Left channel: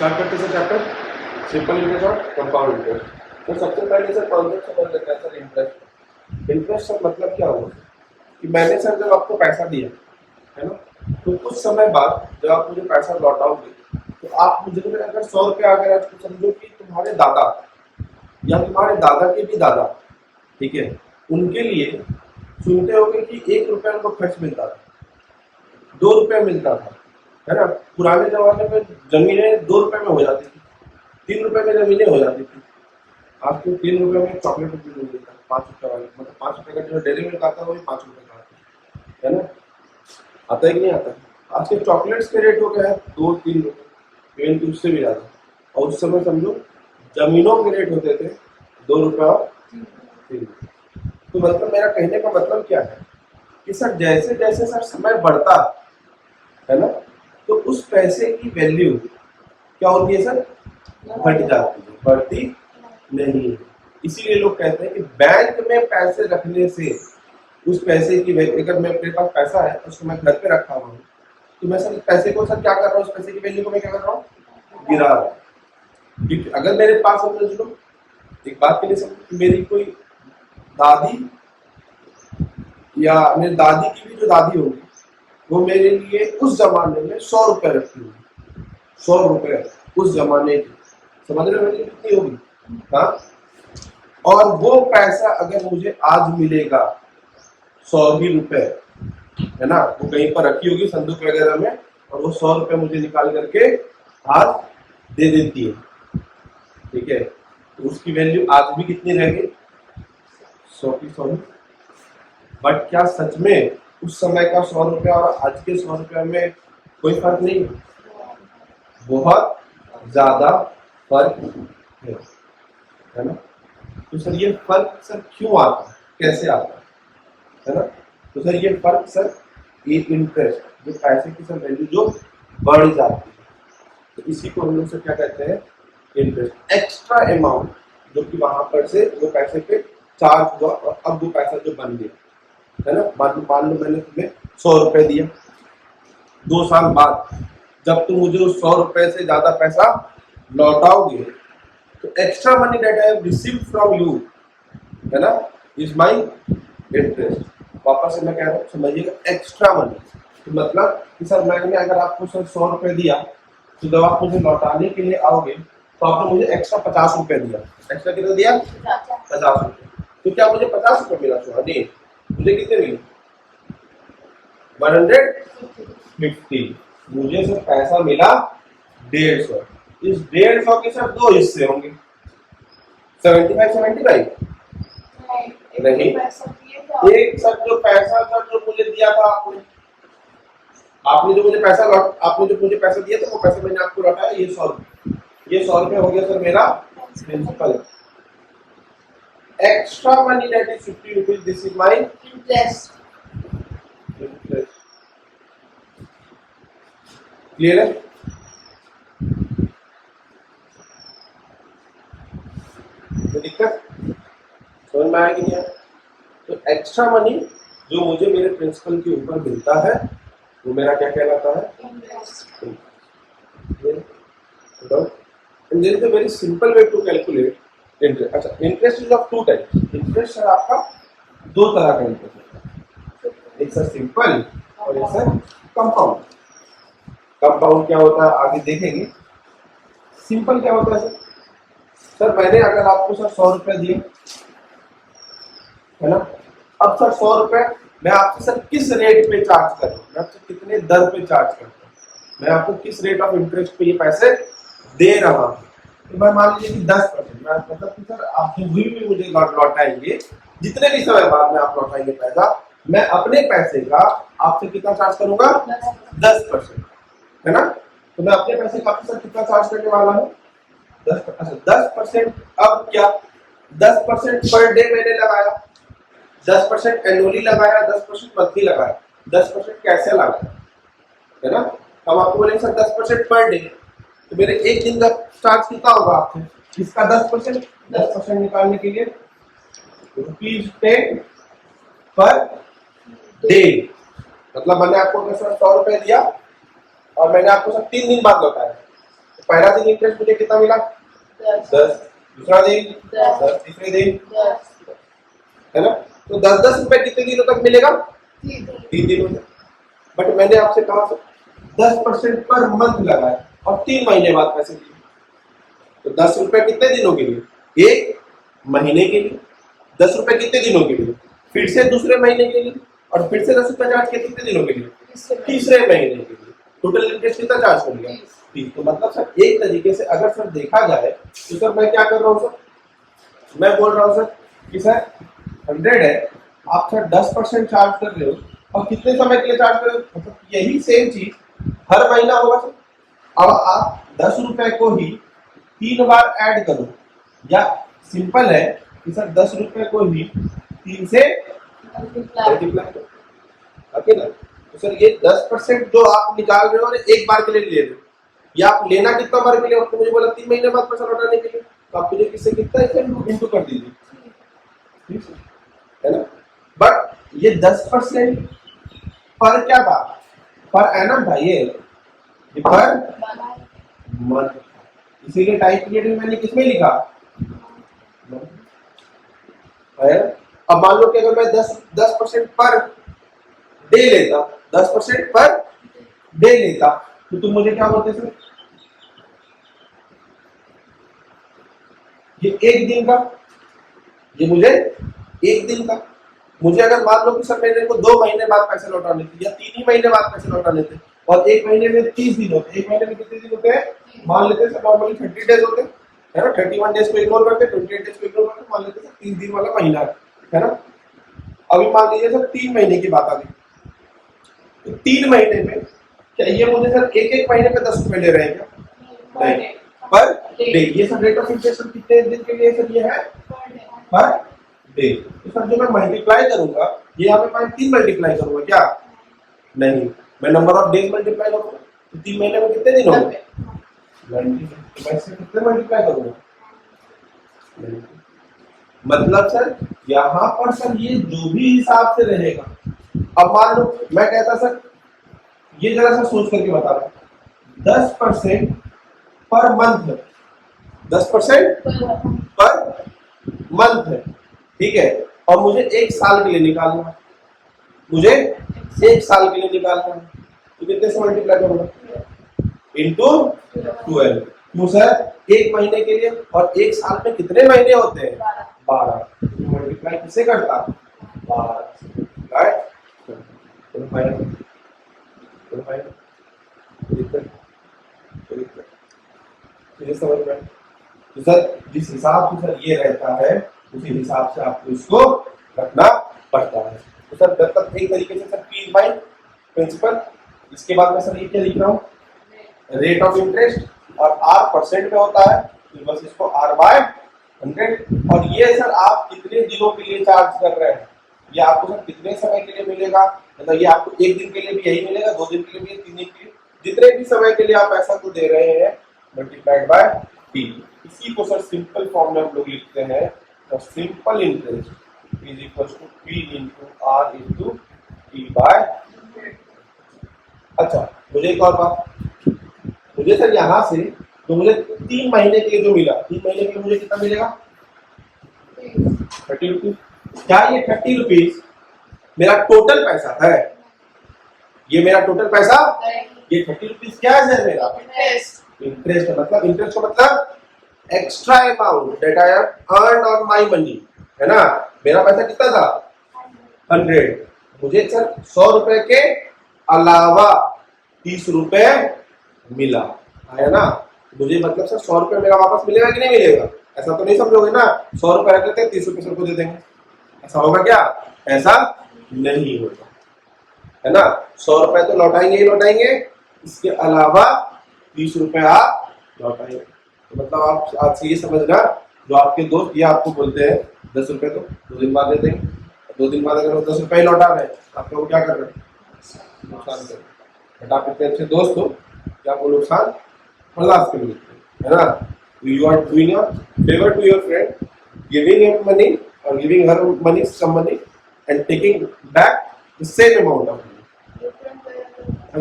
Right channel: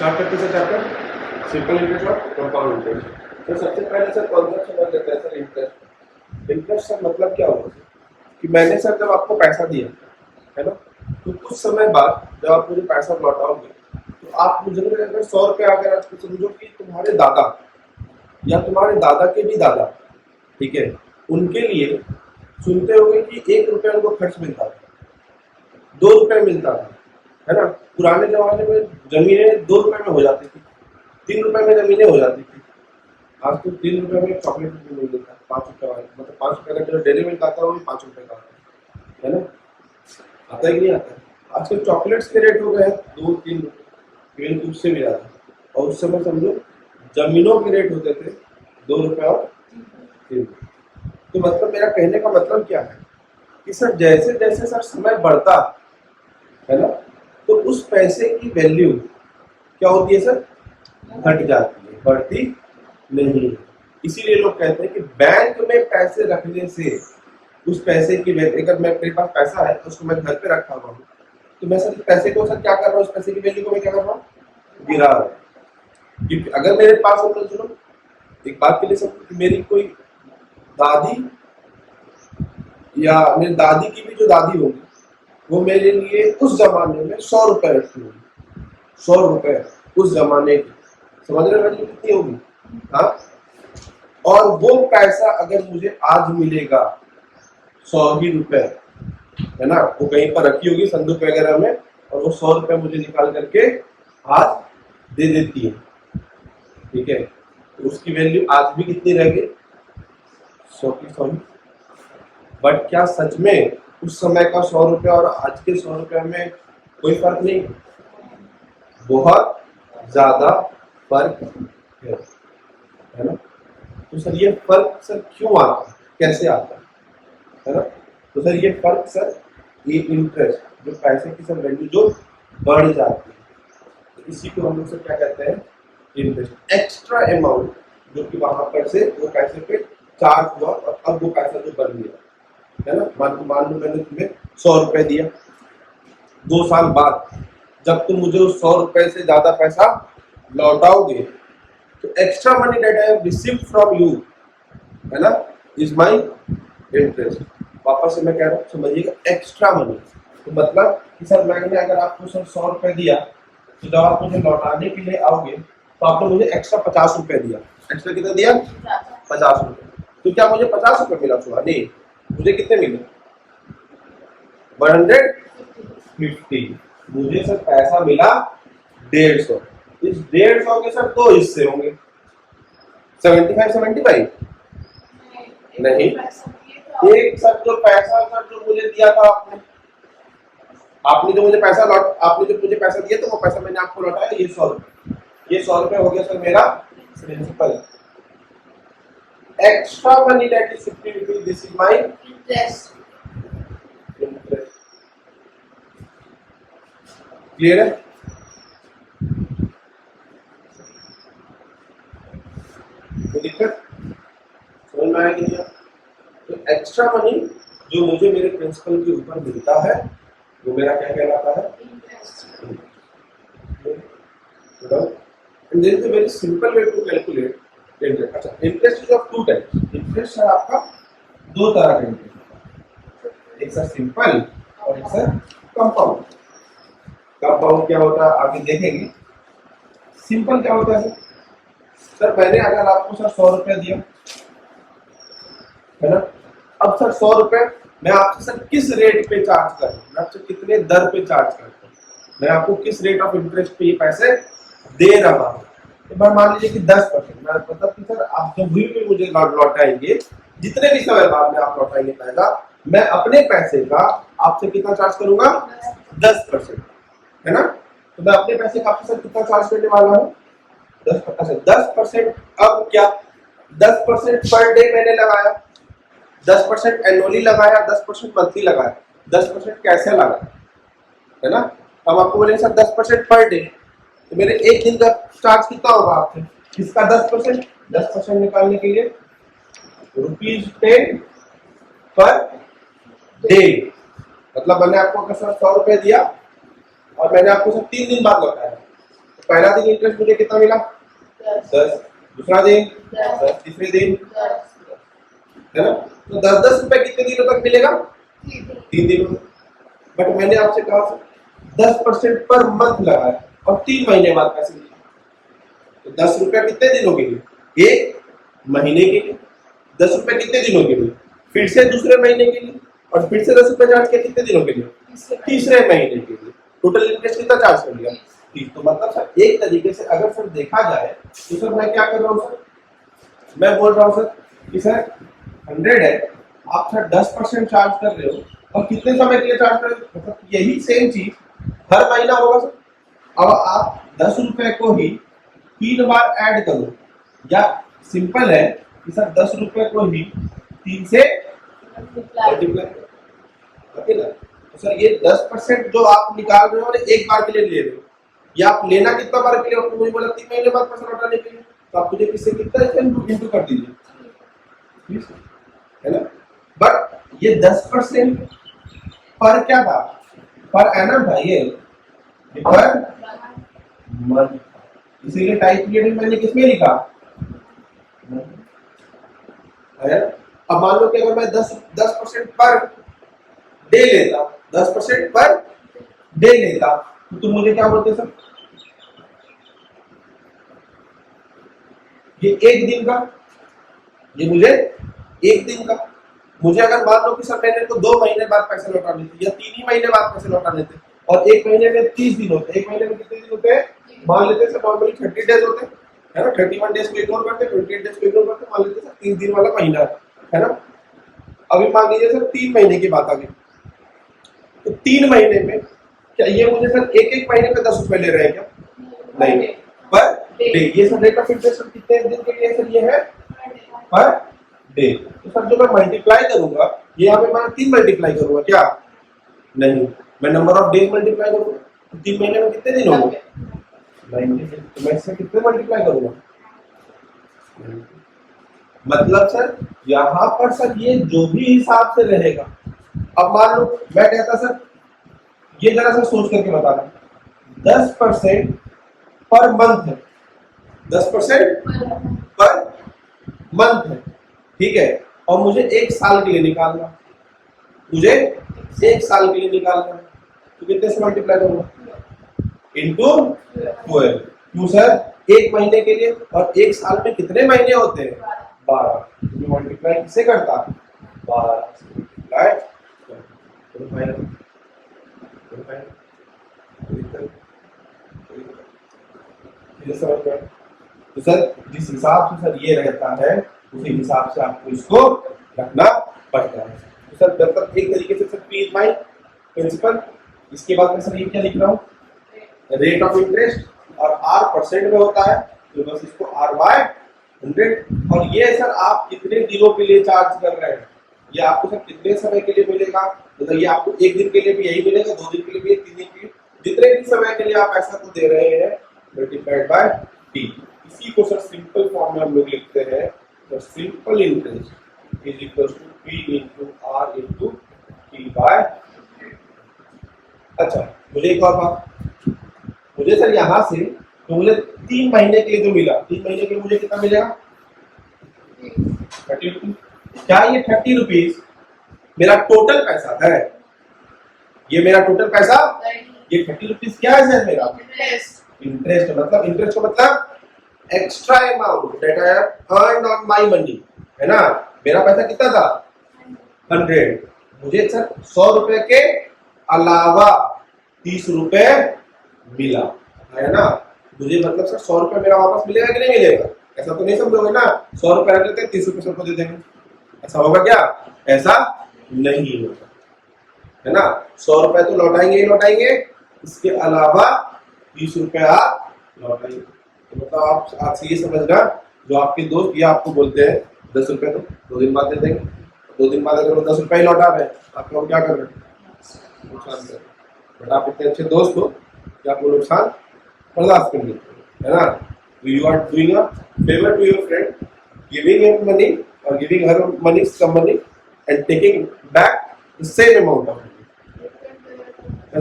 Start करते से chapter simple interest और कंपाउंड इंटरेस्ट। तो सबसे पहले सर कॉन्सेप्ट समझ लेते हैं सर इंटरेस्ट। इंटरेस्ट सर मतलब क्या होगा कि मैंने सर जब आपको पैसा दिया है ना, तो कुछ समय बाद जब आप मुझे पैसा लौटाओगे तो आप मुझे अगर 100 रुपये अगर आज समझो कि तुम्हारे दादा या तुम्हारे दादा के भी दादा, ठीक है, उनके लिए सुनते होगे कि 1 रुपया उनको खर्च मिलता था, 2 रुपये मिलता था, है ना। पुराने जमाने में जमीनें 2 रुपये में हो जाती थी, 3 रुपये में जमीनें हो जाती थी। आज तो 3 रुपये में चॉकलेट भी मिल जाता है, 5 रुपये वाली, मतलब 5 रुपये का जो डेली मिल्क आता है वो भी 5 रुपये का आता है ना। आता है कि नहीं आता है? आज के चॉकलेट्स के रेट हो गए हैं 2-3 रुपये, इवन उससे भी ज़्यादा। और उस समय समझो जमीनों के रेट होते थे 2 रुपये और 3 रुपये। तो मतलब मेरा कहने का मतलब क्या है कि सर जैसे जैसे सर समय बढ़ता है ना, तो उस पैसे की वैल्यू क्या होती है सर? घट जाती है, बढ़ती नहीं है। इसीलिए लोग कहते हैं कि बैंक में पैसे रखने से उस पैसे की वैल्यू, अगर मेरे पास पैसा है उसको मैं घर पे रखा हुआ हूँ तो मैं सर पैसे को सर क्या कर रहा हूँ, उस पैसे की वैल्यू को मैं क्या कर रहा हूँ? गिरा रहा हूँ। क्योंकि अगर मेरे पास समझ लो एक बात के लिए समझो कि मेरी कोई दादी या मेरी दादी की भी जो दादी होगी वो मेरे लिए उस जमाने में 100 रुपये रखती होगी, 100 रुपये उस जमाने की, समझ रहे वैल्यू कितनी होगी? हाँ। और वो पैसा अगर मुझे आज मिलेगा 100 ही रुपये, है ना, वो कहीं पर रखी होगी संदूक वगैरह में, और वो 100 रुपये मुझे निकाल करके आज दे देती है, ठीक है, तो उसकी वैल्यू आज भी कितनी रहेगी? 100 की 100 ही। बट क्या सच में उस समय का 100 रुपया और आज के 100 रुपये में कोई फर्क नहीं? बहुत ज्यादा फर्क है ना। तो सर ये फर्क सर क्यों आता है, कैसे आता है ना? तो सर ये फर्क सर ये इंटरेस्ट, जो पैसे की सर वैल्यू जो बढ़ जाती है, तो इसी को हम लोग सर क्या कहते हैं? इंटरेस्ट। एक्स्ट्रा अमाउंट जो कि वहां पर से वो पैसे पे चार्ज हुआ और अब वो पैसा जो बन गया, है ना। मान लो मैंने तुम्हें 100 रुपये दिया, 2 साल बाद जब तुम मुझे उस 100 रुपये से ज्यादा पैसा लौटाओगे तो extra money that I have received from you, है ना, इज माई इंटरेस्ट। वापस से मैं कह रहा हूँ समझिएगा, एक्स्ट्रा मनी तो मतलब कि सर मैंने अगर आपको सर 100 रुपये दिया तो जब आप मुझे लौटाने के लिए आओगे तो आपने मुझे एक्स्ट्रा 50 रुपये दिया। एक्स्ट्रा कितना दिया? 50 रुपये। तो क्या मुझे 50 रुपये मिला? नहीं, मुझे कितने मिले? 150। मुझे सर पैसा मिला 150। इस 150 के सर 2 हिस्से होंगे, 75 नहीं, एक सर जो पैसा सर जो मुझे दिया था आपने जो मुझे पैसा दिया था वो पैसा मैंने आपको लौटाया, ये 100 रुपये, ये 100 रुपये हो गया सर मेरा principal. Extra money that is 50 rupees, this is my interest. Clear है? तो दिक्कत समझ में आया कि नहीं? तो एक्स्ट्रा मनी जो मुझे मेरे प्रिंसिपल के ऊपर मिलता है वो मेरा क्या कहलाता है? Interest. And there is a very simple way to calculate interest. अच्छा, interest is of 2 types. Interest है आपका 2 तरह का इंटरेस्ट, एक सर सिंपल और एक सर कंपाउंड। कंपाउंड क्या होता है आगे देखेंगे। सिंपल क्या होता है सर मैंने अगर आपको सर 100 रुपये दिया, है ना, अब सर 100 रुपये मैं आपसे सर किस रेट पे चार्ज कर रहा हूँ, मैं आपसे कितने दर पे चार्ज करता हूँ, मैं आपको किस रेट ऑफ इंटरेस्ट पे ये पैसे दे रहा हूँ। तो मैं मान लीजिए कि 10%, मैं मतलब कि सर आप जो भी मुझे लौटाएंगे, जितने भी समय बाद में आप लौटाएंगे पैसा, मैं अपने पैसे का आपसे कितना चार्ज करूंगा? 10%, है ना। तो मैं अपने पैसे का आपसे सर कितना चार्ज करने वाला हूँ? 10%। 10% अब क्या 10% पर डे मैंने लगाया, 10% एनुअली लगाया, 10% मंथली लगाया, 10% कैसे लगाया, है ना। अब आपको बोलेंगे सर 10% पर डे, तो मेरे एक दिन का चार्ज कितना होगा आपसे? किसका 10%? 10% निकालने के लिए ₹10 पर डे, मतलब मैंने आपको अगर सर 100 रुपये दिया और मैंने आपको सर 3 दिन बाद लौटाया, पहला दिन इंटरेस्ट मुझे कितना मिला 10, दूसरा दिन 10, तीसरे दिन है ना। तो 10-10 रुपए कितने दिनों तक मिलेगा 3 दिनों तक। बट मैंने आपसे कहा 10% पर मंथ लगाया और 3 महीने बाद पैसे दिए, तो 10 रुपए कितने दिनों के लिए 1 महीने के लिए, 10 रुपए कितने दिनों के लिए फिर से दूसरे महीने के लिए, और फिर से 10 रुपए चार्ज किया कितने दिनों के लिए तीसरे महीने के लिए। टोटल इंटरेस्ट कितना चार्ज कर लिया 30। तो मतलब सर एक तरीके से अगर सर देखा जाए तो सर मैं क्या कर रहा हूँ सर, मैं बोल रहा हूँ सर कि सर 100 है, आप सर 10% चार्ज कर रहे हो और कितने समय के लिए चार्ज कर रहे हो, मतलब यही सेम चीज हर महीना होगा सर। अब आप 10 रुपए को ही 3 बार ऐड करो, या सिंपल है कि सर 10 रुपए को ही 3 से मल्टीप्लाई करो, ओके ना। तो सर ये 10% जो आप निकाल रहे हो और एक बार के लिए ले रहे हो, या आप लेना कितना बार के लिए, आपने मुझे बोला 3 महीने बाद पैसा लौटाने के लिए, तो आप मुझे किससे कितना इंटू कर दीजिए, है ना। बट ये 10% पर क्या था, पर एनम था, ये पर मंथ, इसीलिए टाइप पीरियड मैंने किसमें लिखा है। अब मान लो कि अगर मैं 10% पर डे लेता, 10% पर डे लेता, तो तुम मुझे क्या बोलते सर, ये एक दिन का, ये मुझे एक दिन का, मुझे अगर मान लो कि सर मैंने को 2 महीने बाद पैसे लौटाने थे या 3 ही महीने बाद पैसे लौटाने थे, और एक महीने में 30 दिन होते, एक महीने में कितने दिन होते हैं, मान लेते हैं सर नॉर्मली 30 डेज होते हैं, है ना। 31 डेज को इग्नोर करते, 28 डेज को इग्नोर करते, मान लेते हैं सर 30 दिन वाला महीना है ना। अभी मान लीजिए सर 3 महीने की बात आ गई, तो 3 महीने में क्या ये मुझे सर एक महीने पे 10 रुपए ले रहे हैं क्या, नहीं, पर डे। ये सर रेट ऑफ इंटरेस्ट कितने दिन के लिए सर ये है पर डे। तो सर जो मैं मल्टीप्लाई करूंगा, ये यहाँ पे मैं 3 मल्टीप्लाई करूंगा क्या, नहीं, मैं नंबर ऑफ डेज मल्टीप्लाई करूंगा, तो 3 महीने में कितने दिन होंगे 90। तो मैं इससे कितने मल्टीप्लाई करूंगा, मतलब सर यहाँ पर सर ये जो भी हिसाब से रहेगा। अब मान लो मैं कहता सर, ये जरा सा सोच करके बता रहा हूं, 10% पर मंथ है, 10% पर मंथ है, ठीक है, और मुझे 1 साल के लिए निकालना, मुझे 1 साल के लिए निकालना है, तो कितने से मल्टीप्लाई करूंगा इंटू 12। क्यों सर, 1 महीने के लिए, और 1 साल में कितने महीने होते हैं 12, तो मल्टीप्लाई किससे करता 12 से, राइट। समझ गए। तो सर जिस हिसाब से सर ये रहता है उसी हिसाब से आपको इसको रखना पड़ता है। तो सर मतलब एक तरीके से सर P बाय प्रिंसिपल, इसके बाद मैं सर ये क्या लिख रहा हूँ, रेट ऑफ इंटरेस्ट, और R परसेंट में होता है, तो बस इसको R बाय 100। और ये सर आप कितने दिनों के लिए चार्ज कर रहे हैं, ये आपको सर कितने समय के लिए मिलेगा, मतलब ये आपको 1 दिन के लिए भी यही मिलेगा, 2 दिन के लिए भी, 3 दिन के लिए, जितने भी समय के लिए आप पैसा को दे रहे हैं मल्टीप्लाइड बाय टी। इसी को सर सिंपल फॉर्म में हम लोग लिखते हैं, तो simple interest is equal to P into R into T by. अच्छा मुझे एक और बात, मुझे सर यहाँ से तो मुझे 3 महीने के लिए जो मिला, 3 महीने के लिए मुझे कितना मिलेगा 30 रुपीज। क्या ये 30 रुपीज मेरा टोटल पैसा है, ये मेरा टोटल पैसा, ये 30 रुपीज क्या है सर मेरा इंटरेस्ट। मतलब इंटरेस्ट का मतलब extra amount that I have earned on my money, है ना। मेरा पैसा कितना था 100, मुझे सर 100 रुपए के अलावा 30 रुपए मिला, है ना। मुझे मतलब सर 100 रुपए मेरा वापस मिलेगा कि नहीं मिलेगा, ऐसा तो नहीं समझोगे ना 100 रुपए रख लेते हैं 30 रुपए सबको दे देंगे, ऐसा होगा क्या, ऐसा नहीं होगा, है ना। 100 रुपए तो लौटाएंगे ही लौटाएंगे, इसके अलावा 30 रुपए आप लौटाएंगे। तो मतलब आप आज से ये समझना, जो आपके दोस्त ये आपको बोलते हैं 10 रुपए तो 2 दिन बाद दे देंगे, 2 दिन बाद अगर वो 10 रुपए ही लौटा रहे हैं आपका वो क्या कर रहे हैं, नुकसान कर रहे हैं। बट आप इतने अच्छे दोस्त हो कि आपको नुकसान बर्दाश्त कर लेते हैं, है ना। You are doing a favour to your friend, giving him money और giving her money some money and taking back the same amount of money.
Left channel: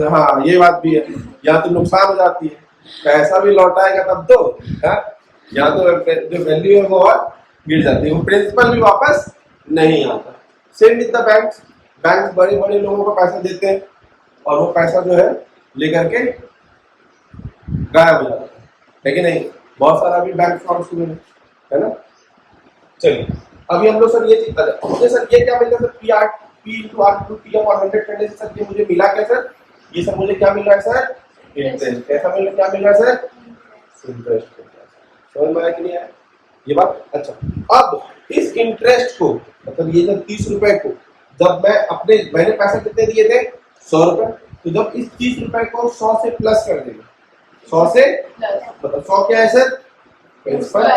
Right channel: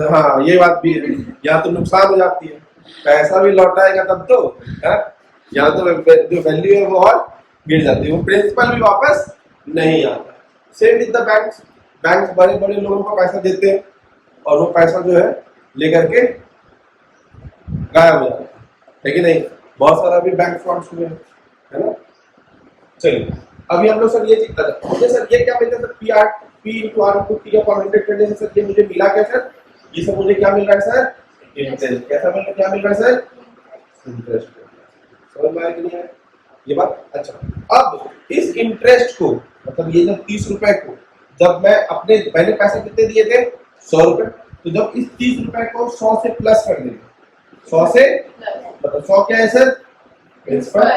हाँ ये बात भी है, यहाँ तो नुकसान हो जाती है, पैसा भी लौटाएगा तब तो, हाँ? यहाँ तो जो वैल्यू है वो और गिर जाती है, वो प्रिंसिपल भी वापस नहीं आता। Same with the banks, banks बड़े बड़े लोगों को पैसा देते हैं और वो पैसा जो है लेकर के गायब हो जाता है कि नहीं? बहुत सारा भी बैंक फ्रॉड हुए हैं, है ना? चलिए अभी हम लोग सर ये सीखता जाए। मुझे सर ये क्या मिलता है sir, P R P into R into T upon 100 करने से सर ये मुझे मिला क्या सर? ये सब मुझे क्या मिल रहा है सर? इंटरेस्ट। कैसा मिल क्या मिल रहा है सर? इंटरेस्ट। समझ में आया कि नहीं आया ये बात? अच्छा, अब इस इंटरेस्ट को मतलब ये जब 30 रुपए को जब मैंने पैसे कितने दिए थे? 100 रुपए। तो जब इस 30 रुपए को 100 से प्लस कर देंगे, 100 से मतलब 100 क्या है सर? प्रिंसिपल,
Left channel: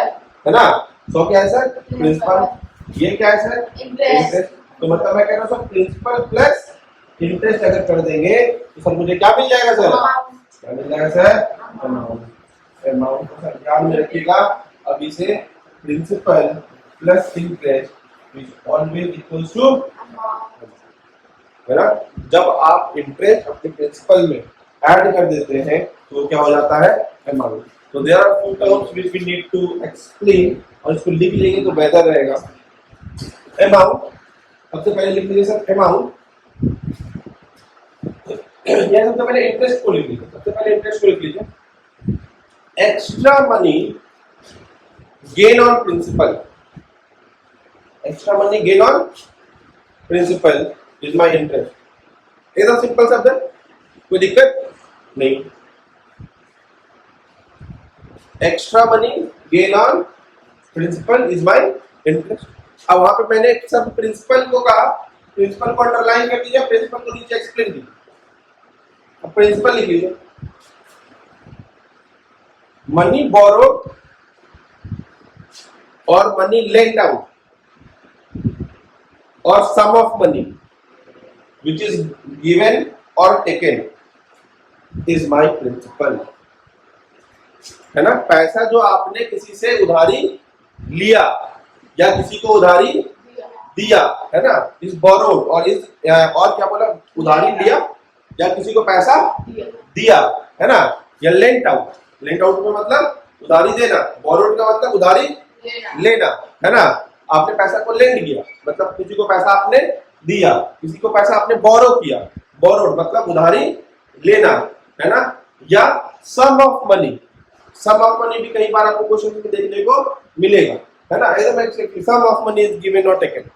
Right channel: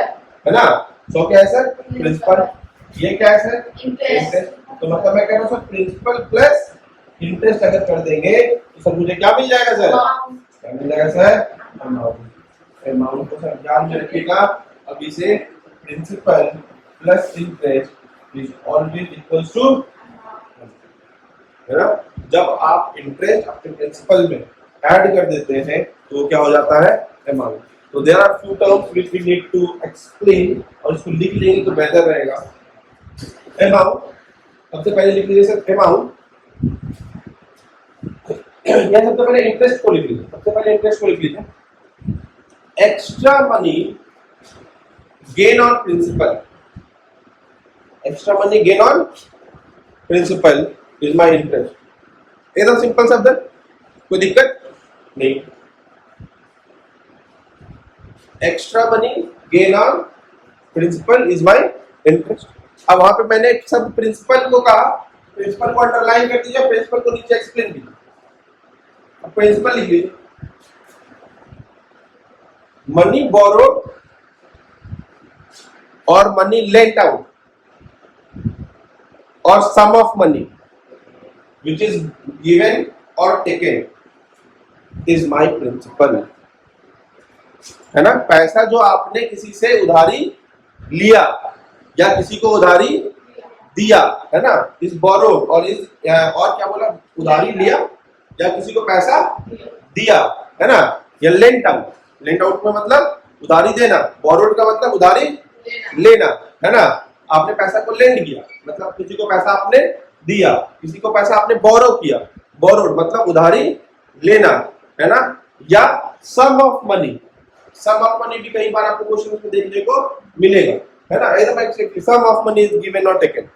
है ना? 100 क्या है सर? प्रिंसिपल। ये क्या है सर? इंटरेस्ट। तो मतलब मैं कह रहा हूँ सर प्रिंसिपल प्लस इंटरेस्ट अगर कर देंगे तो सर मुझे क्या मिल जाएगा सर? क्या मिल जाएगा सर? अमाउंट। अमाउंट को सर ध्यान में रखिएगा, अभी से principal plus interest is always equals to, है ना? जब आप इंटरेस्ट अपने प्रिंसिपल में ऐड कर देते हैं तो क्या हो जाता है? अमाउंट। तो there are few terms which we need to explain, और इसको लिख लेंगे तो बेहतर रहेगा। अमाउंट, सबसे पहले लिख लीजिए सर अमाउंट, या सबसे पहले इंटरेस्ट को लिख लीजिए, सबसे पहले इंटरेस्ट को लिख लीजिए। Extra money gain on principal, extra money gain on principal is my interest. एकदम सिंपल शब्द है, कोई दिक्कत नहीं। Extra money gain on principal is my interest. अब वहां पे मैंने सब प्रिंसिपल को कहा, प्रिंसिपल को अंडरलाइन कर दीजिए, प्रिंसिपल को नीचे एक्सप्लेन कीजिए। अब प्रिंसिपल लिख लीजिए, मनी बोरोड और मनी लेंट आउट और sum of money which is given or taken is my principal, है ना? पैसा जो आपने किसी से उधारी लिया या किसी को उधारी दिया, है ना? इस बोरोड और इस और क्या बोला, उधारी लिया या किसी को पैसा दिया, है ना? या लेंट आउट, लेंट आउट में मतलब उधारी देना, बोरोड का मतलब उधारी लेना, है ना? आपने पैसा को लेंड किया मतलब किसी को पैसा आपने दिया, किसी को पैसा आपने बोरो किया, बोरोड मतलब उधारी लेना, है ना? या sum of money, sum of money भी कई बार आपको क्वेश्चन में देखने को मिलेगा, है ना? एकदम exactly, sum of money is given और टेकन,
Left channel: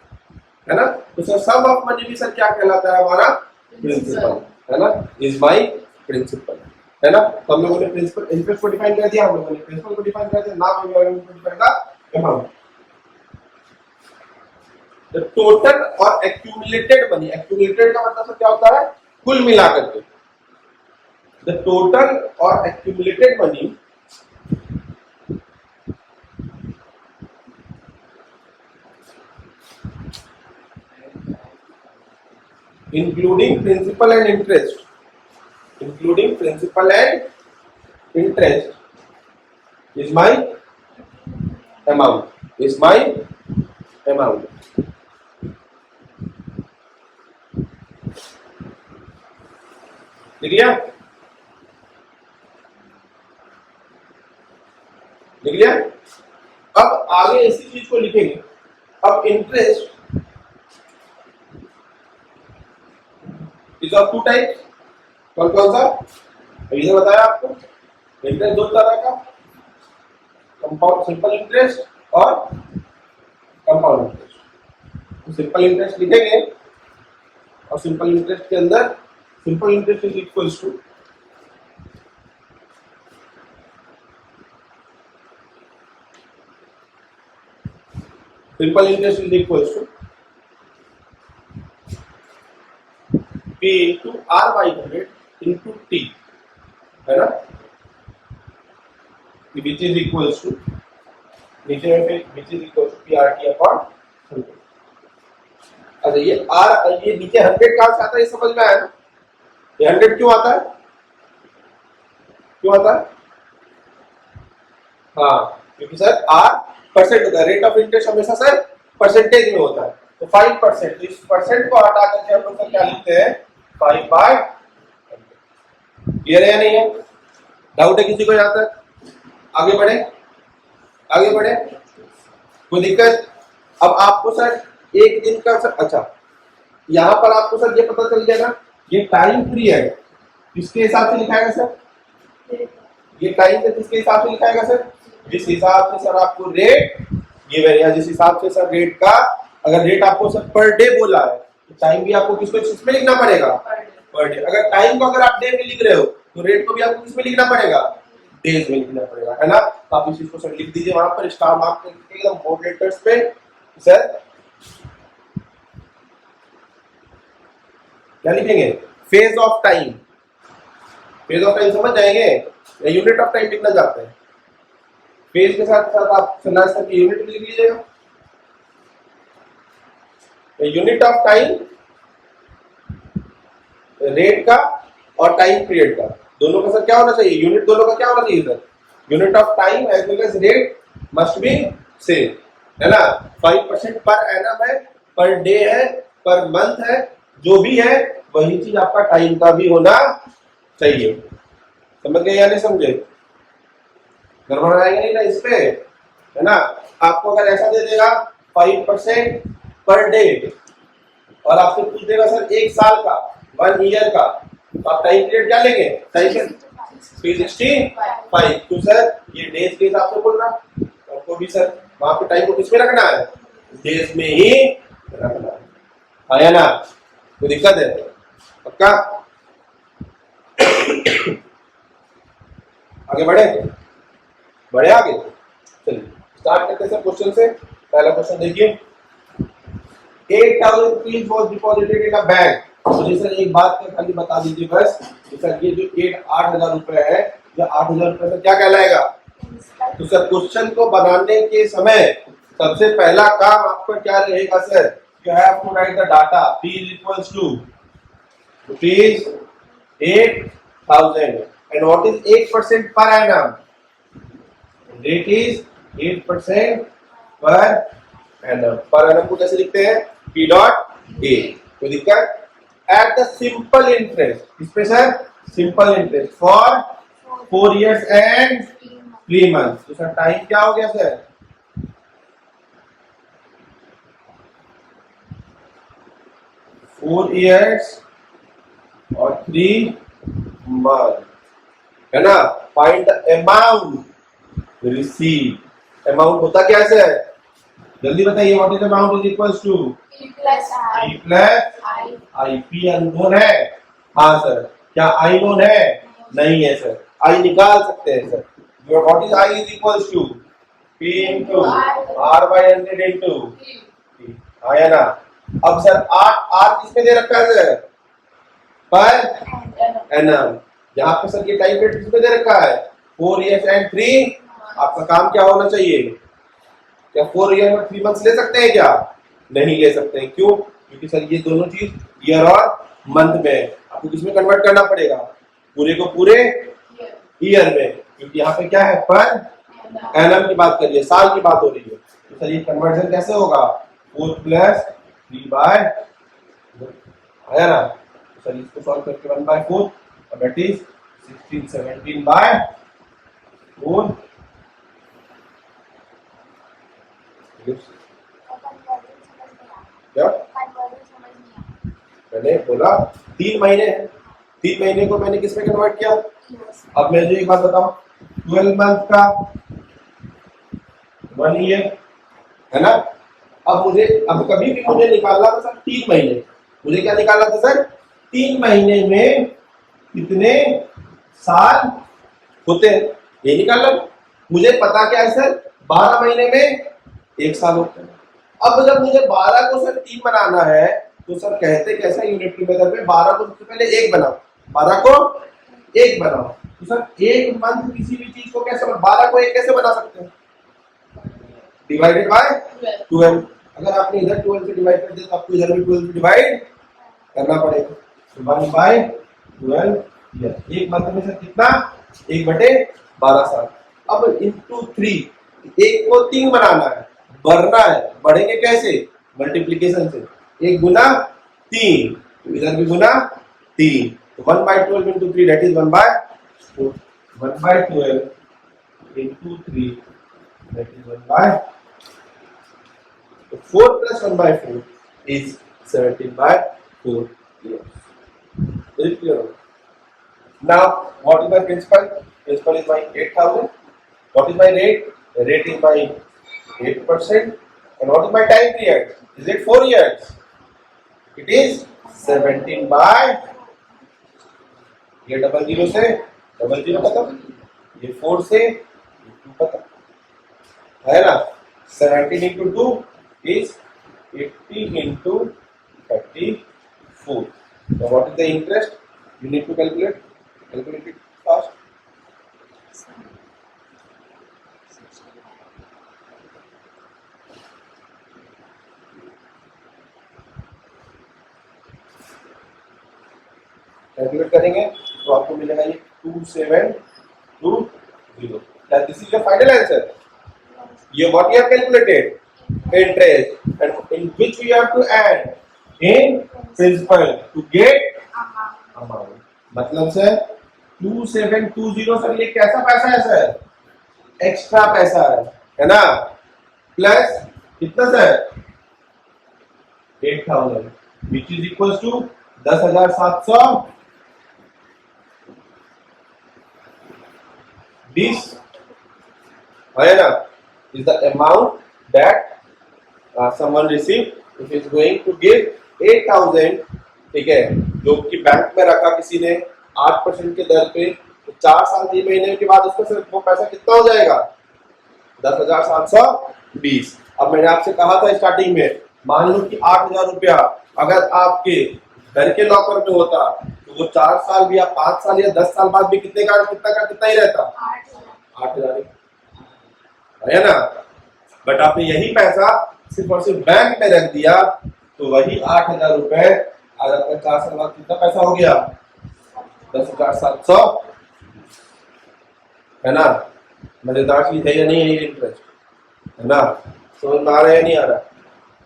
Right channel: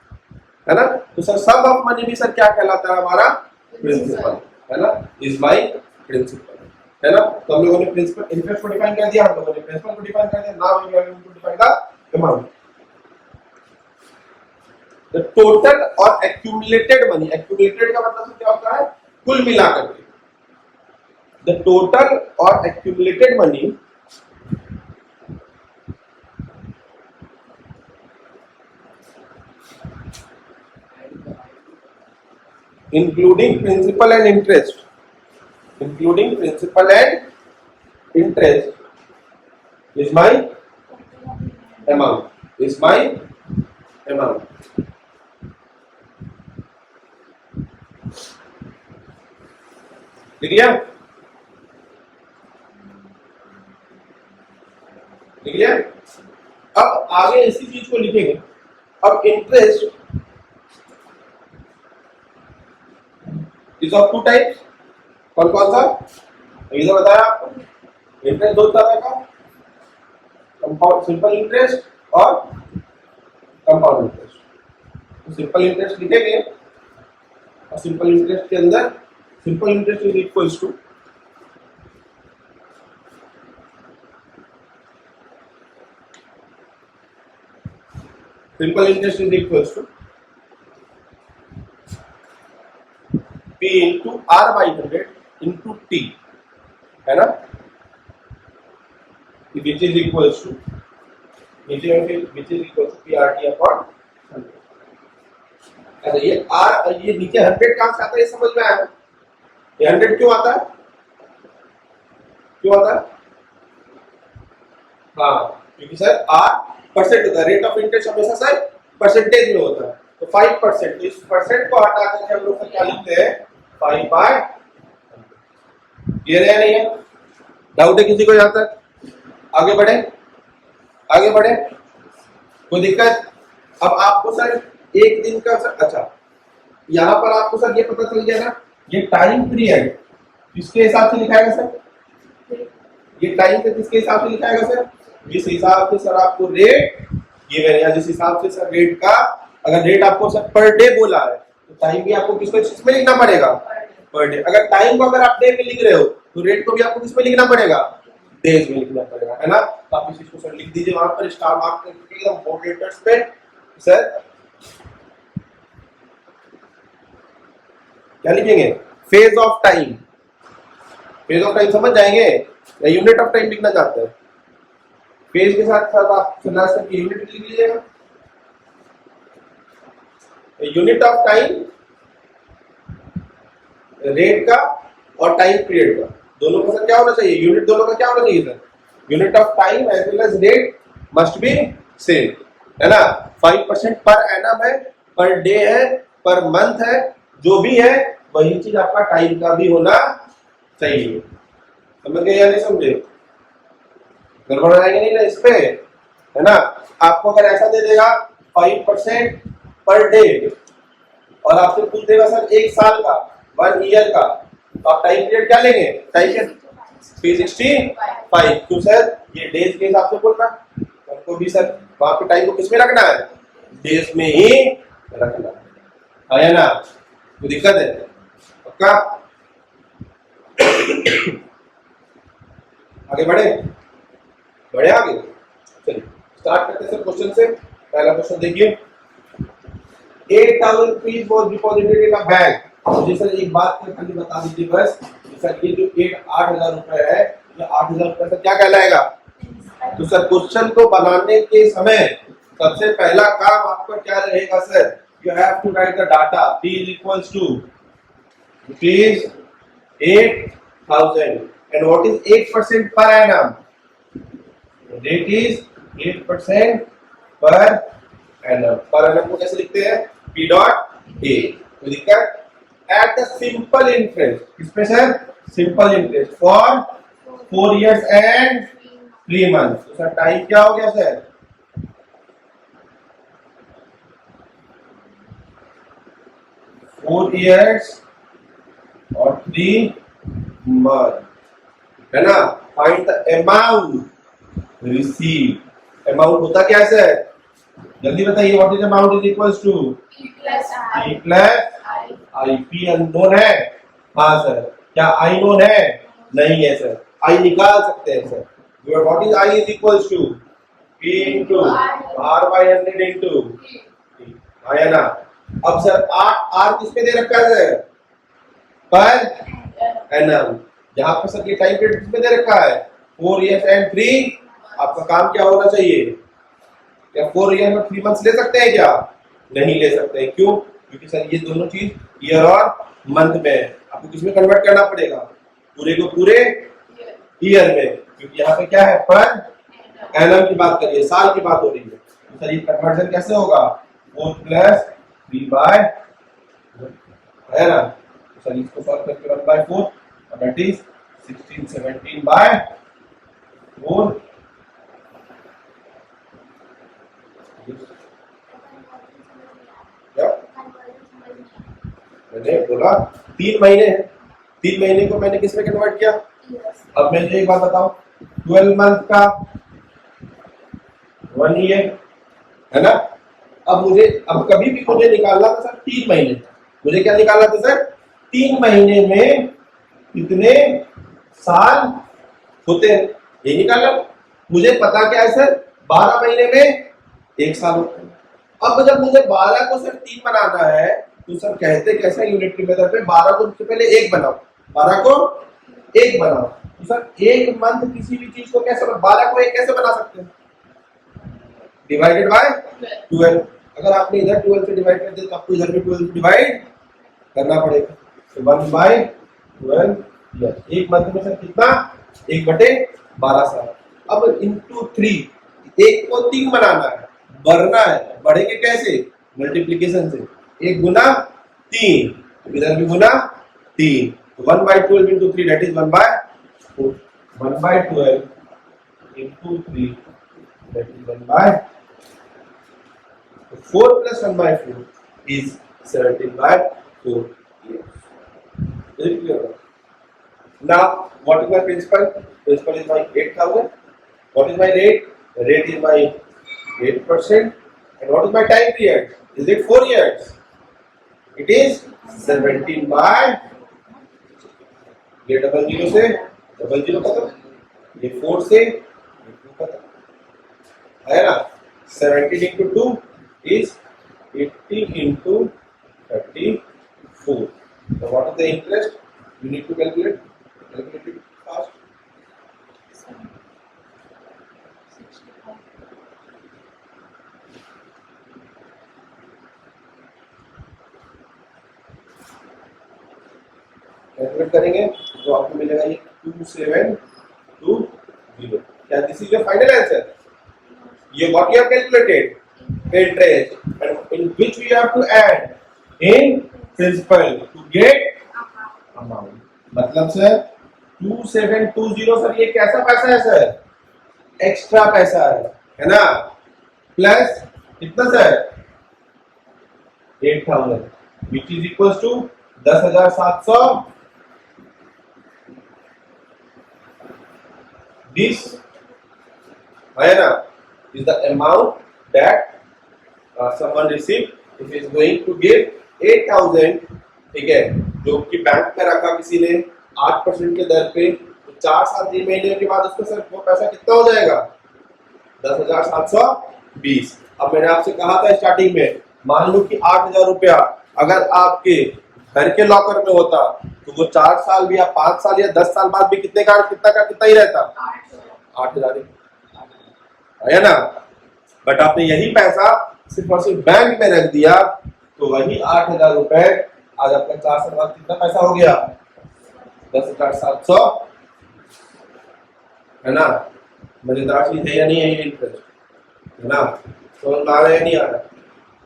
है ना? तो सर सम ऑफ मनी भी सर क्या कहलाता है? हमारा प्रिंसिपल, है ना? इज माय प्रिंसिपल, है ना? तो हम लोगों ने प्रिंसिपल इंटरेस्ट को डिफाइन कर दिया, हम लोगों ने प्रिंसिपल को डिफाइन कर दिया। Now we are going to define the amount. The total और accumulated money, accumulated का मतलब क्या होता है? कुल मिलाकर के। The total और accumulated money including principal and interest, including principal and interest is my amount, is my amount। लिख लिया? लिख लिया? अब आगे इसी चीज को लिखेंगे। अब interest is of two types, कौन कौन सा? अभी तो बताया आपको, इंटरेस्ट दो तरह का, कंपाउंड सिंपल इंटरेस्ट और कंपाउंड इंटरेस्ट। सिंपल इंटरेस्ट लिखेंगे और सिंपल इंटरेस्ट के अंदर simple interest is equals to simple interest is equals to P into R by 100 into T, है ना? विच इज इक्वल्स टू नीचे में which is equals to P R T upon 100। अच्छा ये नीचे 100 कहाँ से आता है ये समझ में आया ना? ये 100 क्यों आता है? क्यों आता है? हाँ, क्योंकि सर आर परसेंट होता है, रेट ऑफ इंटरेस्ट हमेशा सर परसेंटेज में होता है, तो 5%, तो इस परसेंट को हटा करके हम लोग क्या लिखते हैं? 5/100। क्लियर है नहीं है? डाउट है किसी को यहाँ तक? आगे बढ़े, आगे बढ़े, कोई दिक्कत? अब आपको सर एक दिन का सर, अच्छा यहाँ पर आपको सर ये पता चल गया ना, ये टाइम पीरियड किसके हिसाब से लिखाएगा सर? ये टाइम से किसके हिसाब से लिखाएगा सर? जिस हिसाब से सर आपको रेट गिवन है, जिस हिसाब से सर रेट का, अगर रेट आपको सर पर डे बोला है तो टाइम भी आपको किसमें लिखना पड़ेगा? Per day. अगर टाइम को अगर आप डे में लिख रहे हो तो रेट को भी आपको किसमें लिखना पड़ेगा? डेज में लिखना पड़ेगा, है ना? तो आप इस चीज को सर लिख दीजिए वहां पर स्टार मार्क करके एकदम बोल्ड लेटर्स पे। सर क्या लिखेंगे? Phase of time. Phase of time समझ जाएंगे या यूनिट ऑफ टाइम लिखना चाहते हैं? फेज के साथ साथ आप लास्ट तक यूनिट भी लिख लीजिएगा। यूनिट ऑफ टाइम रेट का और टाइम पीरियड का, दोनों का सर क्या होना चाहिए? यूनिट दोनों का क्या होना चाहिए sir? Unit of time as well as rate must be same, है ना? 5% पर एनम है, पर डे है, पर मंथ है, जो भी है वही चीज आपका टाइम का भी होना चाहिए। समझ गए या नहीं समझे? गड़बड़ आएंगे नहीं ना इस पे, है ना? आपको अगर ऐसा दे देगा 5% पर डे और आपसे पूछ देगा सर एक साल का, 1 ईयर का, तो आप टाइम पीरियड क्या लेंगे? Time period 365। तो सर ये डेज के हिसाब से बोल रहा, आपको भी सर वहां पे टाइम को किसमें रखना है? डेज में ही रखना है ना? कोई दिक्कत है? पक्का? आगे बढ़े, बढ़े आगे, चलिए स्टार्ट करते हैं सर क्वेश्चन से। पहला क्वेश्चन देखिए, 8,000 rupees was deposited in a bank. मुझे सर एक बात खाली बता दीजिए बस कि सर ये जो 8,000 रुपए है, ये 8,000 रुपए सर क्या कहलाएगा? तो सर क्वेश्चन को बनाने के समय सबसे पहला काम आपका क्या रहेगा sir? You have to write the data. P is equals to rupees 8,000 and what is 8% per annum? Rate is 8% per annum। पर annum को कैसे लिखते हैं? P dot A। कोई दिक्कत? At the simple interest, किस पे sir? Simple interest for 4 years and 3 months। तो सर टाइम क्या हो गया सर? 4 years और 3 months, है ना? Find the amount received। Amount होता क्या है सर? जल्दी बताइए, what is amount is equals to P plus I। P unknown है? हाँ सर। क्या I नोन है? नहीं है सर। I निकाल सकते हैं sir. What is I is equals to P into R by 100 into P, आया ना? अब सर R किस पे दे रखा है सर? Per annum. जहां पे सर ये टाइम पीरियड किस पे दे रखा है? 4 years and 3। आपका काम क्या होना चाहिए? क्या 4 years और 3 months ले सकते हैं क्या? नहीं ले सकते हैं। क्यों? क्योंकि सर ये दोनों चीज ईयर और मंथ में है, आपको किसमें कन्वर्ट करना पड़ेगा? पूरे को पूरे ईयर में, क्योंकि यहाँ पे क्या है? पर एनम की बात करिए, साल की बात हो रही है। तो सर ये कन्वर्जन कैसे होगा? 4 प्लस 3 बाय, है ना? तो सर इसको सॉल्व करके 1/4 दैट इज 16 17 बाय 4। क्या मैंने बोला? 3 महीने हैं, 3 महीने को मैंने किसमें कन्वर्ट किया? अब मैं जो एक बात बताऊं, 12 मंथ का 1 ईयर, है ना? अब कभी भी मुझे निकालना था सर 3 महीने। मुझे क्या निकालना था सर? 3 महीने में कितने साल होते हैं, ये निकालना। मुझे पता क्या है सर? 12 महीने में 1 साल होता है। अब जब मुझे 12 को सर 3 बनाना है तो सर कहते कैसे यूनिट की मेथड में 12 को सबसे पहले 1 बनाओ, 12 को 1 बनाओ। तो सर एक मंथ किसी भी चीज को कैसे 12 को 1 कैसे बना सकते हैं? Divided by 12। अगर आपने इधर 12 से डिवाइड कर दिया तो आपको इधर भी 12 से डिवाइड करना पड़ेगा। तो 1/12 ईयर। एक मंथ में सर कितना? 1/12 साल। अब इंटू 3, 1 को 3 बनाना है, बढ़ना है, बढ़ेंगे कैसे? मल्टीप्लीकेशन से। 1 गुना 3, तो इधर भी गुना 3, तो 1/12 into 3 that is 1/4। 1/12 into 3, that is 4 plus 1/4 is 17/4 years. Very clear? Now, what is my principal? Principal is my 8,000. What is my rate? The rate is my 8%. And what is my time period? Is it 4 years? It is 17 by ये double zero से double zero खत्म, ये 4 से 2 खत्म, है ना? 17 into 2 is 80 into 34. Now what is the interest? You need to calculate it fast. Calculate करेंगे तो आपको मिलेगा ये 2720. क्या this is your final answer? ये what you have calculated interest and in which we have to add in principal to get amount. मतलब sir 2720 sir ये कैसा पैसा है सर? एक्स्ट्रा पैसा है ना? प्लस कितना sir? 8000 which is equals to 10,700. This is the amount that someone received if he is going to give 8,000. ठीक है, जो कि बैंक में रखा किसी ने 8% के दर पे, तो 4 साल 3 महीने के बाद उसको सिर्फ वो पैसा कितना हो जाएगा? 10,720. अब मैंने आपसे कहा था स्टार्टिंग में, मान लो कि 8,000 रुपया अगर आपके घर के लॉकर में होता तो वो 4 साल भी या 5 साल या 10 साल बाद भी कितना ही रहता? 8,000 है ना? बट आपने यही पैसा सिर्फ और सिर्फ बैंक में रख दिया तो वही 8,000 रुपए आज आपका 4 साल बाद कितना पैसा हो गया? 10,700, है ना? मजेदार चीज है या नहीं है ये इंटरेस्ट, है ना? समझ में आ रहा है या नहीं आ रहा?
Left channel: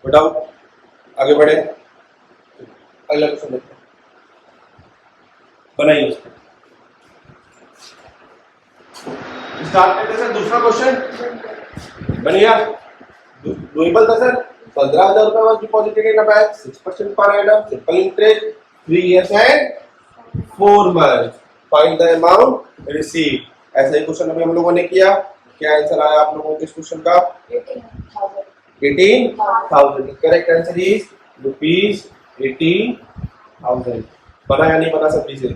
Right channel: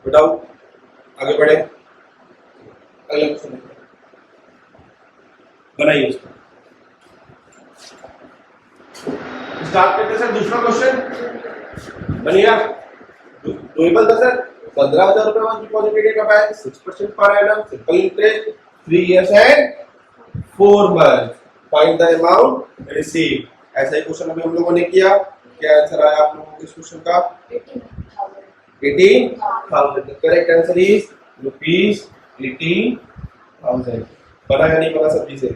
बताओ, आगे बढ़े, अगला क्वेश्चन देखते हैं. बनाइए इसको. स्टार्ट करते सर दूसरा क्वेश्चन बनेगा. डूएबल था सर. 15,000 रुपए was deposited in a bank, 6% per annum, simple interest, 3 years and 4 months. Find the amount receive. ऐसा ही क्वेश्चन अभी हम लोगों ने किया. क्या आंसर आया आप लोगों को इस क्वेश्चन का? 18,000. Correct answer is rupees 18,000. बना या नहीं बना सभी से?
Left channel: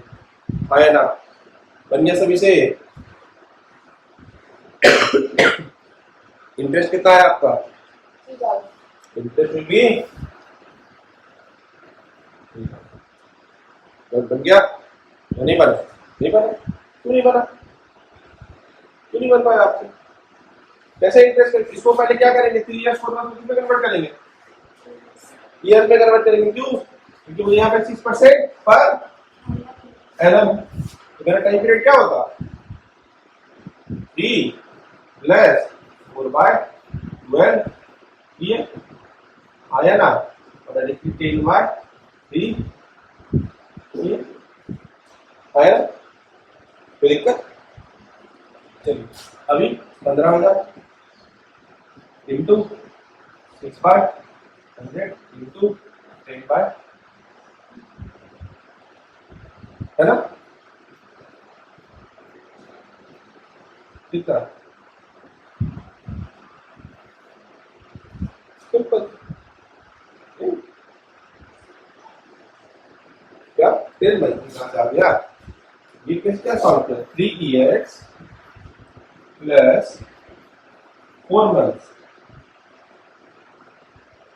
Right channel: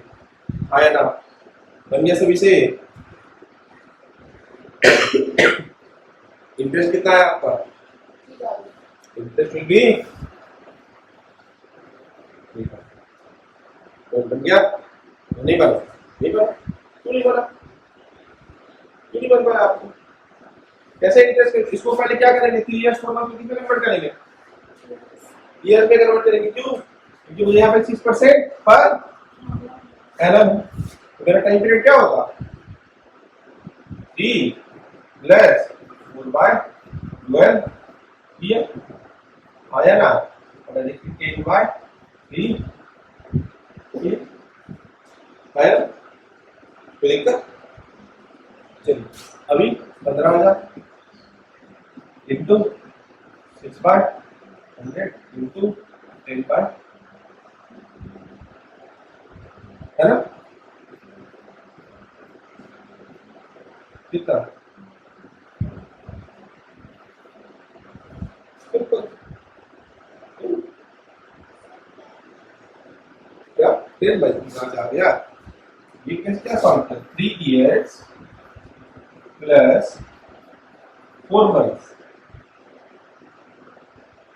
हाँ या ना? बन गया सभी से? इंटरेस्ट कितना है आपका? इंटरेस्ट विल बी बन गया? नहीं बना? नहीं बना? क्यों नहीं बना? क्यों नहीं बन पाया आपको? कैसे इंटरेस्ट? इसको पहले क्या करेंगे? 3 years 4 months में कन्वर्ट करेंगे, ईयर में कन्वर्ट करेंगे. क्यों? क्योंकि मुझे यहाँ पे 6% पर एनम. तो मेरा टाइम पीरियड क्या होगा? 3 प्लस 4/12 ईयर. आया ना? और लिखिए 10/3 ईयर. आया? कोई दिक्कत? चलिए अभी 15,000 इंटू 6/100 इंटू 10/, है ना? कितना? सिंपल. क्या 10/3 आ गया? ये क्या सॉल्व कर? 3 years plus 4 months.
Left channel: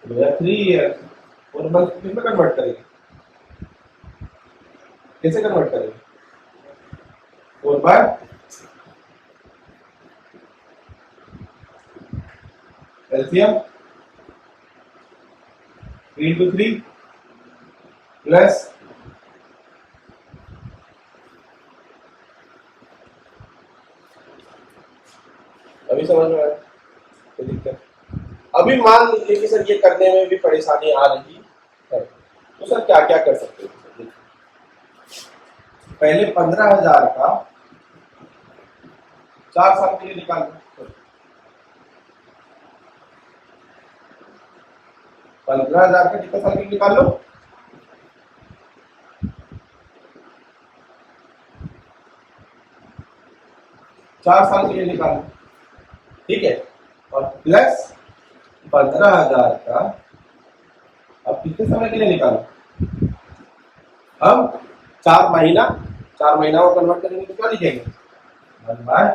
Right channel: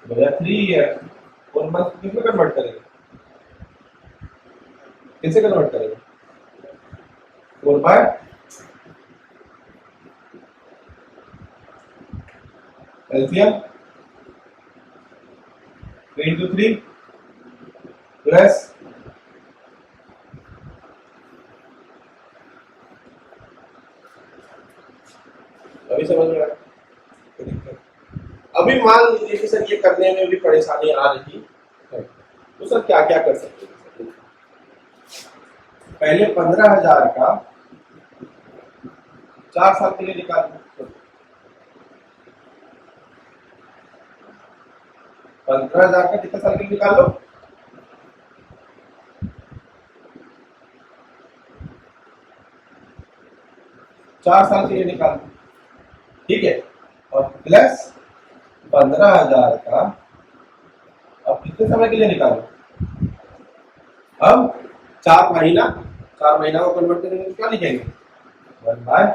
3 years 4 months किसमें कन्वर्ट करेंगे? कैसे कन्वर्ट करेंगे? 4/, एलसीएम 3 into 3 प्लस अभी समझ में आया? कोई दिक्कत? अभी मान लीजिए कि सर ये करने में भी परेशानी आ रही है, तो सर क्या क्या कर सकते हैं? पहले 15,000 का 4 साल के लिए निकालना। 15,000 का कितने साल के लिए निकाल लो? 4 साल के लिए निकालो, ठीक है। और प्लस 15,000 का अब कितने समय के लिए निकालो? अब 4 महीना, 4 महीना को कन्वर्ट करेंगे तो क्या लिखेंगे? 1/4।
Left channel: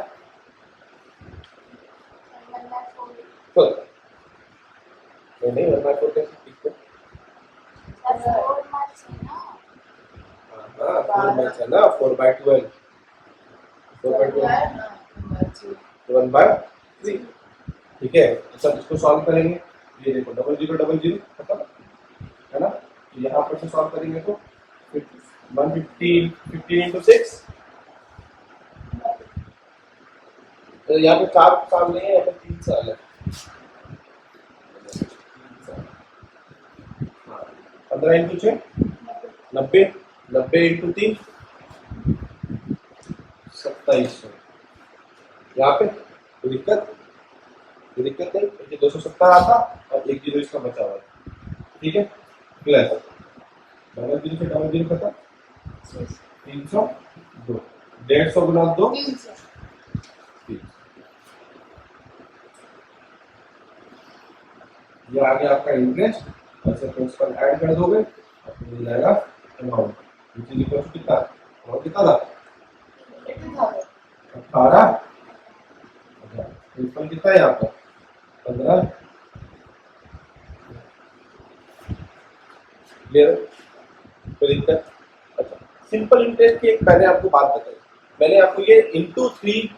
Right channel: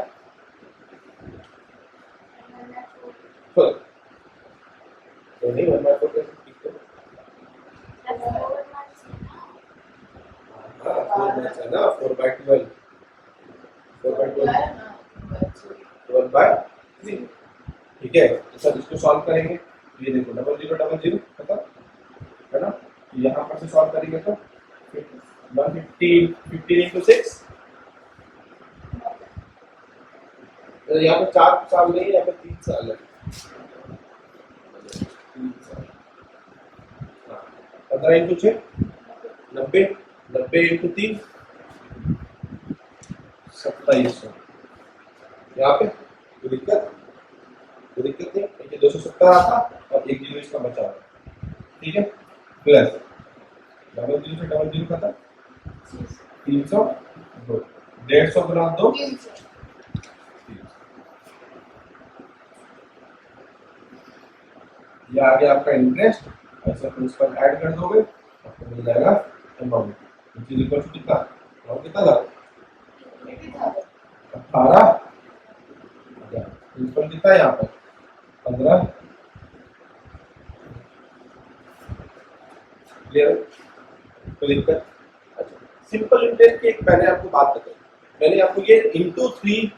तो नहीं 1/4 कैसे लिखते? हाँ 4 मैच है ना, 4/12, 4/12 1/3, ठीक है। तो सर इसको सॉल्व करेंगे, ये देखो 0000 खत्म है ना। यहाँ पर से सॉल्व करेंगे तो 150 15 into 6, तो यहाँ पे 4 साल नहीं है, यहाँ पे 3 साल है। 15 into 6 90, 90 into 3 2700। यहाँ पे कोई दिक्कत नहीं, क्योंकि 270 आता और 1 जीरो इसका बचा हुआ, ठीक है। प्लस 00 से 00 खत्म, 302, 150 गुना 2, ये आ गया आपका इंटरेस्ट। ऐसे प्रिंसिपल ऐड कर दोगे आपको मिल जाएगा amount, which is equal to कितना? अमाउंट कितना था? 18,000। प्रिंसिपल कितना है यहाँ पर? 15। क्लियर? कोई दिक्कत? अच्छा, सिंपल इंटरेस्ट की एक मैंने आपको बात बताई, मैंने आपको ये into 3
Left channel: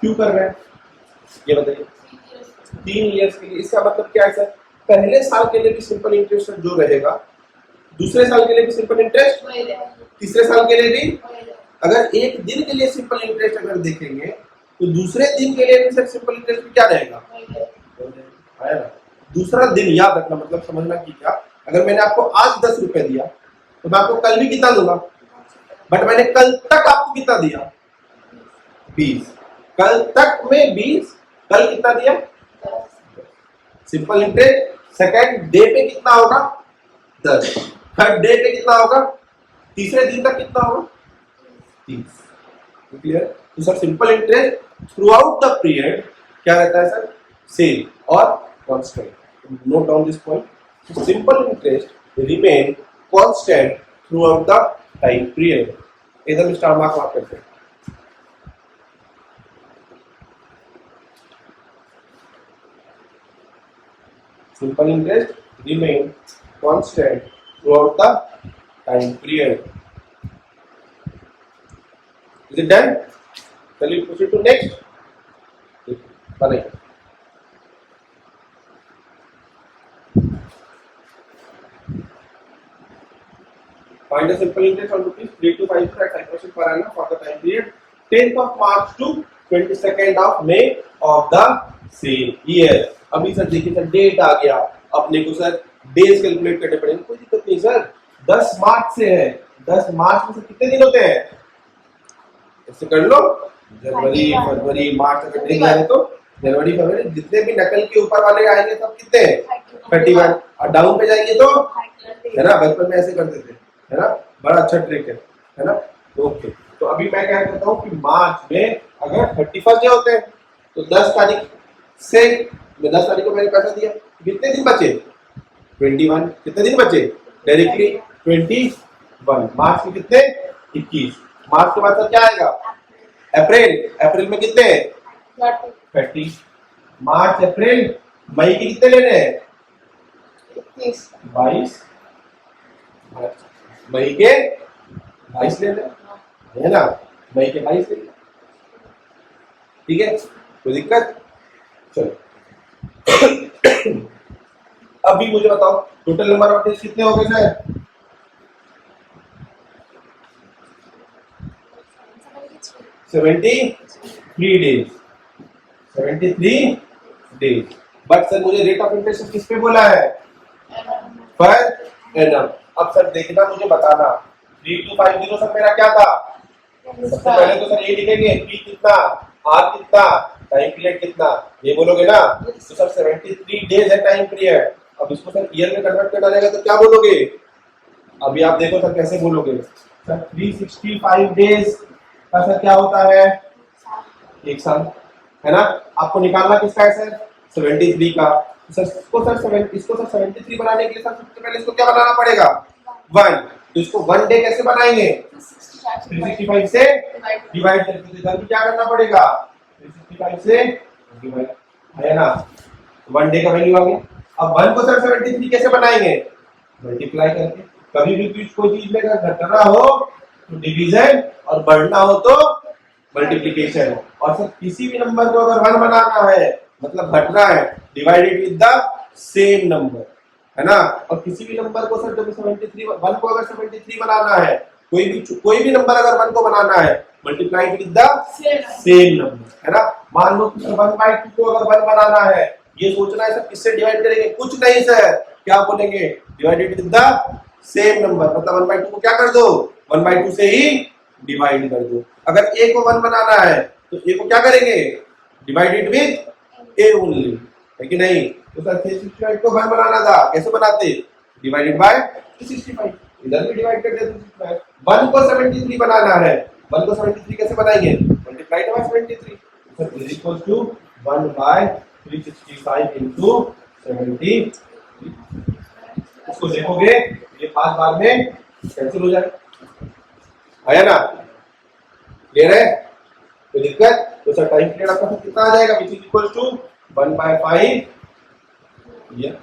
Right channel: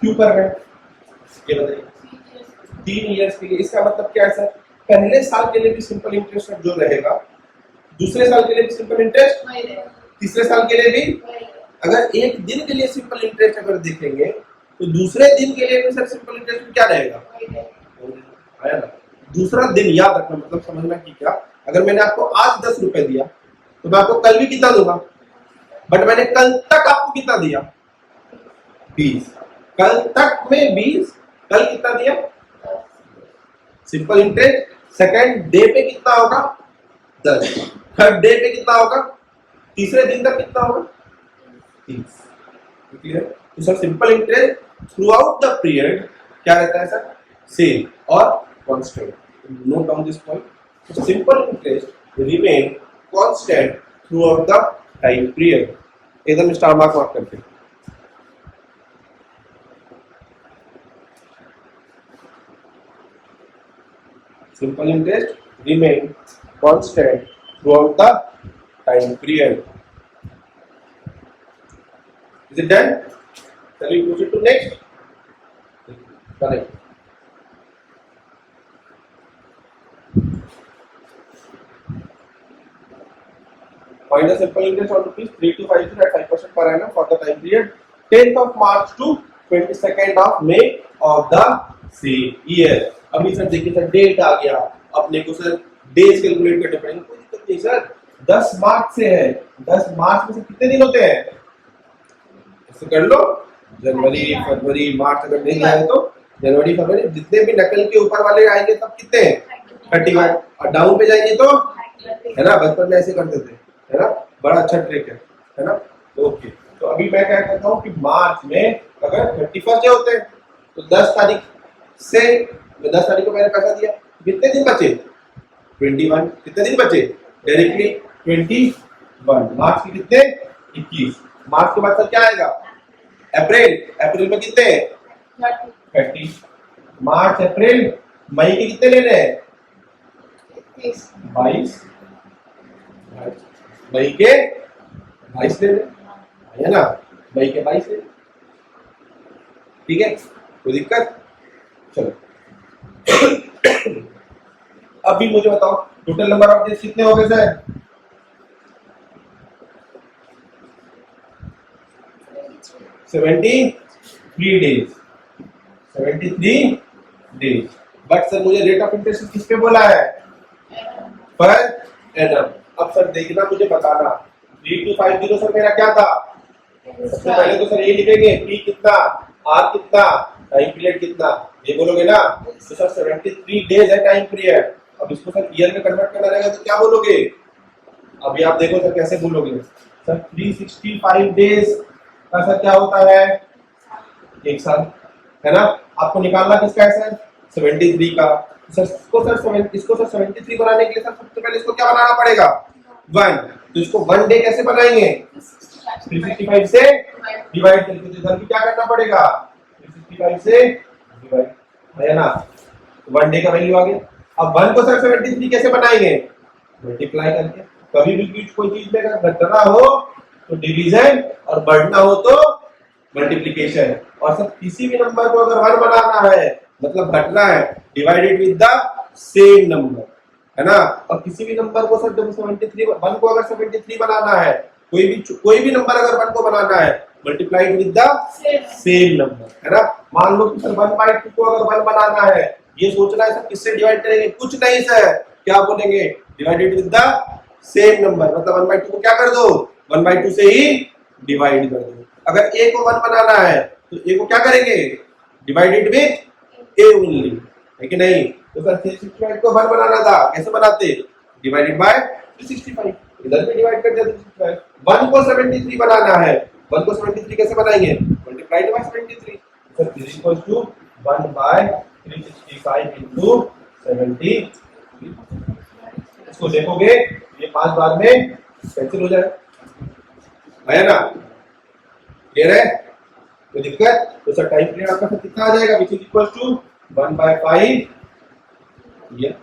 क्यों कर रहे हैं ये बताइए। 3 इयर्स के लिए, इसका मतलब क्या है सर? पहले साल के लिए भी सिंपल इंटरेस्ट जो रहेगा, दूसरे साल के लिए भी सिंपल इंटरेस्ट, तीसरे साल के लिए भी। अगर एक दिन के लिए सिंपल इंटरेस्ट अगर देखेंगे तो दूसरे दिन के लिए भी सर सिंपल इंटरेस्ट क्या रहेगा? आया ना? दूसरा दिन याद रखना, मतलब समझना कि क्या, अगर मैंने आपको आज 10 रुपए दिया तो मैं आपको कल भी कितना दूंगा, बट मैंने कल तक आपको कितना दिया? 20। कल तक में 20, कल कितना दिया? सिंपल इंटरेस्ट सेकंड डे पे कितना होगा? 10। थर्ड डे पे कितना होगा? तीसरे दिन तक कितना होगा? 30। क्लियर? तो sir simple interest through out the period क्या रहता है सर? सेम और constant. Note down this point. Simple interest remain constant through out the time period. एकदम स्टार मार्क करते हैं। Simple interest remain constant throughout the time period. Is it done? Shall we proceed to next? Correct. Find the simple interest on rupees 3252 at 5% per annum for the time period 10th of March to 22nd of May of the same year. अभी sir देखिए sir date आ गया, अपने को sir days calculate करने पड़ेंगे, कोई दिक्कत नहीं सर। 10 मार्च से है, 10 मार्च में से कितने दिन होते हैं? इससे कर लो, जनवरी फरवरी मार्च, अगर नहीं जा रहे तो जनवरी फरवरी, जितने भी नकल के ऊपर वाले आएंगे सब कितने हैं? 31। और डाउन पे जाएंगे तो है ना, बचपन में ऐसे करते थे, है ना, बड़ा अच्छा ट्रिक है ना। ओके, तो अभी मैं क्या कहता हूँ कि मार्च में अगर 31 डे होते हैं तो 10 तारीख से 10 तारीख को मैंने पैसा दिया, कितने दिन बचे? 21। कितने दिन बचे? डायरेक्टली 21। मार्च के कितने? 21। मार्च के बाद सर क्या आएगा? अप्रैल। अप्रैल में कितने? 30। मार्च अप्रैल मई के कितने लेने हैं? 22। मई के 22 ले लें, है ना, मई के 22 ले लें, ठीक है, कोई दिक्कत? चलो अभी मुझे बताओ टोटल नंबर ऑफ डेज कितने हो गए sir? 73 days. 73 days. But sir मुझे रेट ऑफ इंटरेस्ट किस पे बोला है? Per annum. अब सर देखना, मुझे बताना 3250 सर मेरा क्या था? सबसे पहले तो सर ये लिखेंगे पी कितना? आर कितना, टाइम पीरियड कितना, ये बोलोगे ना। तो सर 73 डेज है टाइम पीरियड। अब इसको सर ईयर में कन्वर्ट करना रहेगा तो क्या बोलोगे? अभी आप देखो सर कैसे बोलोगे। सर 365 डेज का सर क्या होता है? एक साल, है ना। आपको निकालना किसका है सर? 73 का। सर इसको सर 73 बनाने के लिए सर सबसे पहले इसको क्या बनाना पड़ेगा? 1। तो इसको 1 डे कैसे बनाएंगे? 365 से डिवाइड करके। तो इधर भी क्या करना पड़ेगा? 365 से डिवाइड, है ना। 1 डे का वैल्यू आ गया। अब 1 को सर 73 कैसे बनाएंगे? मल्टीप्लाई करके। कभी भी कोई चीज में अगर घटना हो तो डिवीजन और बढ़ना हो तो मल्टीप्लिकेशन। और सर किसी भी नंबर को अगर 1 बनाना है मतलब घटना है, divided with the same number, है ना। और किसी भी नंबर को सर जब 73 1 को अगर 73 बनाना है, कोई भी नंबर अगर 1 को बनाना है, multiplied with the same number, है ना। मान लो कि सर 1/2 को अगर 1 बनाना है, ये सोचना है सर किससे डिवाइड करेंगे? कुछ नहीं सर, क्या बोलेंगे? Divided with the same number. मतलब 1/2 को क्या कर दो? 1/2 से ही डिवाइड कर दो। अगर a को 1 बनाना है तो a को क्या करेंगे? डिवाइडेड विद a ओनली, है कि नहीं। तो सर 365 को 1 बनाना था, कैसे बनाते? Divided by 365। इधर भी डिवाइड कर दिया 365। 1 को 73 बनाना है, 1 को 73 कैसे बनाएंगे? Multiplied by 73। Sir is equal to 1 by 365 into 73। इसको देखोगे ये 5 बार में कैंसिल हो जाए, आया ना। क्लियर है? कोई दिक्कत? तो सर टाइम पीरियड आपका कितना आ जाएगा? Which is equal to 1/5 year.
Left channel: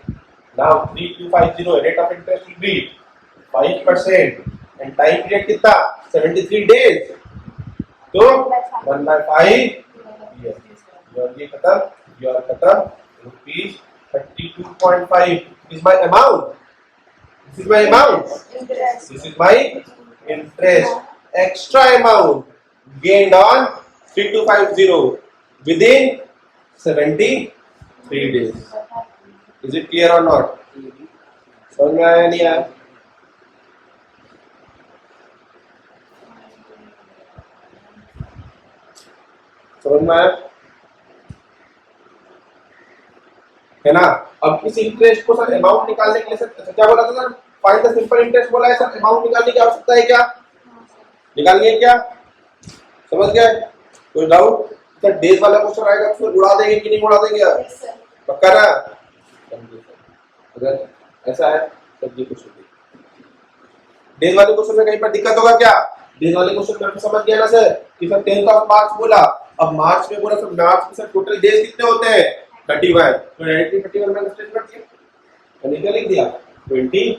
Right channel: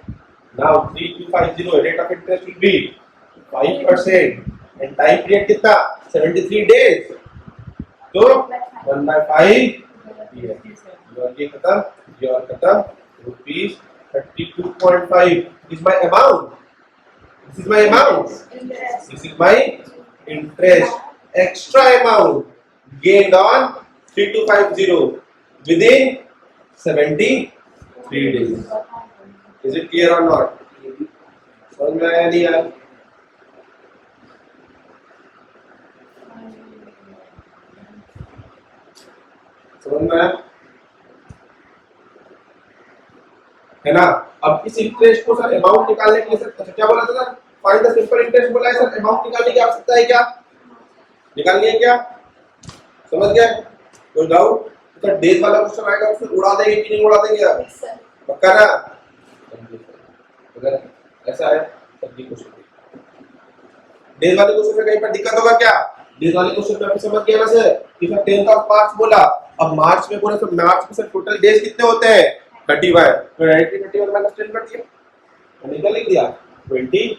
Now 3250 rate of interest will be 5% and time period कितना? 73 डेज। तो 1/5 ईयर। ये खत्म, ये खत्म। Rupees 32.5 is my amount. This is my amount. This is my interest. Extra amount gained on 3250 within 73 days. Is it clear or not? समझ में आया नहीं आया? समझ में आया? है ना। अब इस इंटरेस्ट को सर अमाउंट निकालने के लिए सर क्या बोला था sir? Find the simple interest बोला है सर। अमाउंट निकालने की आवश्यकता है क्या? निकालनी है क्या? समझ गए? कोई डाउट? सर डेज वाला क्वेश्चन आएगा उसमें उड़ा देंगे कि नहीं उड़ा देंगे आप? पक्का ना? अगर ऐसा है तब ये क्वेश्चन डेज वाले क्वेश्चन में कहीं पर दिक्कत होगा क्या? डेज वाले क्वेश्चन में आप समझ गया ना सर कि सर 10th ऑफ मार्च बोला। अब मार्च में बोला सर मार्च में सर टोटल डेज कितने होते हैं? 31। तो 31 माइनस 10 कर दिया, निकल लिख दिया 21।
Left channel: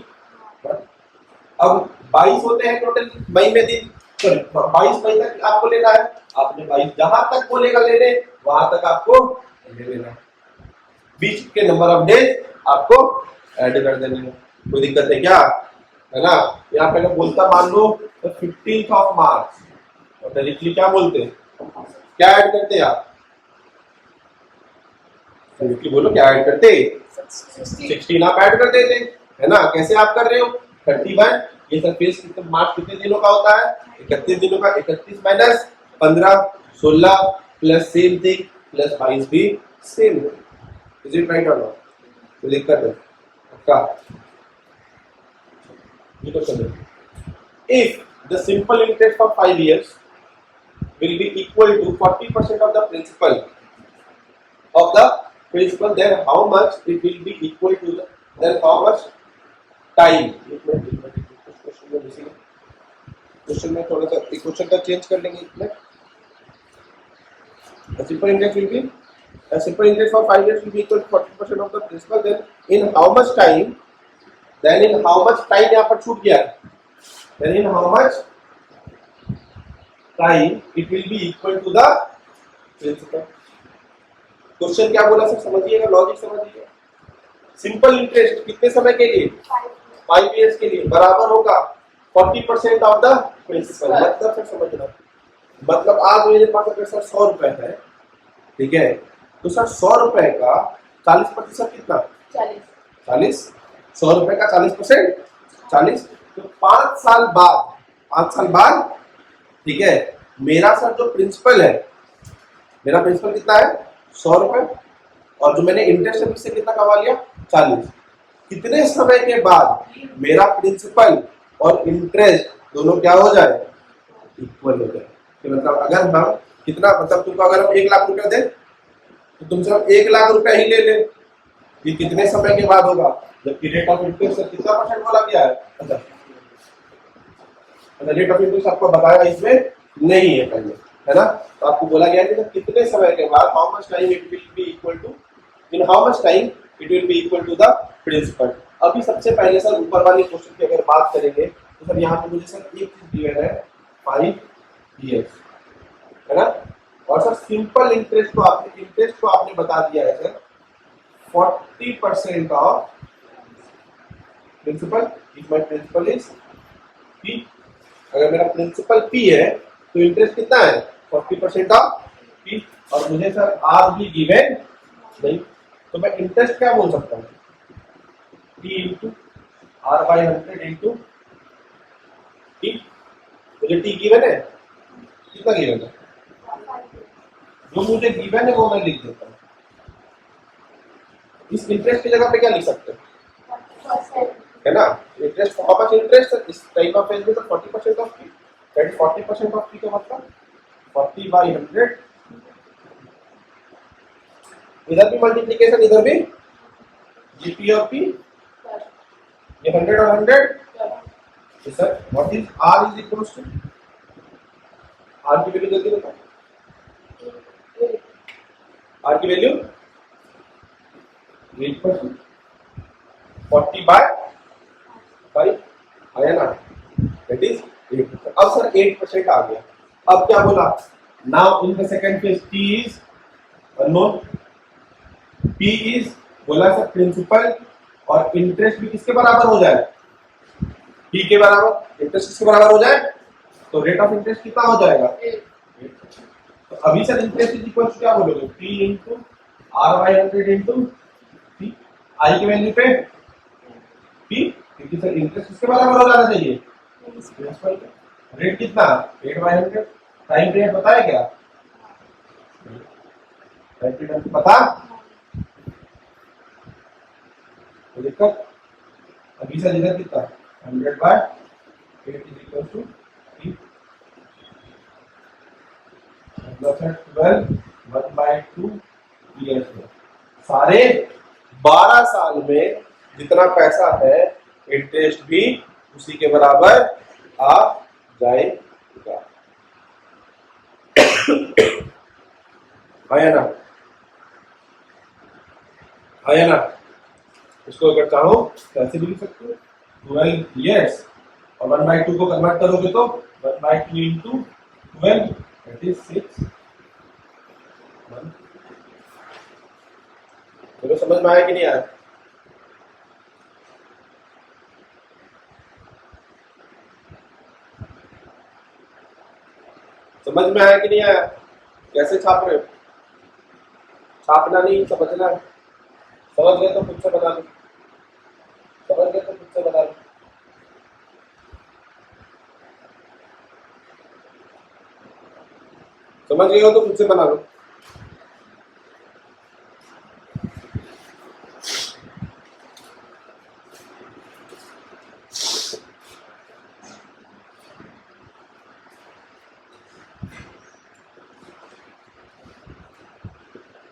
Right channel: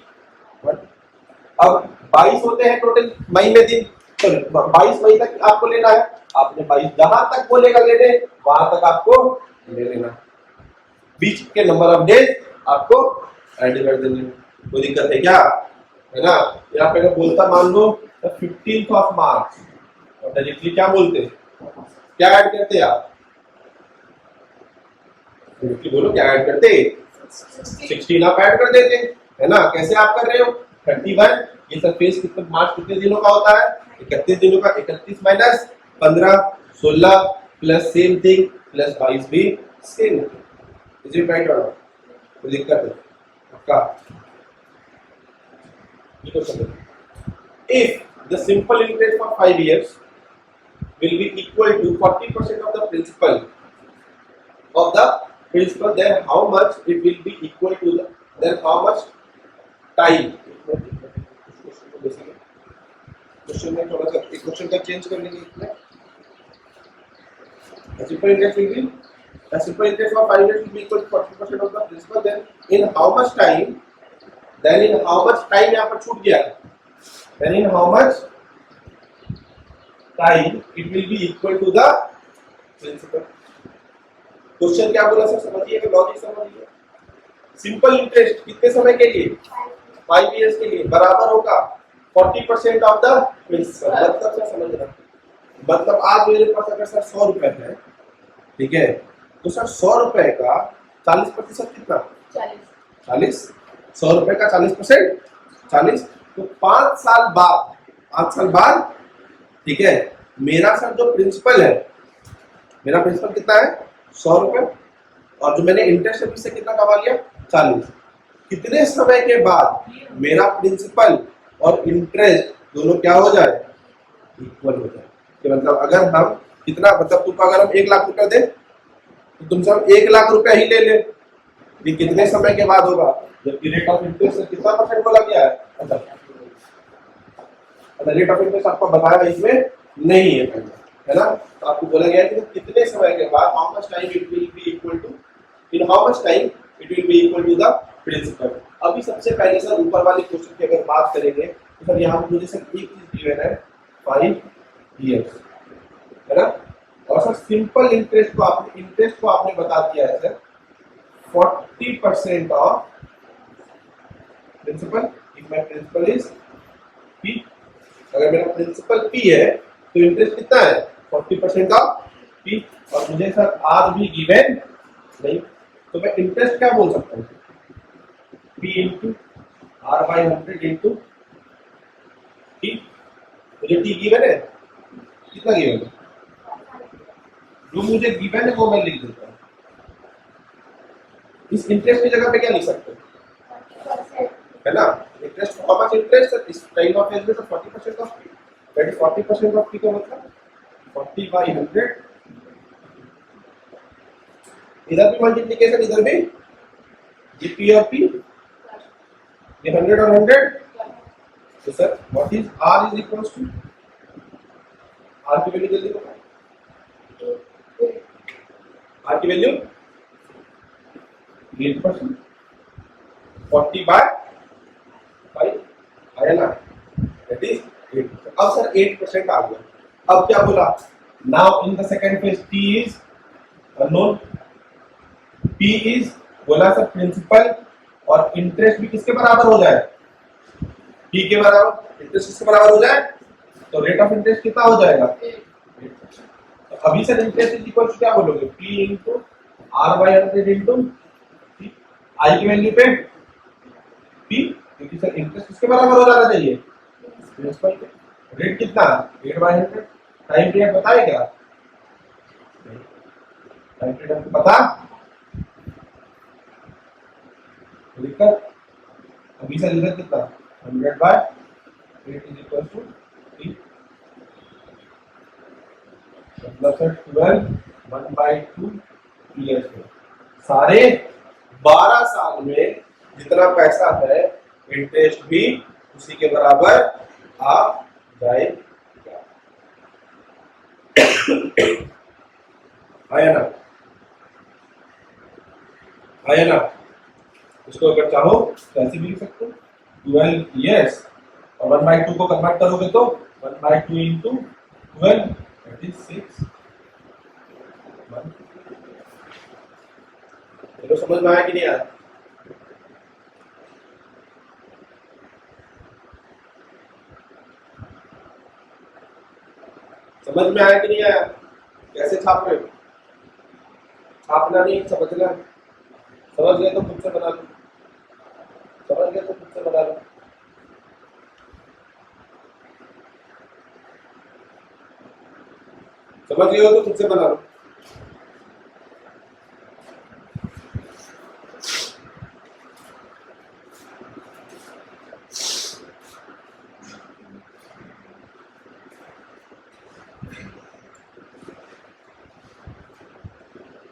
अब 22 होते हैं टोटल मई में दिन। सॉरी 22 मई तक आपको लेना है। आपने 22 जहां तक बोलेगा लेने वहां तक आपको ले लेना। बीच के नंबर ऑफ डेज आपको ऐड कर देने हैं। कोई दिक्कत है क्या? है ना। यहाँ पे अगर बोलता मान लो 15th ऑफ मार्च और डायरेक्टली क्या बोलते? क्या ऐड करते आप? बोलो क्या ऐड करते? 16 आप ऐड कर देते, है ना। कैसे आप कर रहे हो? 31। ये सरफेस कितने मार्च कितने दिनों का होता है? 31 दिनों का। 31 minus 15 16 plus same thing plus 22 भी सेम। इज इट राइट और नॉट? कोई दिक्कत है? पक्का? ये question if the simple interest for 5 years will be equal to 40% of the principal then how much it will be equal to then how much time? Question में थोड़ा सा question का चेंज कर लेंगे इसमें। simple interest will be a simple interest for 5 years will be equal to 40% of the principal then in how much time यहाँ पर छूट गया, then in how much time it will be equal to the principal। Question क्या बोला sir? समझिएगा, logic समझिएगा। Simple interest कितने समय के लिए? 5 years के लिए बराबर होगा 40% ऑफ द प्रिंसिपल। मतलब सर समझना, मतलब आज मेरे पास अगर सर 100 रुपए है, ठीक है, तो सर 100 रुपए का 40% कितना? 40। 100 रुपए का 40% 40। तो 5 साल बाद ठीक है, मेरा सर जो प्रिंसिपल है मेरा प्रिंसिपल कितना है 100 रुपए, और जो मैंने इंटरेस्ट है उससे कितना कमा लिया 40। कितने समय के बाद मेरा प्रिंसिपल और इंटरेस्ट दोनों क्या हो जाए, इक्वल हो जाए। कि मतलब अगर हम कितना, मतलब तुमको अगर हम 1 लाख रुपया दे तो तुमसे हम 1 लाख रुपया ही ले ले, ये कितने समय के बाद होगा, जबकि रेट ऑफ इंटरेस्ट से कितना परसेंट बोला गया है। अच्छा, रेट ऑफ इंटरेस्ट आपको बताया इसमें नहीं है पहले, है ना। तो आपको बोला गया है कि कितने समय के बाद, how much time it will be equal to, in how much time it will be equal to the principal. अभी सबसे पहले सर ऊपर वाली क्वेश्चन की अगर बात करेंगे तो सर यहाँ पर मुझे सर एक चीज गिवन है 5 years, है ना। और सर सिंपल इंटरेस्ट को आपने बता दिया है sir 40% of principal, if my principal is P। अगर मेरा प्रिंसिपल P है तो इंटरेस्ट कितना है 40% ऑफ P, और मुझे सर R भी गिवन नहीं, तो मैं इंटरेस्ट क्या बोल सकता हूँ, P into R by 100 into T। मुझे T गिवन है, कितना गिवन है, जो मुझे गिवन है वो मैं लिख देता हूँ। इस इंटरेस्ट की जगह पे क्या लिख सकते हैं, है ना। इंटरेस्ट, हाउ मच इंटरेस्ट इस टाइम ऑफ एज में, तो 40% of P, that is 40% of P का मतलब 40 बाई 100, इधर भी मल्टीप्लिकेशन इधर भी, ये P और P, ये 100 और 100, तो sir what is R is equal to, R की वैल्यू जल्दी बताओ, R की वैल्यू 8%, 40 बाय 5 आया ना, दैट इज 8%। अब सर 8% आ गया, अब क्या बोला, now in the second phase T is unknown, P is बोला सर प्रिंसिपल, और इंटरेस्ट भी किसके बराबर हो जाए, P के बराबर, इंटरेस्ट किसके बराबर हो जाए, तो रेट ऑफ इंटरेस्ट कितना हो जाएगा 8%। तो अभी sir interest is equal to क्या बोलोगे, P into R by 100 into P, I की वैल्यू पे P, क्योंकि सर इंटरेस्ट किसके बराबर हो जाना चाहिए, प्रिंसिपल के। रेट कितना 8 बाई 100, टाइम पीरियड पता है क्या, टाइम पीरियड पता, दिक्कत। अभी सर इधर कितना 100 by 8 is equal to P, मतलब सर 12 1 बाई 2 ईयर्स में, सारे 12 साल में जितना पैसा है इंटरेस्ट भी उसी के बराबर आ जाएगा, है ना, है ना। इसको अगर चाहो तो ऐसे भी लिख सकते हो 12 years, और 1/2 को कन्वर्ट करोगे तो 1/2 इंटू 12 दैट इज 6 मंथ। तो समझ में आया कि नहीं आया, समझ में आया कि नहीं आया, कैसे छाप रहे हो, छापना नहीं समझना, समझ गए तो खुद से बना लो, समझ गए तो खुद से बना लो। समझ गए हो तो खुद से बना लो।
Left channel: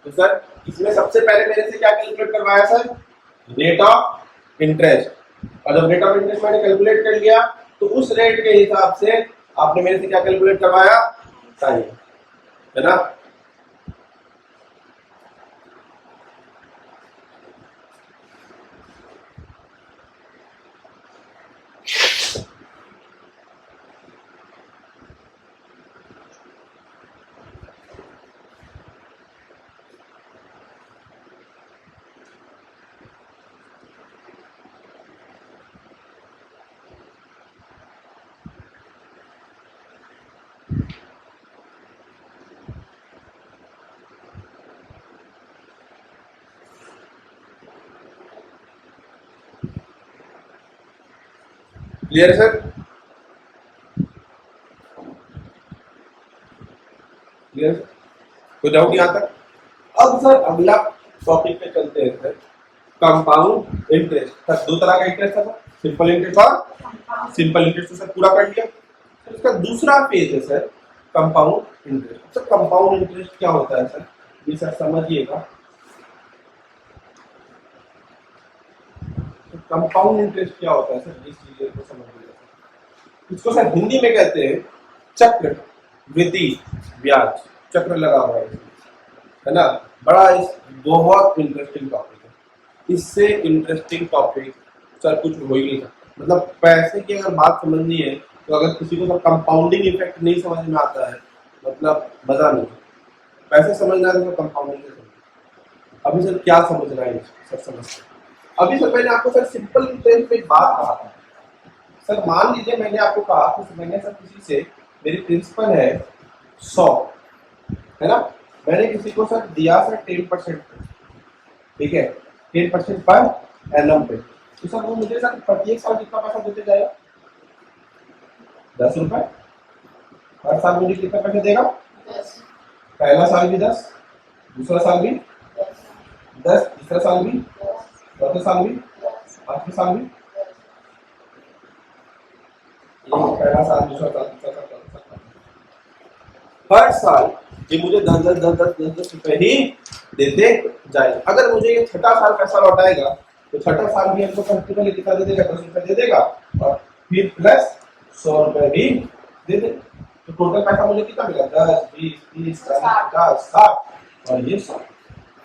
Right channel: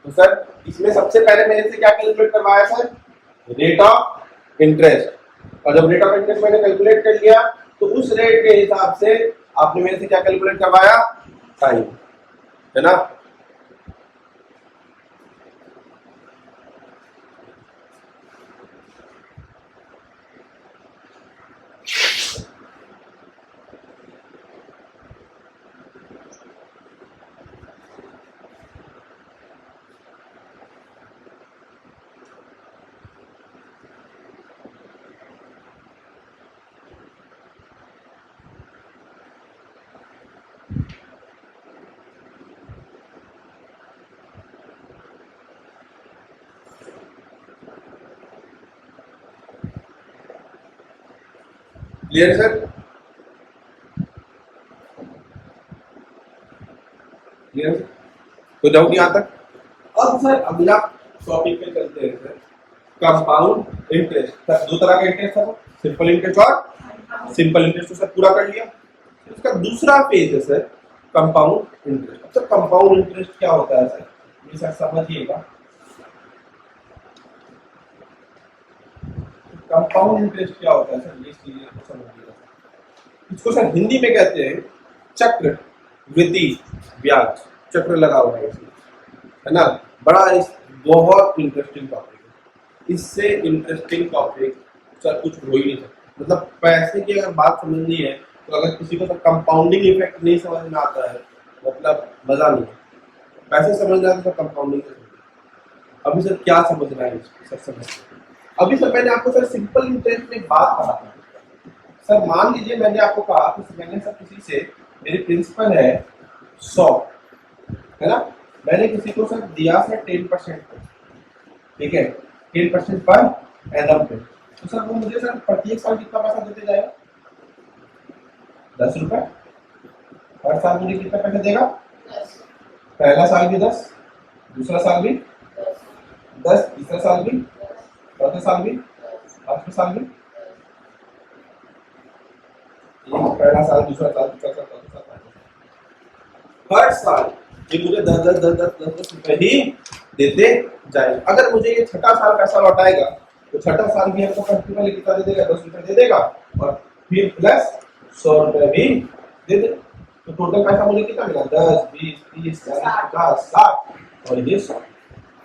तो सर इसमें सबसे पहले मेरे से क्या कैलकुलेट करवाया सर, रेट ऑफ इंटरेस्ट, और जब रेट ऑफ इंटरेस्ट मैंने कैलकुलेट कर लिया तो उस रेट के हिसाब से आपने मेरे से क्या कैलकुलेट करवाया, टाइम, है ना। Clear sir, clear. कोई डाउट यहाँ तक? अब सर अगला टॉपिक पे चलते हैं सर, कंपाउंड इंटरेस्ट। सर दो तरह का इंटरेस्ट था, सिंपल इंटरेस्ट और सिंपल इंटरेस्ट तो सर पूरा कर लिया। इसका दूसरा फेज है sir compound interest. Sir compound interest क्या होता है सर, ये सर समझिएगा। कंपाउंड इंटरेस्ट क्या होता है सर, ये चीजें को समझिएगा। इसको सर हिंदी में कहते हैं चक्र वृद्धि ब्याज, चक्र लगा हुआ है इसमें, है ना। बड़ा बहुत इंटरेस्टिंग टॉपिक है, इससे इंटरेस्टिंग टॉपिक सर कुछ हो ही नहीं सकता। मतलब पैसे की अगर बात समझनी है तो अगर किसी को सर कंपाउंडिंग इफेक्ट नहीं समझ में आता है मतलब मजा नहीं है। पैसे समझना है तो सर कंपाउंडिंग से समझिए। अभी सर क्या समझना है सर, समझते अभी सर मैंने आपको सर सिंपल इंटरेस्ट में एक बात कहा था सर। मान लीजिए मैंने आपको कहा कि मैंने सर किसी से, मेरी प्रिंसिपल है 100, है ना, मैंने किसी को सर दिया सर 10%, ठीक है, 10% पर एनम पे, तो सर वो मुझे सर प्रत्येक साल कितना पैसा देते जाएगा? 10 रुपए। हर साल मुझे कितना पैसा देगा? 10। पहला साल भी 10, दूसरा साल भी 10, तीसरा साल भी, चौथे साल भी, पांचवें साल भी, पहला साल, दूसरा साल, तीसरा साल, चौथा साल, हर साल ये मुझे 10 रुपए ही देते जाएगा। अगर मुझे ये छठा साल पैसा लौटाएगा तो छठा साल भी हमको प्रिंसिपल कितना दे देगा? 10 रुपए दे देगा, और फिर प्लस 100 रुपए भी दे देगा। तो टोटल पैसा मुझे कितना मिला? 10, 20, 30, 40, 50, 60 और ये 100,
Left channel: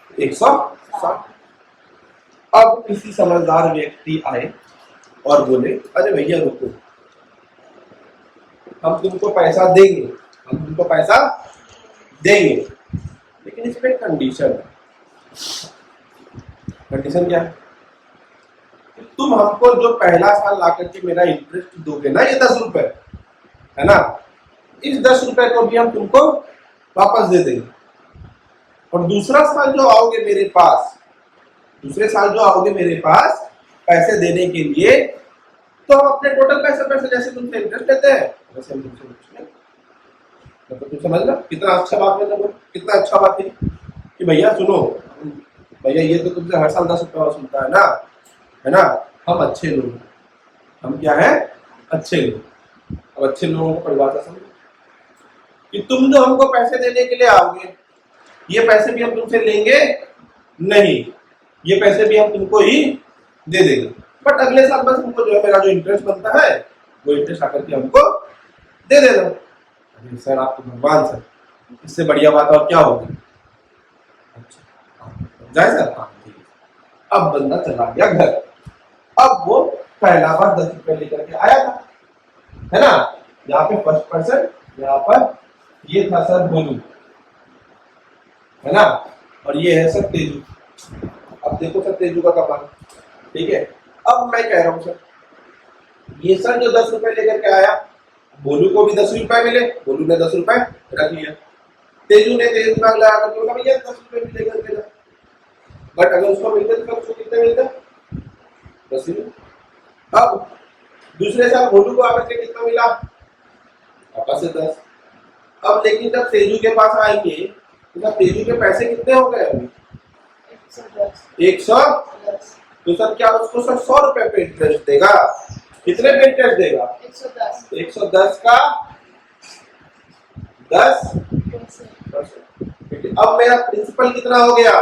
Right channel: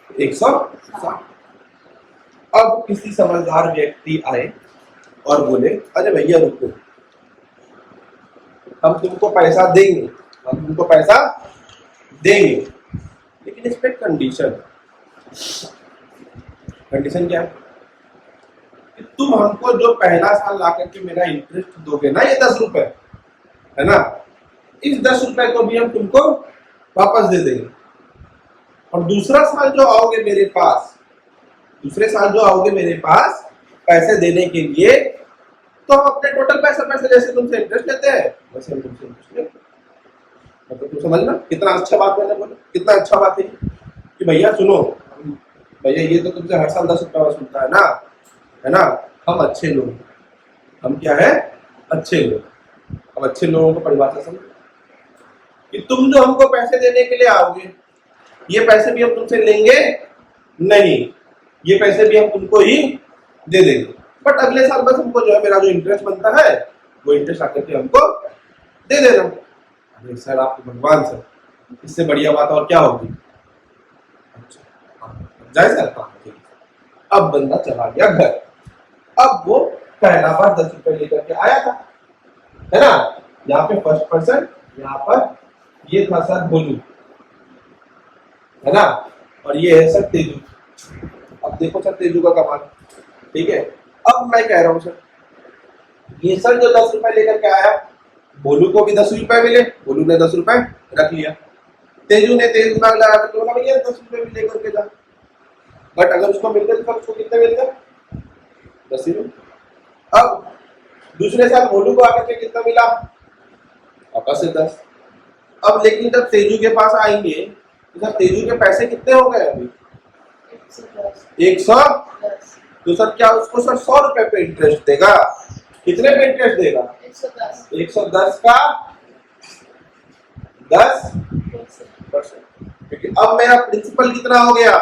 160। अब किसी समझदार व्यक्ति आए और बोले, अरे भैया रुको, हम तुमको पैसा देंगे, हम तुमको पैसा देंगे, लेकिन इस पे कंडीशन। कंडीशन क्या है? तुम हमको जो पहला साल ला करके मेरा इंटरेस्ट दोगे ना, ये 10 रुपए है ना, इस 10 रुपए को भी हम तुमको वापस दे देंगे, और दूसरा साल जो आओगे मेरे पास, दूसरे साल जो आओगे मेरे पास पैसे देने के लिए, तो हम अपने टोटल पैसे जैसे तुमसे इंटरेस्ट लेते हैं वैसे हम तुमसे इंटरेस्ट लेते हैं। मतलब तुम समझना कितना अच्छा बात मैंने बोला, कितना अच्छा बात है कि भैया सुनो, भैया ये तो तुमसे हर साल 10 रुपया वसूलता है ना, हम अच्छे लोग, हम क्या है? अच्छे लोग। अब अच्छे लोगों को परिभाषा समझो कि तुम जो हमको पैसे देने के लिए आओगे, ये पैसे भी हम तुमसे लेंगे नहीं, ये पैसे भी हम तुमको ही दे देंगे, बट अगले साल बस हमको जो है मेरा जो इंटरेस्ट बनता है वो इंटरेस्ट आकर के हमको दे देना। अरे सर आप तो भगवान सर, इससे बढ़िया बात और क्या होगी? अच्छा जाए सर, हाँ ठीक है। अब बंदा चला गया घर, अब वो पहला बार 10 रुपए लेकर के आया था, है ना, यहाँ पे फर्स्ट पर्सन, यहाँ पर ये था सर भोलू, है ना, और ये है सर तेजू। अब देखो सर तेजू का कमाल, ठीक है। अब मैं कह रहा हूं सर, ये सर जो 10 रुपए लेकर के आया, भोलू को भी 10 रुपए मिले, भोलू ने 10 रुपए रख लिया, तेजू ने तेज दिमाग लगा करके बोला भैया 10 रुपए भी लेकर के जा, बट अगर उसको मिलते तो उसको कितने मिलते? 10 ही मिले। अब दूसरे साल भोलू को आकर के कितना मिला? वापस से 10। अब लेकिन जब तेजू के पास आएंगे तो जब तेजू के पैसे कितने हो गए अभी? 110। तो सर क्या उसको सर 100 रुपए पे इंटरेस्ट देगा? कितने पे इंटरेस्ट देगा? 110 का 10%। अब मेरा प्रिंसिपल कितना हो गया?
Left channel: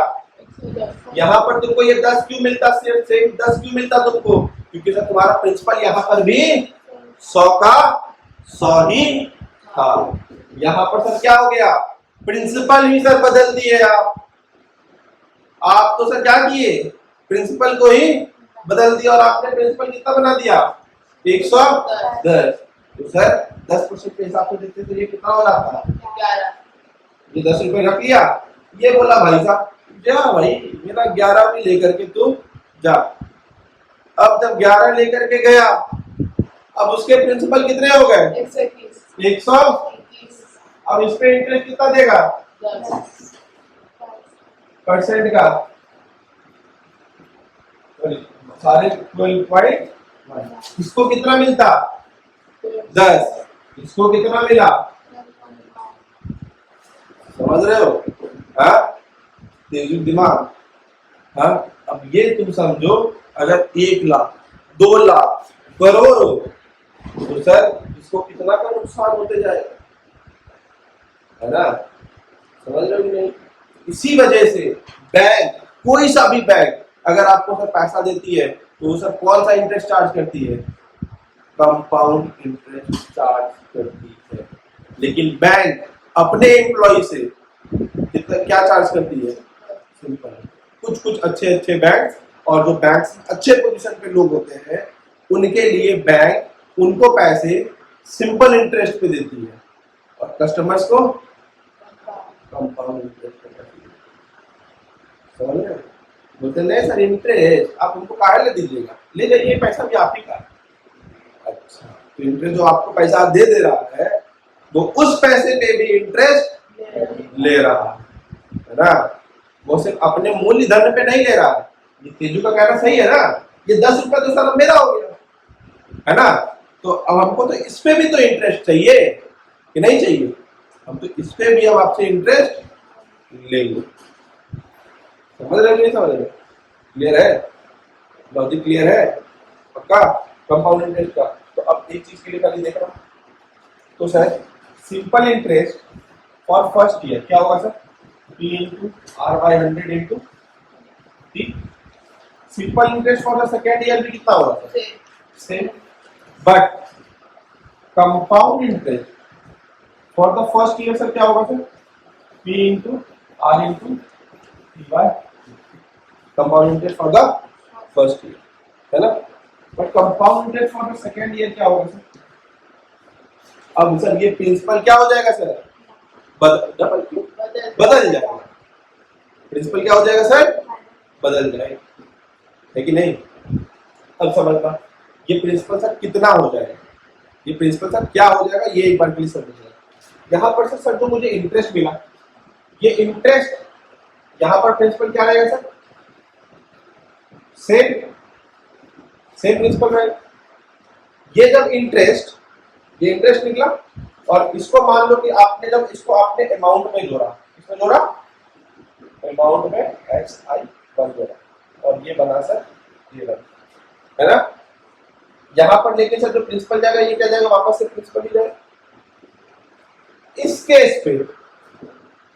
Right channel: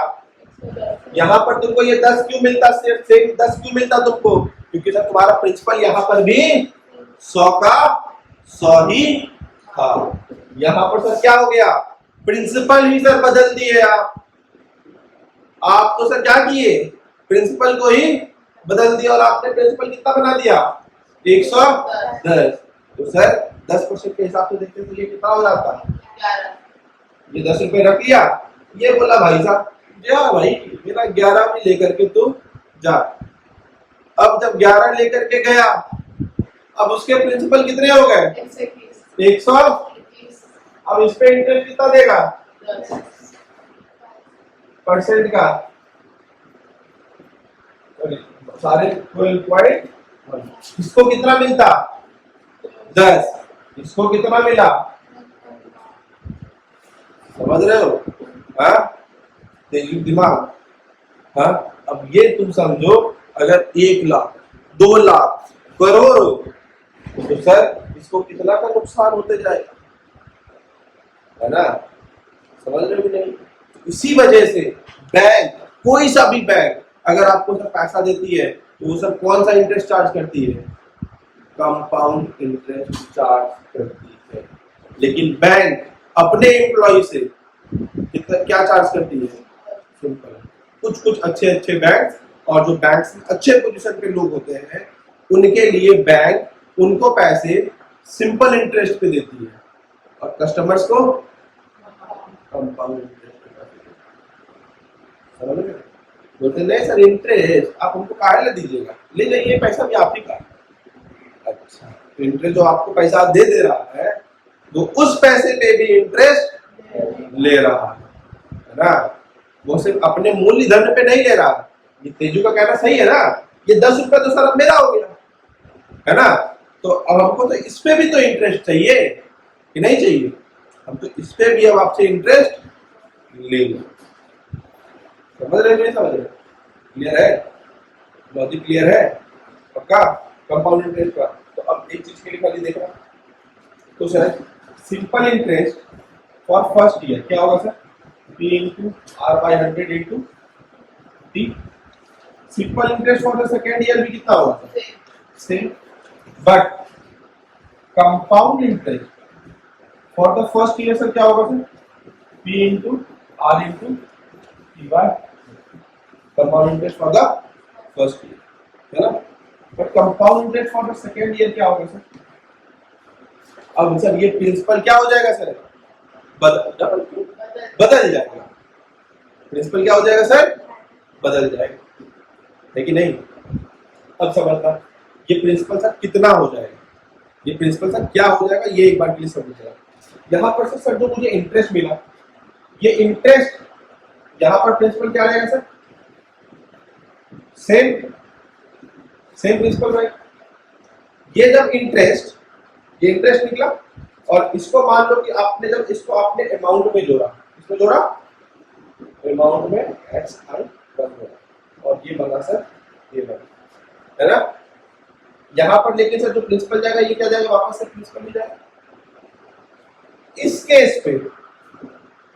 यहाँ पर तुमको ये 10 क्यों मिलता? सिर्फ 10 क्यों मिलता तुमको? क्योंकि सर तुम्हारा प्रिंसिपल यहाँ पर भी 100 का 100 ही था। यहाँ पर सर क्या हो गया? प्रिंसिपल ही सर बदल दिए आप तो सर क्या किए? प्रिंसिपल को ही बदल दिया, और आपने प्रिंसिपल कितना बना दिया? 110। तो सर 10% के हिसाब से देखते तो ये कितना हो जाता है? ये 10 रुपए रख लिया, ये बोला भाई साहब जा भाई मेरा 11 भी लेकर के तू जा। अब जब 11 लेकर के गया, अब उसके प्रिंसिपल कितने हो गए? 120। अब इस पे इंटरेस्ट कितना देगा? 10% का, सारे 12.1। इसको कितना मिलता? 10। इसको कितना मिला? समझ रहे हो? हाँ, तेजी दिमाग। हाँ, अब ये तुम समझो, अगर 1 लाख, 2 लाख, करोड़, तो सर इसको कितना का नुकसान होते जाएगा, है ना? समझ रहे हो कि नहीं? इसी वजह से बैंक, कोई सा भी बैंक अगर आपको सर पैसा देती है तो वो सर कौन सा इंटरेस्ट चार्ज करती है? कंपाउंड इंटरेस्ट चार्ज करती है। लेकिन बैंक अपने एम्प्लॉय से कितना क्या चार्ज करती है? सिंपल। कुछ कुछ अच्छे अच्छे बैंक और जो बैंक अच्छे पोजीशन पे लोग होते हैं उनके लिए बैंक उनको पैसे सिंपल इंटरेस्ट पे देती है और कस्टमर्स को कंपाउंड इंटरेस्ट पे देती है। समझ रहे? बोलते नहीं सर इंटरेस्ट आप हमको काहे ले दीजिएगा, ले जाइए पैसा भी आप ही का। अच्छा, तो इंटरेस्ट जो आपको पैसा दे रहा है वो उस पैसे पे भी इंटरेस्ट ले रहा है ना? वो सिर्फ अपने मूल्य धन पे नहीं ले रहा है। ये तेजू का कहना सही है ना? ये 10 रुपया तो सर अब मेरा हो गया, है ना? तो अब हमको तो इस पे भी तो इंटरेस्ट चाहिए कि नहीं चाहिए? हम तो इस पे भी अब आपसे इंटरेस्ट लेंगे। समझ रहे? नहीं समझ रहे? क्लियर है? लॉजिक क्लियर है? पक्का? कंपाउंड इंटरेस्ट का तो अब एक चीज के लिए खाली देख रहा, तो sir simple interest for first year क्या होगा sir? P into R by 100 into T। Simple interest for the second year भी कितना होगा? Same. But compound interest for the first year sir क्या होगा sir? P into R into T by compound interest for the first year, है ना? But compound interest for the second year क्या होगा sir? अब सर ये principal क्या हो जाएगा सर? बदल जाएगा। प्रिंसिपल क्या हो जाएगा सर? बदल जाएगा, है कि नहीं? अब समझना ये प्रिंसिपल सर कितना हो जाएगा, ये प्रिंसिपल सर क्या हो जाएगा, ये एक बार के लिए समझिएगा। यहाँ पर सर जो मुझे इंटरेस्ट मिला, ये इंटरेस्ट यहाँ पर प्रिंसिपल क्या रहेगा सर? सेम प्रिंसिपल रहेगा। ये जब ये इंटरेस्ट निकला और इसको मान लो कि आपने जब इसको आपने अमाउंट में जोड़ा, इसमें जोड़ा अमाउंट में XI जोड़ा और ये बना सर, ये बना, है ना? यहां पर लेके सर जो प्रिंसिपल जाएगा ये क्या जाएगा? वापस से प्रिंसिपल ही जाएगा। इस केस पे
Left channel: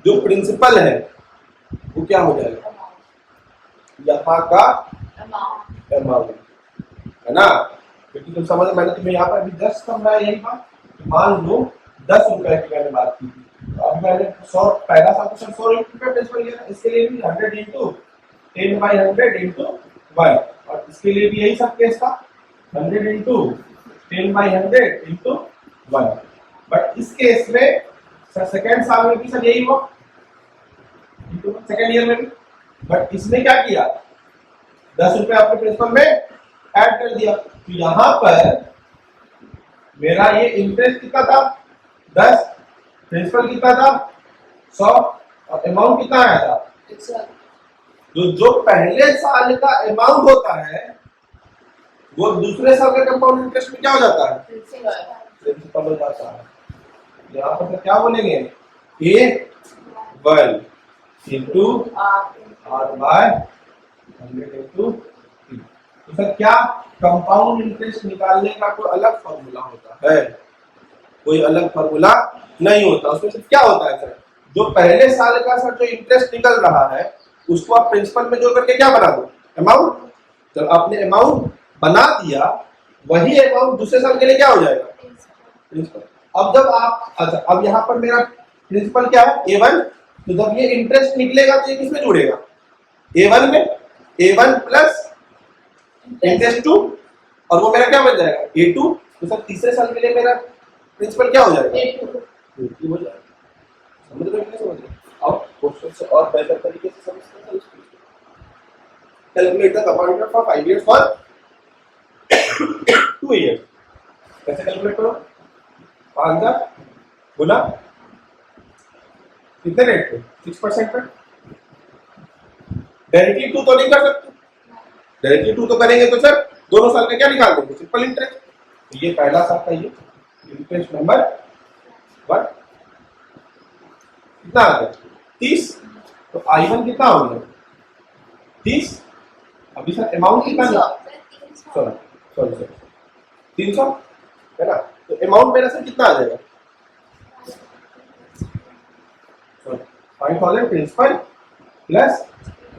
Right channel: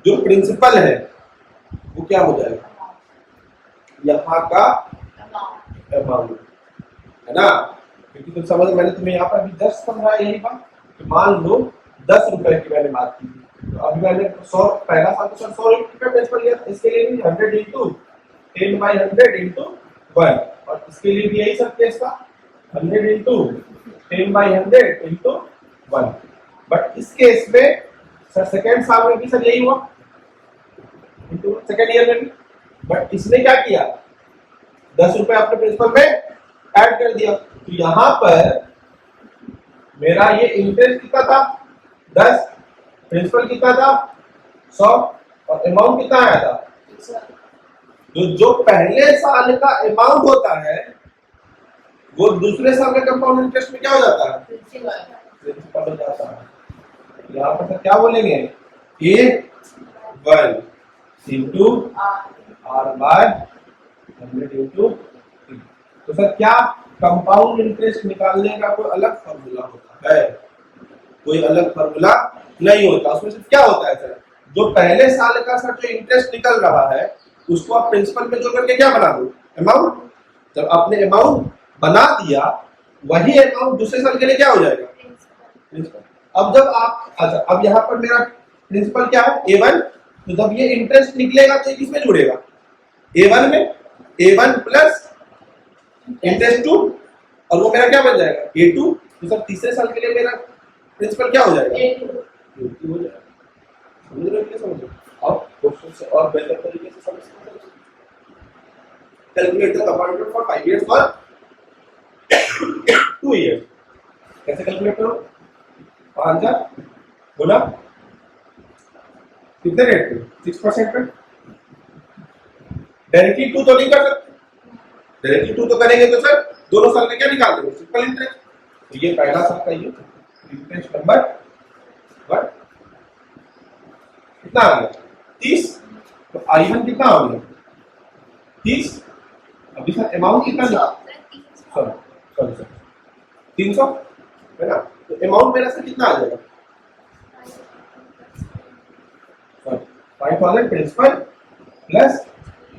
जो प्रिंसिपल है वो क्या हो जाएगा? यहाँ का अमाउंट, है ना? क्योंकि तुम समझ, मैंने तुम्हें यहाँ पर भी 10 समझाया यही बात। मान लो 10 रुपए की मैंने बात की थी, तो अभी मैंने 100 पहला साल तो सर 100 रुपए प्रिंसिपल लिया था, इसके लिए भी 100 इंटू 10 बाई 100 इंटू 1 और इसके लिए भी यही सब केस था 100 इंटू 10 बाई 100 इंटू 1। बट इस केस में सर सेकेंड साल में भी सर यही हुआ इंटू सेकेंड ईयर में भी। बट इसने क्या किया? 10 रुपए अपने प्रिंसिपल में ऐड कर दिया, तो यहाँ पर मेरा ये इंटरेस्ट कितना था? 10, प्रिंसिपल कितना था? 100 और अमाउंट कितना आया था? जो पहले साल का अमाउंट होता है वो दूसरे साल का कंपाउंड इंटरेस्ट में क्या हो जाता है? प्रिंसिपल हो जाता है। यहाँ पर सर क्या बोलेंगे? A1 into R by 100 into T। तो सर क्या कंपाउंड इंटरेस्ट निकालने का कोई अलग फॉर्मूला होता है? कोई अलग फॉर्मूला नहीं होता। उसमें सिर्फ क्या होता है सर? जो पहले साल का सर जो इंटरेस्ट निकल रहा है उसको आप प्रिंसिपल में जोड़ करके क्या बना दो? अमाउंट। जब आपने अमाउंट बना दिया वही अमाउंट दूसरे साल के लिए क्या हो जाएगा? प्रिंसिपल। अब जब आप, अच्छा अब यहाँ पर मेरा प्रिंसिपल क्या है? A1। तो जब ये इंटरेस्ट निकलेगा तो ये किसमें जुड़ेगा? A1 में। A1 प्लस इंटरेस्ट 2 और वो मेरा क्या बन जाएगा? A2। तो सर तीसरे साल के लिए मेरा प्रिंसिपल क्या हो जाएगा? A2 हो जाएगा। समझ रहे हो? समझ रहे? अब क्वेश्चन से और बेहतर तरीके से समझ सकते हैं। Calculate the compound for 5 years for 2 years. कैसे कैलकुलेट करो? 5000 गुना कितने रेट पे? 6% पे। डायरेक्टली 2 तो नहीं कर सकते, डायरेक्टली 2 तो करेंगे तो सर दोनों साल का क्या निकाल देंगे? Simple interest. तो ये पहला साल का ये इंटरेस्ट नंबर 1 कितना आ गया? 30 तो I1 कितना हो गया 30। अभी सर अमाउंट कितना सॉरी सॉरी सर 300 है ना। तो अमाउंट मेरा सर कितना आ जाएगा 5000 प्रिंसिपल प्लस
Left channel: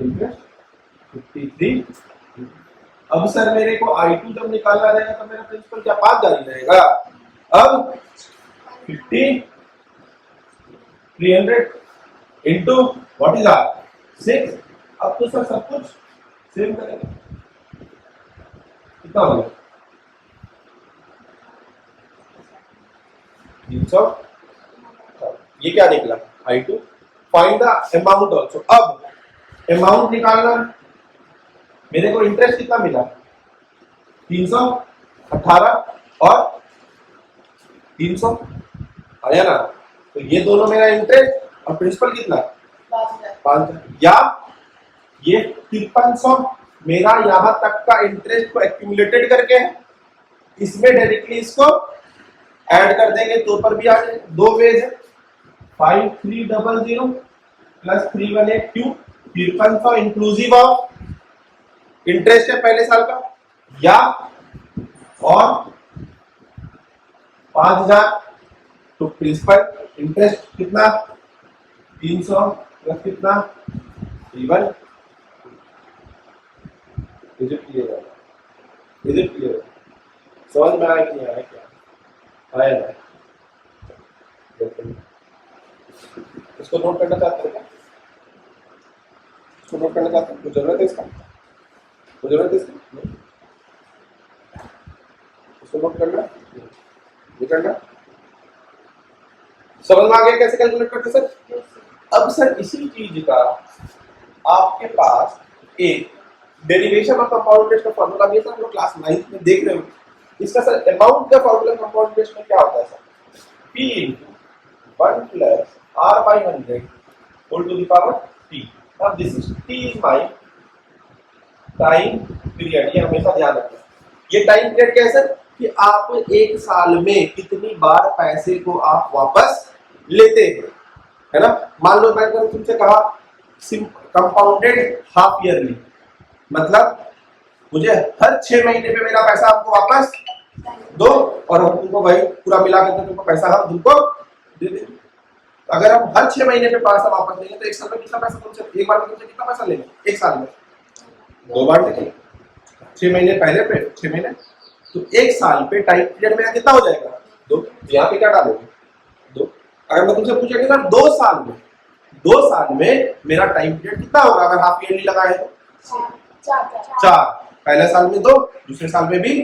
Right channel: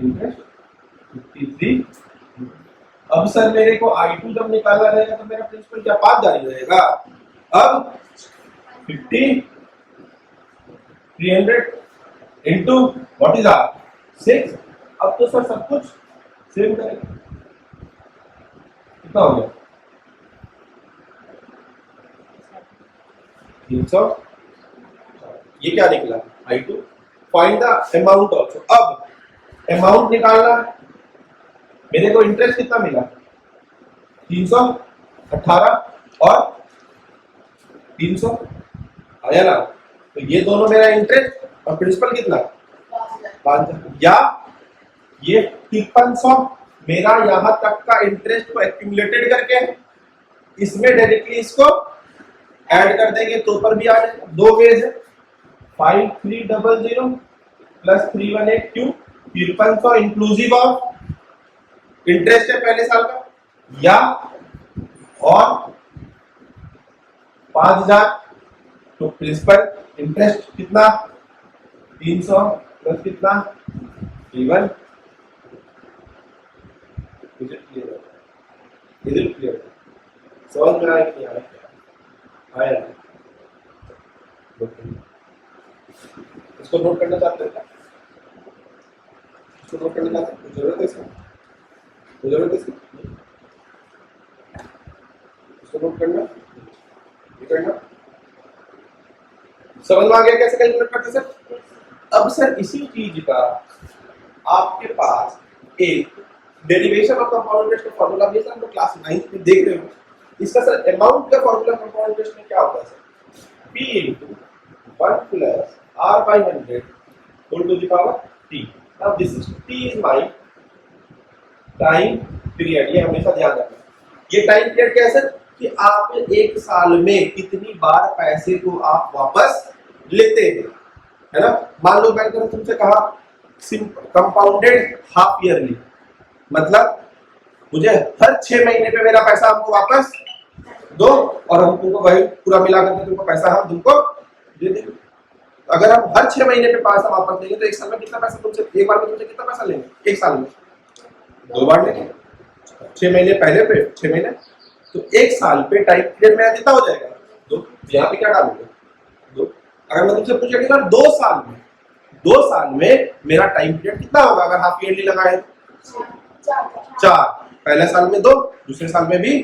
इंटरेस्ट 53। अब सर मेरे को I2 जब निकालना रहेगा तो मेरा प्रिंसिपल क्या 5 जारी रहेगा। अब 50 300 इंटू व्हाट इज आर 6। अब तो सर सब कुछ सेम करेगा। कितना हो गया 300। ये क्या निकला I2। Find the amount also. अब अमाउंट निकालना है। मेरे को इंटरेस्ट कितना मिला 318 और 300 आया ना। तो ये दोनों मेरा इंटरेस्ट और प्रिंसिपल कितना 5000 या ये 5300 मेरा यहां तक का इंटरेस्ट को एक्यूमुलेटेड करके है। इसमें डायरेक्टली इसको ऐड कर देंगे तो पर भी आ जाएगा। दो वेज है 5300 प्लस 318 क्यों 5300 इंक्लूसिव ऑफ इंटरेस्ट है पहले साल का या और 5000 तो प्रिंसिपल इंटरेस्ट कितना 300 प्लस कितना 3 इज इट क्लियर समझ में आया कि नहीं आया क्या आया ना। इसको नोट करना चाहते हैं क्या इसको नोट करना चाहते हैं कुछ जरूरत है इसका कोई जरूरत है इसकी इसको नोट करना ये करना समझ में आ गया कैसे कैलकुलेट करते सर। अब सर इसी चीज का आपके पास एक डेरिवेशन ऑफ कंपाउंड इंटरेस्ट का फॉर्मूला भी है सर। हम लोग क्लास 9th में देख रहे हो। इसका सर अमाउंट का फॉर्मूला कंपाउंड इंटरेस्ट में क्या होता है sir P * 1 + R/100 whole to the power T। अब this is T is my time period. ये हमेशा ध्यान रखना। ये टाइम पीरियड क्या है सर कि आप एक साल में कितनी बार पैसे को आप वापस लेते हैं है ना। मान लो मैंने तुमसे कहा कंपाउंडेड हाफ ईयरली मतलब मुझे हर 6 महीने पे मेरा पैसा हमको वापस दो और हम तुमको वही पूरा मिला करके तुमको पैसा हम तुमको दे देंगे। अगर हम हर 6 महीने पे पैसा वापस देंगे तो एक साल में कितना पैसा तुमसे एक बार में तुमसे कितना पैसा लेंगे एक साल में 2 बार लेंगे 6 महीने पहले पे 6 महीने तो एक साल पे टाइम पीरियड मेरा कितना हो जाएगा 2। यहाँ पे क्या डालोगे 2। अगर मैं तुमसे पूछा कि 2 साल में मेरा टाइम पीरियड कितना होगा अगर हाफ ईयरली लगाए तो 4। पहले साल में 2 दूसरे साल में भी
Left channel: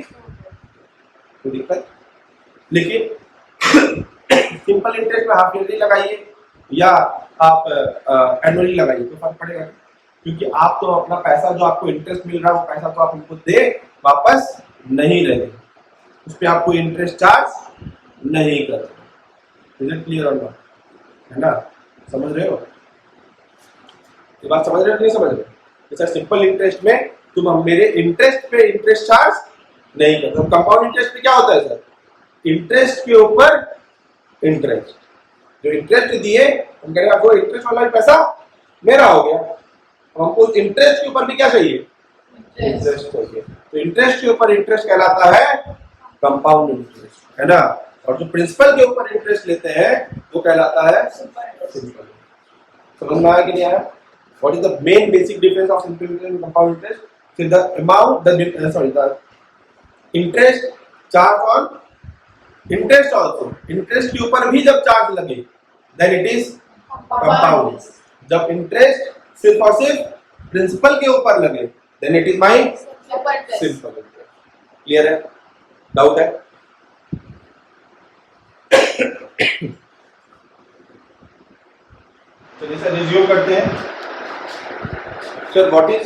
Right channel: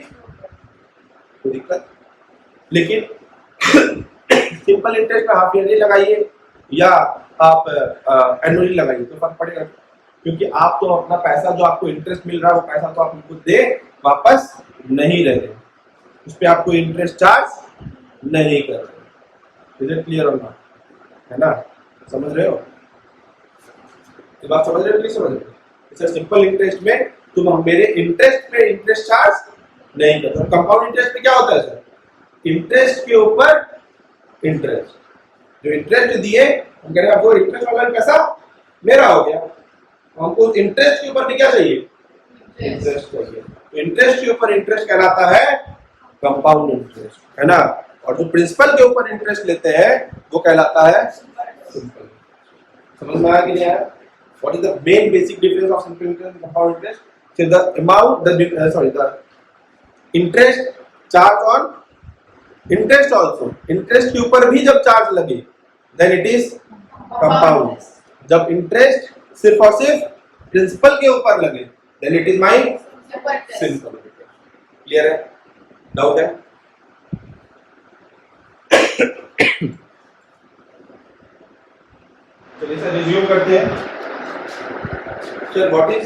कोई दिक्कत। लेकिन सिंपल इंटरेस्ट में हाफ ईयरली लगाइए या आप एनुअली लगाइए तो फर्क पड़ेगा क्योंकि आप तो अपना पैसा जो आपको इंटरेस्ट मिल रहा है वो पैसा तो आप हमको दे वापस नहीं रहे उस पर आपको इंटरेस्ट चार्ज नहीं कर रहे। इज इट क्लियर और नॉट है ना। समझ रहे हो ये बात समझ रहे हो नहीं समझ रहे हो। सर सिंपल इंटरेस्ट में तुम हम मेरे इंटरेस्ट पे इंटरेस्ट चार्ज नहीं करते। कंपाउंड इंटरेस्ट पे क्या होता है सर इंटरेस्ट के ऊपर इंटरेस्ट जो इंटरेस्ट दिए हम कहेंगे आपको इंटरेस्ट वाला पैसा मेरा हो गया हमको इंटरेस्ट के ऊपर भी क्या चाहिए इंटरेस्ट चाहिए। तो इंटरेस्ट के ऊपर इंटरेस्ट कहलाता है कंपाउंड इंटरेस्ट है ना। और जो प्रिंसिपल के ऊपर इंटरेस्ट लेते हैं वो कहलाता है सिंपल। समझ में आया कि नहीं आया। What is the main basic difference of simple interest and compound interest. So the amount the interest charge on interest also interest के ऊपर भी जब चार्ज लगे then it is compound। जब इंटरेस्ट सिर्फ और सिर्फ प्रिंसिपल के ऊपर लगे then it is my simple। Clear है डाउट है चलिए सर रिज्यूम करते हैं। Sir what is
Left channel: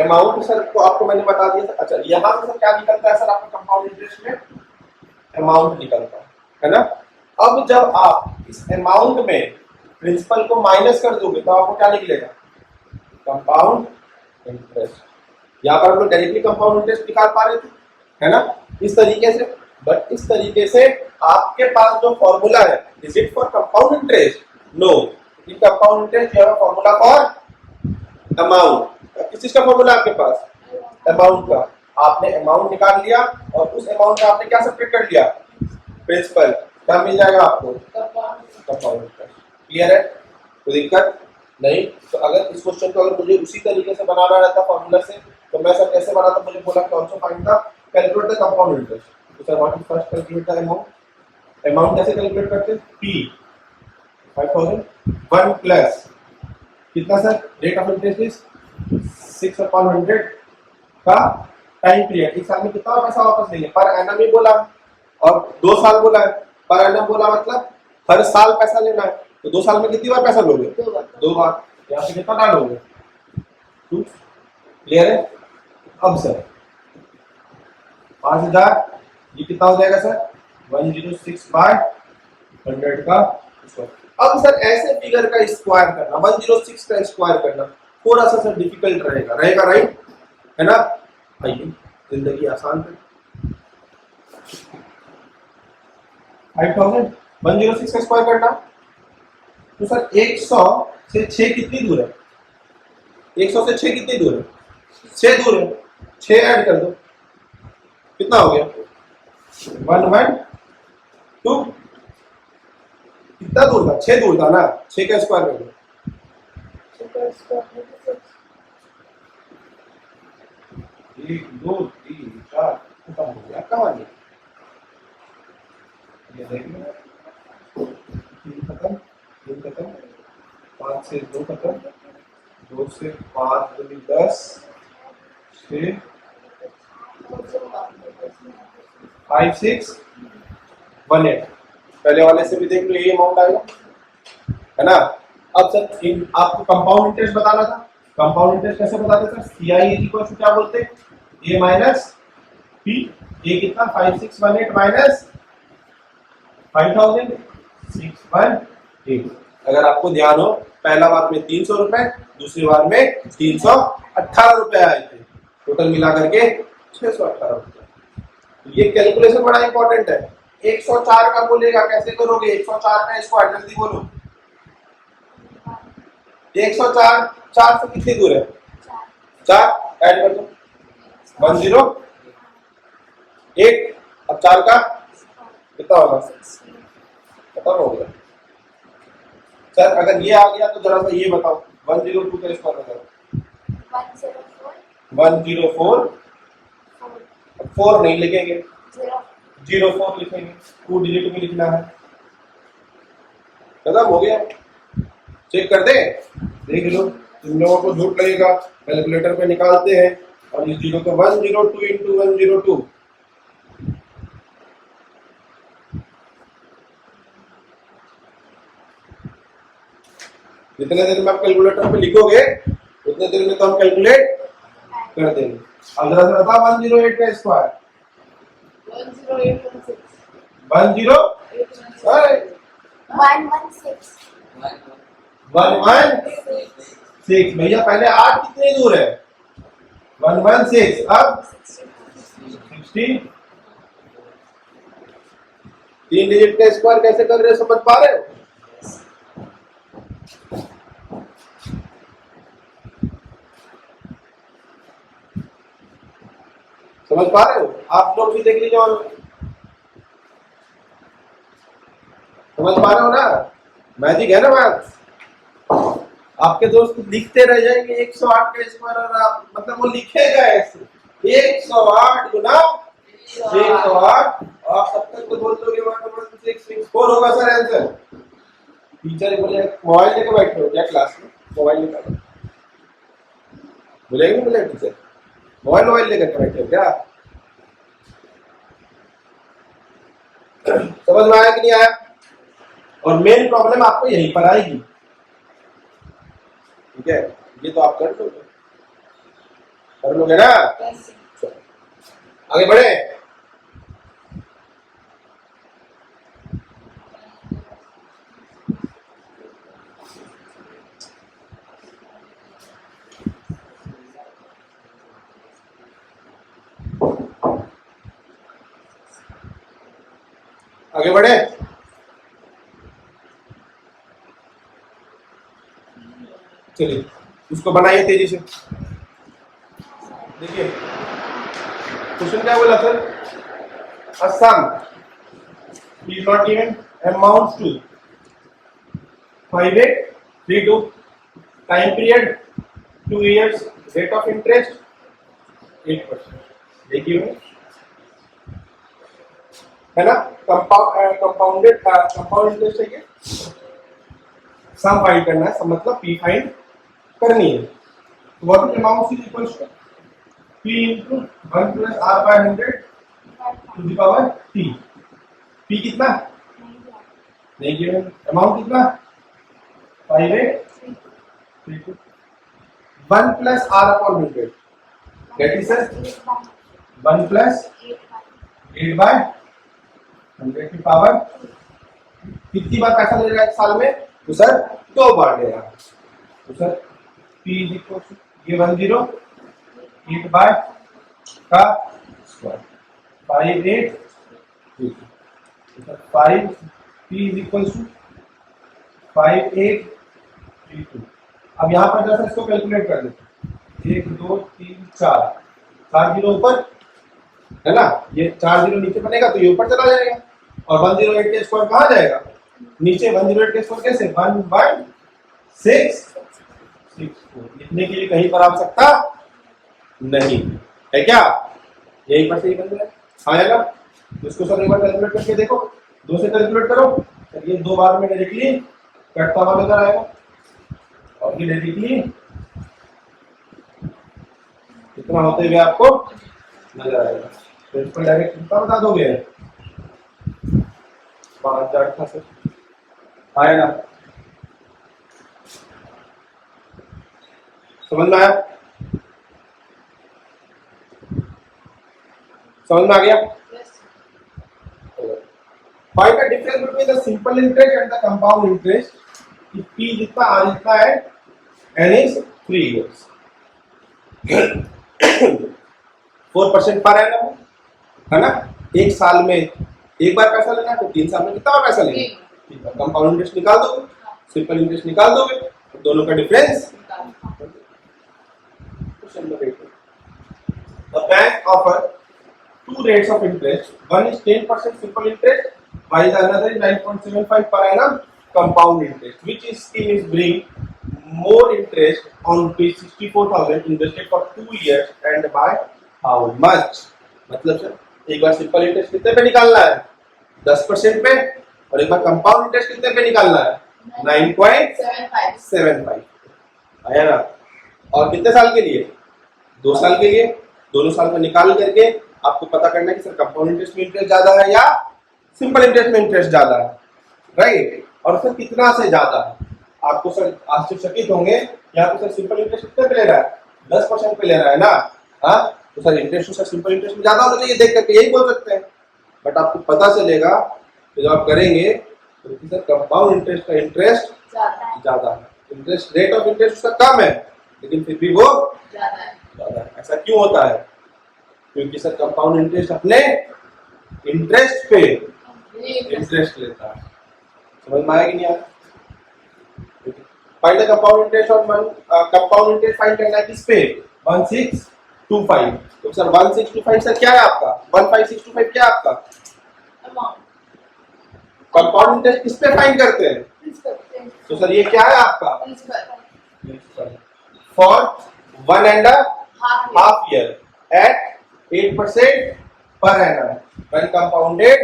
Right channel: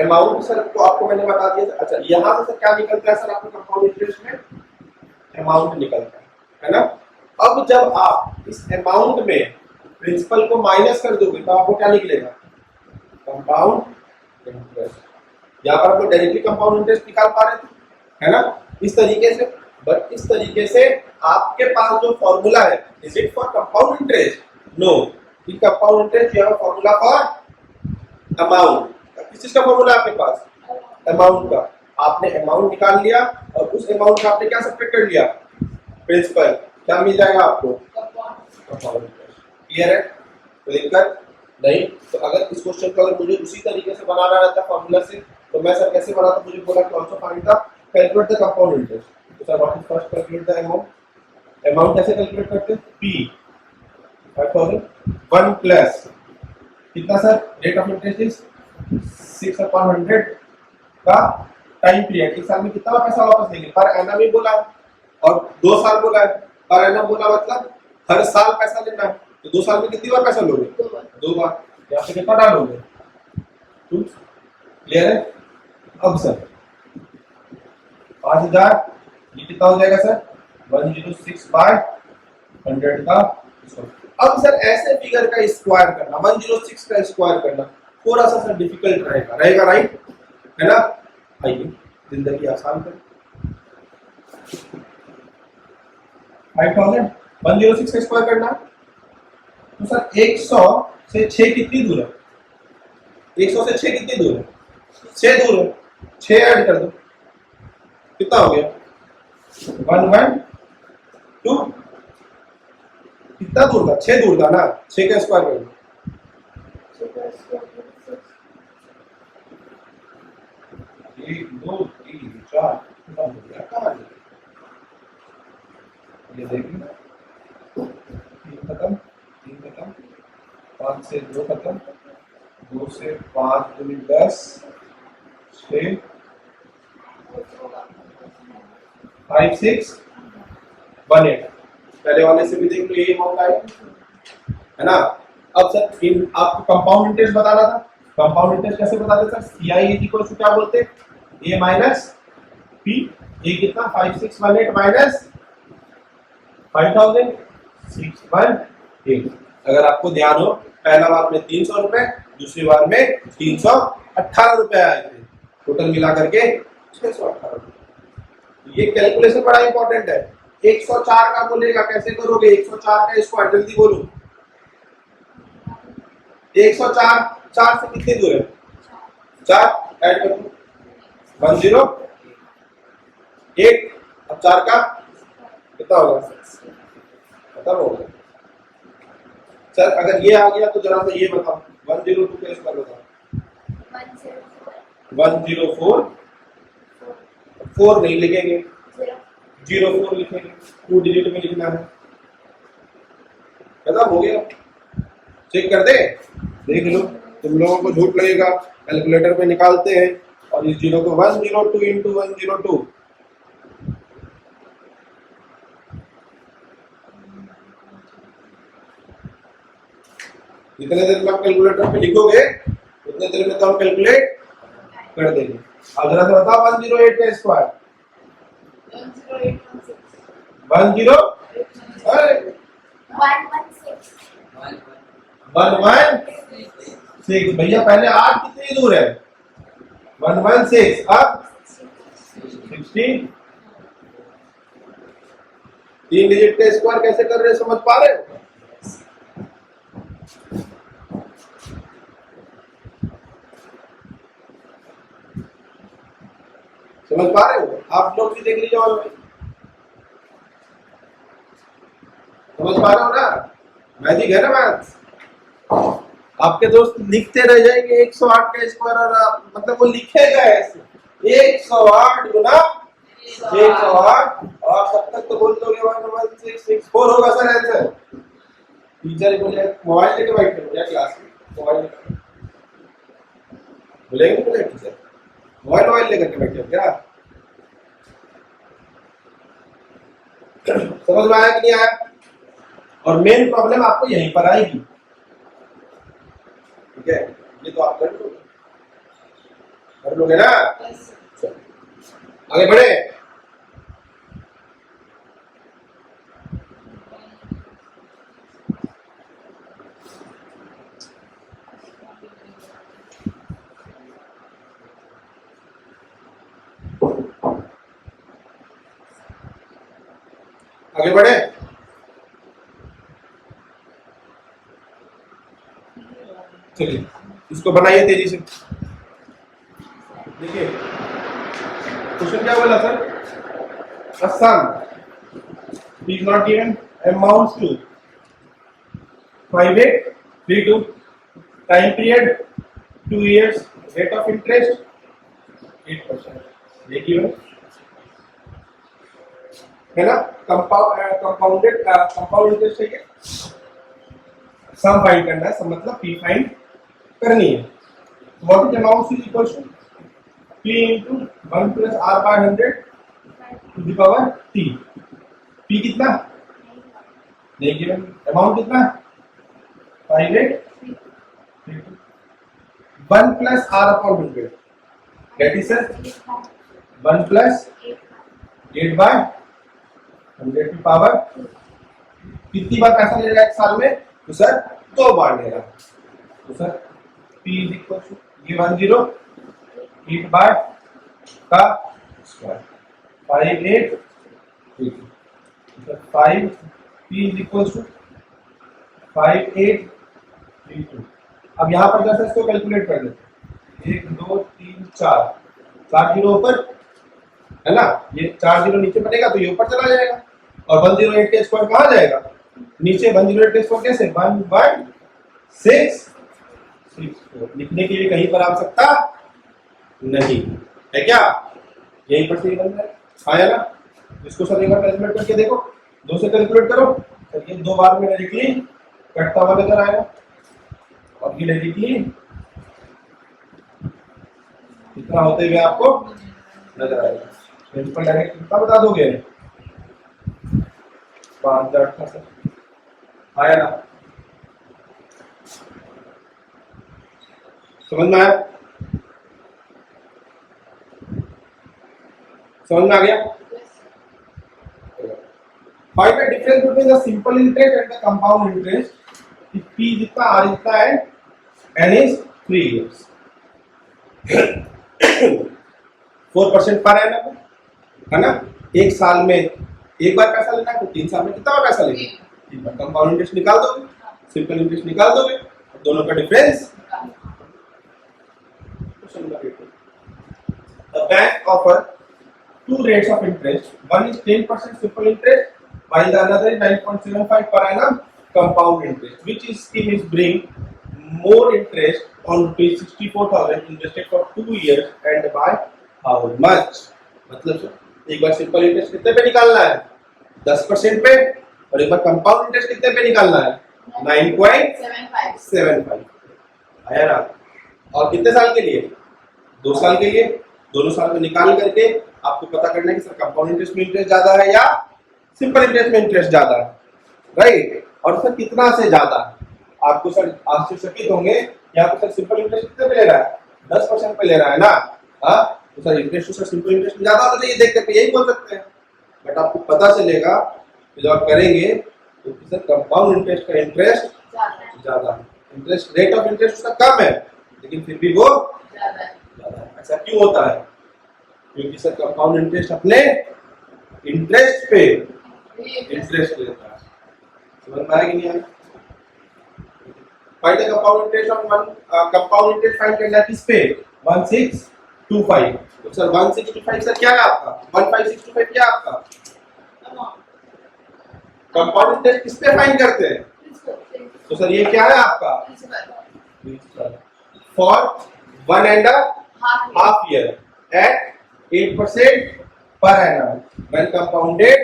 amount sir को आपको मैंने बता दिया सर। अच्छा यहाँ से सर क्या निकलता है सर आपके कंपाउंड इंटरेस्ट में अमाउंट निकलता है ना। अब जब आप इस अमाउंट में प्रिंसिपल को माइनस कर दोगे तो आपको क्या निकलेगा कंपाउंड इंटरेस्ट। यहाँ पर हम लोग डायरेक्टली कंपाउंड इंटरेस्ट निकाल पा रहे थे है ना इस तरीके से। बट इस तरीके से आपके पास जो फॉर्मूला है is it for compound interest no in compound interest you have a formula for amount. किस चीज का फॉर्मूला आपके पास? अमाउंट का। आपने अमाउंट निकाल लिया और उस अमाउंट का आपने क्या सब्ट्रैक्ट कर लिया? प्रिंसिपल। क्या मिल जाएगा आपको? Compound interest. क्लियर है? कोई दिक्कत नहीं? तो अगर इस क्वेश्चन को अगर मुझे उसी तरीके से बनाना रहता फॉर्मूला से, तो मैं सर कैसे बनाता? मुझे बोला कि also find the calculate the compound interest. तो sir what is first calculate the amount? Amount कैसे कैलकुलेट करते हैं? P 5000 1 प्लस कितना sir? Rate of interest is 6/100 का टाइम पीरियड। एक साल में कितना पैसा वापस देंगे? पर एनम ही बोला और 2 साल बोला है। पर एनम बोला मतलब हर साल पैसा लेना है। तो 2 साल में कितनी बार पैसा लोगे? 2 बार। यहाँ पे कितना डालोगे? 2। क्लियर है? अब सर 5000 ये कितना हो जाएगा सर? 106/100 का स्क्वायर। अब सर ऐसे फिगर का स्क्वायर करना, 106 का स्क्वायर करना थोड़ा सा सर डिफिकल्ट रहेगा, राइट? है ना? आइए जिंदगी आसान कर। 5000 106 का स्क्वायर करना, तो सर 100 से 6 कितनी दूर है? 100 से 6 कितनी दूर है? 6 दूर है। 6 ऐड कर दो, कितना हो गया? 112। कितना दूर था? 6 दूर था ना? 6 का स्क्वायर कर दो। 1 2 3 4 खत्म हो गया। कहानी ये देखिए, 3 खत्म, 3 खत्म, 5 से 2 खत्म, 2 से 5 2 10 6 5 6 1 8। पहले वाले से भी देख लो, ये अमाउंट आएगा, है ना? अब सर इन आपको कंपाउंड इंटरेस्ट बताना था। कंपाउंड इंटरेस्ट कैसे बताते sir? CI is equal to क्या बोलते? A minus P। A कितना? 5618 माइनस 5000 618। अगर आपको ध्यान हो, पहला बार में 300 रुपए, दूसरी बार में 318 रुपए आए थे, टोटल मिला करके 618 रुपए। ये कैलकुलेशन बड़ा इंपॉर्टेंट है। 104 का बोलेगा, कैसे करोगे? 104 का स्क्वायर, जल्दी बोलो। 104 4 से कितनी दूर है? 4 ऐड कर दो, 108। अब 4 का कितना होगा? खत्म हो गया। सर अगर ये आ गया तो जरा सा ये बताओ, 102 का स्क्वायर बताओ। 104 4 नहीं लिखेंगे, 04 लिखेंगे, 2 डिजिट में लिखना है। खत्म हो गया। चेक कर दे, देख लो। तुम लोगों को झूठ लगेगा, कैलकुलेटर पे निकालते हैं और इस जीरो को 102 इंटू 102, जितने देर में आप कैलकुलेटर पे लिखोगे उतने देर में तो हम कैलकुलेट कर देंगे। अब जरा सा बताओ 108 का स्क्वायर 106 भैया। पहले 8 कितनी दूर है? 116। अब 16। 3 डिजिट का स्क्वायर कैसे कर रहे हो, समझ पा रहे हो? समझ पा रहे हो? आप लोग भी देख लीजिए और समझ पा रहे हो ना? मैजिक है ना मैथ्स? आपके दोस्त लिखते रह जाएंगे 108 का स्क्वायर, और आप मतलब वो लिखेगा ऐसे 108 गुना 108, और तब तक तो बोल दोगे 11664 होगा सर आंसर। टीचर बोले मोबाइल लेके बैठे हो क्या क्लास में? मोबाइल निकालो, बोलेंगे बोले टीचर मोबाइल लेकर के बैठे हो क्या? समझ में आया कि नहीं आया? और मेन प्रॉब्लम आपको यहीं पर आएगी, ठीक है? ये तो आप कर लोगे ना? आगे बढ़े। आगे बढ़े। चलिए इसको बनाइए तेजी से। देखिए क्वेश्चन क्या बोला sir, a sum is not given amounts to 5832 time period 2 years rate of interest 8%, देखिए है ना। कंपाउंड इंटरेस्ट है कि सम फाइंड करना है, सम मतलब पी फाइंड करनी है। What is amount is equals to P into 1 plus R by 100 to the power T. P कितना नहीं गिवन, अमाउंट कितना 5832 1 plus R upon 100 that is 1 plus 8 by 100 की पावर। कितनी बार पैसा ले रहा है एक साल में, तो सर 2 बार ले रहा है। तो sir P is equal to ये 10 8 बाय का स्क्वायर 5832। तो 5 P इज इक्वल टू 5832। अब यहाँ पर जैसे इसको कैलकुलेट कर लेते हैं 1 2 3 4 जीरो ऊपर है ना, ये 4 जीरो नीचे बनेगा तो ये ऊपर चला जाएगा और 108 के स्क्वायर कहाँ जाएगा नीचे। 108 के स्क्वायर कैसे 1/664 लिखने के लिए कहीं पर आवश्यकता नहीं है क्या, यही पर से ही बन जाएगा। आया ना, इसको सर एक बार कैलकुलेट करके देखो, 2 से कैलकुलेट करो सर, ये 2 बार में डायरेक्टली कटता हुआ नजर आएगा और ये डायरेक्टली कितना होते हुए आपको नजर आएगा। प्रिंसिपल डायरेक्ट कितना बता दोगे 5000 था सर, आया ना, समझ में आया, समझ में आ गया। Find the difference between the simple interest and the compound interest. P जितना R जितना है N is 3 years 4% per annum है ना। एक साल में एक बार पैसा लेना है तो 3 साल में कितना बार पैसा लेना है, कंपाउंड इंटरेस्ट निकाल दोगे, सिंपल इंटरेस्ट निकाल दोगे, दोनों का difference. The bank offer 2 rates of interest. One is 10% simple interest, while the another is 9.75 per annum compound interest. Which scheme is bring more interest on rupees 64,000 invested for 2 years and by how much? मतलब sir एक बार simple interest कितने पे निकालना है 10% पे, और एक बार compound interest कितने पे निकालना है 9.75। आया ना। और कितने साल के लिए 2 साल के लिए, दोनों साल में निकाल करके आपको पता करना है कि सर कंपाउंड इंटरेस्ट में इंटरेस्ट ज्यादा है या सिंपल इंटरेस्ट में इंटरेस्ट ज्यादा है, राइट। और सर कितना से ज्यादा है, आपको सर आश्चर्यचकित होंगे यहाँ पे सर सिंपल इंटरेस्ट कितने पे ले रहा है 10% पे ले रहा है ना। हाँ तो सर इंटरेस्ट तो सर सिंपल इंटरेस्ट में ज्यादा होना चाहिए, देख करके यही बोल सकते हैं, बट आपको पता चलेगा तो जब आप करेंगे तो सर कंपाउंड इंटरेस्ट का इंटरेस्ट ज्यादा है, इंटरेस्ट रेट ऑफ इंटरेस्ट उसका कम है लेकिन फिर भी वो ज्यादा है। ऐसा क्यों होता है, क्योंकि सर कंपाउंड इंटरेस्ट अपने इंटरेस्ट पे इंटरेस्ट लेता है। समझ में आया कि नहीं आया। Find the compound interest on one, compound interest find करना है किस पे 1625। तो सर 1625 सर क्या है आपका 15625 क्या है आपका कंपाउंड इंटरेस्ट किस पे फाइंड करते हैं, तो सर ये क्या है आपका for 1.5 year at 8% per annum when compounded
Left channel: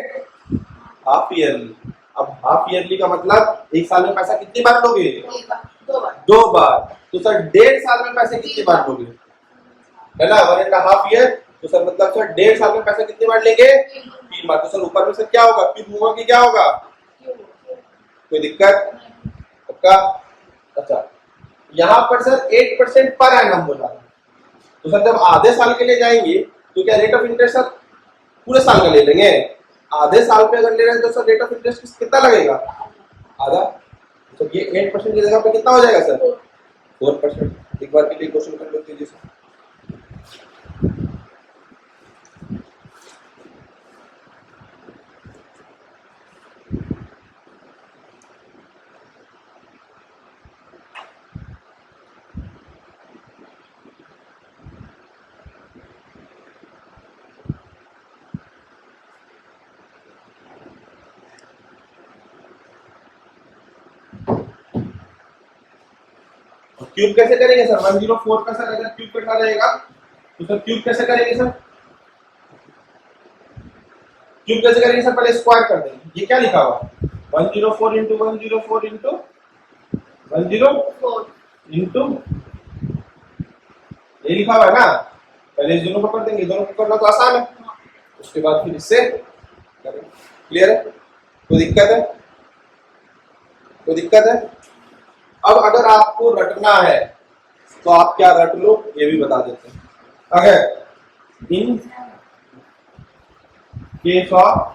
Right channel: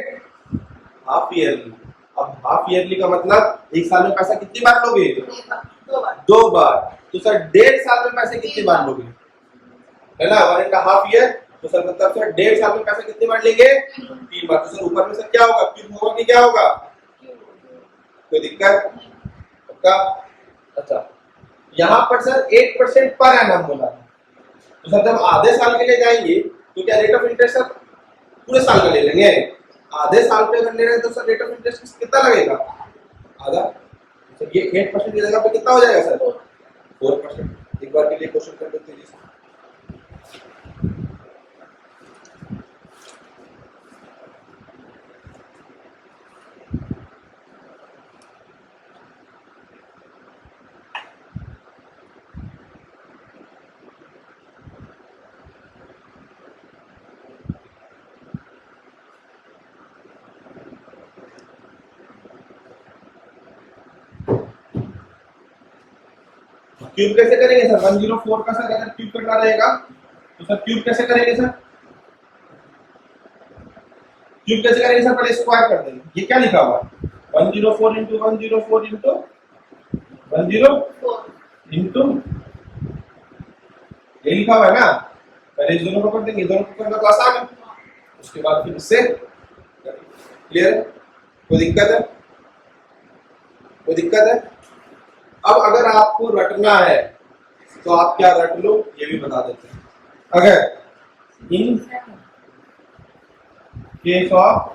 half yearly। अब हाफ ईयरली का मतलब एक साल में पैसा कितनी बार लोगे 2 बार। तो सर 1.5 साल में पैसे कितनी बार लोगे है ना 1.5 year। तो सर मतलब सर 1.5 साल में पैसा कितनी बार लेंगे 3 बार। तो सर ऊपर में सर क्या होगा क्यूब होगा कि क्या होगा, कोई दिक्कत पक्का। अच्छा यहाँ पर सर 8% पर एनम बोला है, तो सर जब आधे साल के लिए जाएंगे तो क्या रेट ऑफ इंटरेस्ट सर पूरे साल का ले लेंगे, आधे साल पे अगर ले रहे हैं तो सर रेट ऑफ इंटरेस्ट कितना लगेगा आधा। तो ये 8% की जगह पे कितना हो जाएगा सर 4%। एक बार के लिए क्वेश्चन कर लेते हैं जी। क्यूब कैसे करेंगे सर? 104 का सर अगर क्यूब करना रहेगा तो सर क्यूब कैसे करेंगे सर? क्यूब कैसे करेंगे सर? पहले स्क्वायर कर देंगे। ये क्या लिखा हुआ है? 104 इंटू 104 इंटू 104 इंटू ये लिखा हुआ है ना। पहले इस दोनों को कर देंगे, दोनों को करना तो आसान है। उसके बाद फिर इससे क्लियर है? कोई दिक्कत है? कोई दिक्कत है? अब अगर आपको रटना है तो आप क्या रट लो ये भी बता देते हैं। अगर इन केस ऑफ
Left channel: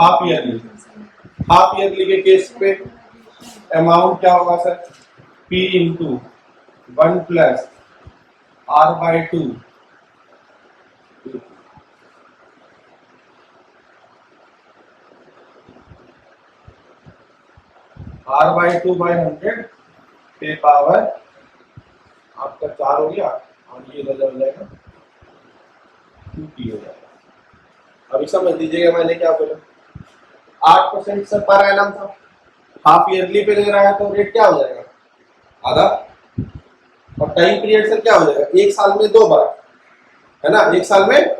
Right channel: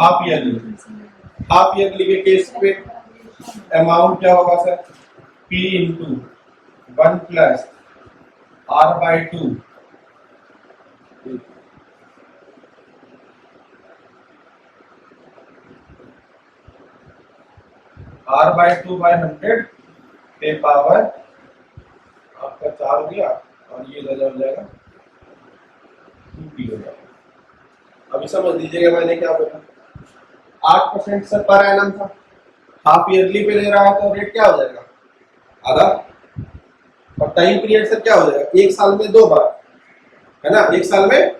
हाफ ईयरली के केस पे अमाउंट क्या होगा sir? P into 1 plus R/2 R/2/100 पे पावर आपका 4 हो गया और ये इधर हो जाएगा 2p हो जाएगा। अभी समझ लीजिएगा मैंने क्या बोला। 8% सर पर एनम था, हाफ ईयरली पे ले रहा है तो रेट क्या हो जाएगा? आधा। और टाइम पीरियड सर क्या हो जाएगा? एक साल में 2 बार, है ना? एक साल में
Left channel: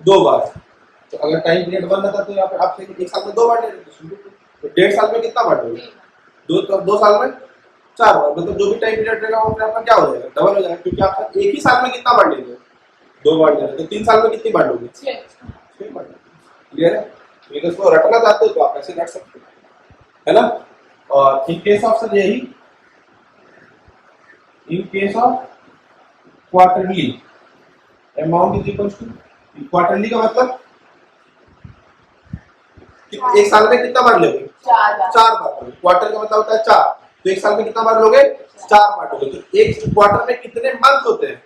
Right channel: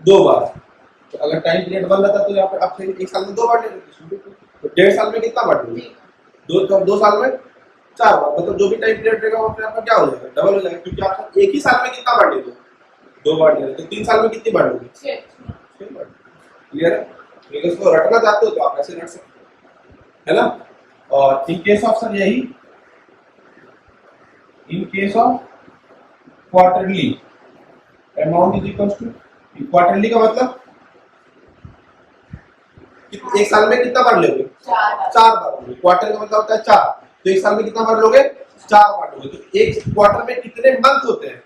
2 बार। तो अगर टाइम पीरियड 1 रहता तो यहाँ पे आप एक साल में 2 बार ले लेते, तो 1.5 साल में कितना बार दोगे? 2 साल में 4 बार। मतलब जो भी टाइम पीरियड रहेगा वो आपका क्या हो जाएगा? डबल हो जाएगा, क्योंकि आप एक ही साल में कितना बार ले लो? 2 बार ले लो, तो 3 साल में कितनी बार लोगे? 6 बार। क्लियर है? तो इसको रटना चाहते हो तो आप ऐसे रट सकते हो, है ना? और इन केस ऑफ सर यही, in case of quarterly amount is equal to, quarterly का मतलब एक साल में कितना बार लोगे? 4 बार लोगे। क्वार्टर का मतलब होता है 4, तो एक साल में कितना बार लोगे? 4 बार लोगे। तो एक क्वार्टर में कितने मंथ होते हैं?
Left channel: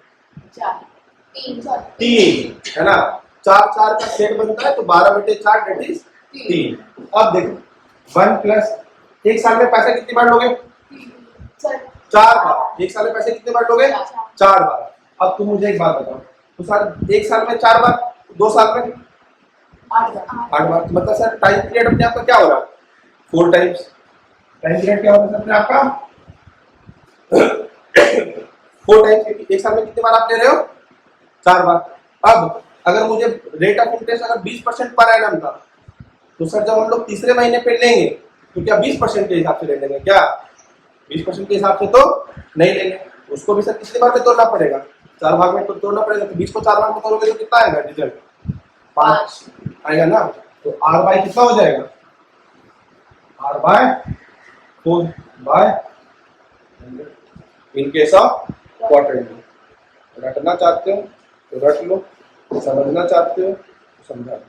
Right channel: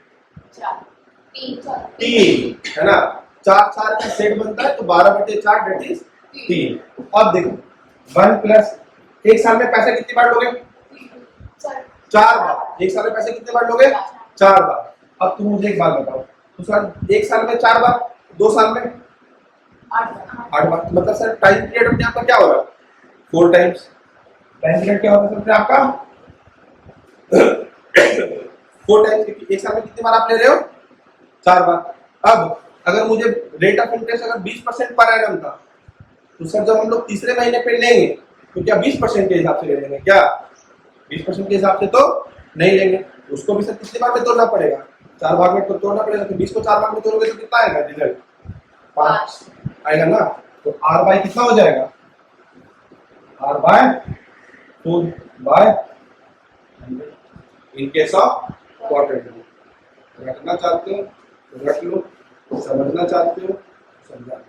3, है ना? 4 का सेट बनता है तो 12/4 दैट इज 3। अब देखो 1 प्लस एक साल में पैसे कितनी बार लोगे? 4 बार। एक साल में पैसे कितने बार लोगे? 4 बार। अब तुम मुझे एक बात बताओ, तो सर एक साल में 4 बार, 2 साल में 8 बार। मतलब सर टाइम पीरियड अपने आपका क्या हो रहा है? 4 टाइम्स। टाइम पीरियड क्या होगा सर आपका? 4 टाइम्स। एक साल में कितनी बार आप ले रहे हो? 4 बार। अब अगर मुझे रेट ऑफ इंटरेस्ट अगर 20% पर एनम था, तो सर जब हम लोग तीसरे महीने पे लेंगे तो क्या 20% के हिसाब से ले लेंगे? क्या 20% के हिसाब से तो नहीं लेंगे। उसको भी सर कितनी बार में तोड़ना पड़ेगा? 4 भाग में तोड़ना पड़ेगा। तो 20 को 4 भाग में तोड़ोगे तो कितना आएगा रिजल्ट? 5 आएगा ना। तो R बाय कितना हो जाएगा? R/4/100 in case of quarterly. रटना चाहते हो तो रट लो, समझना चाहते हो तो समझा लो।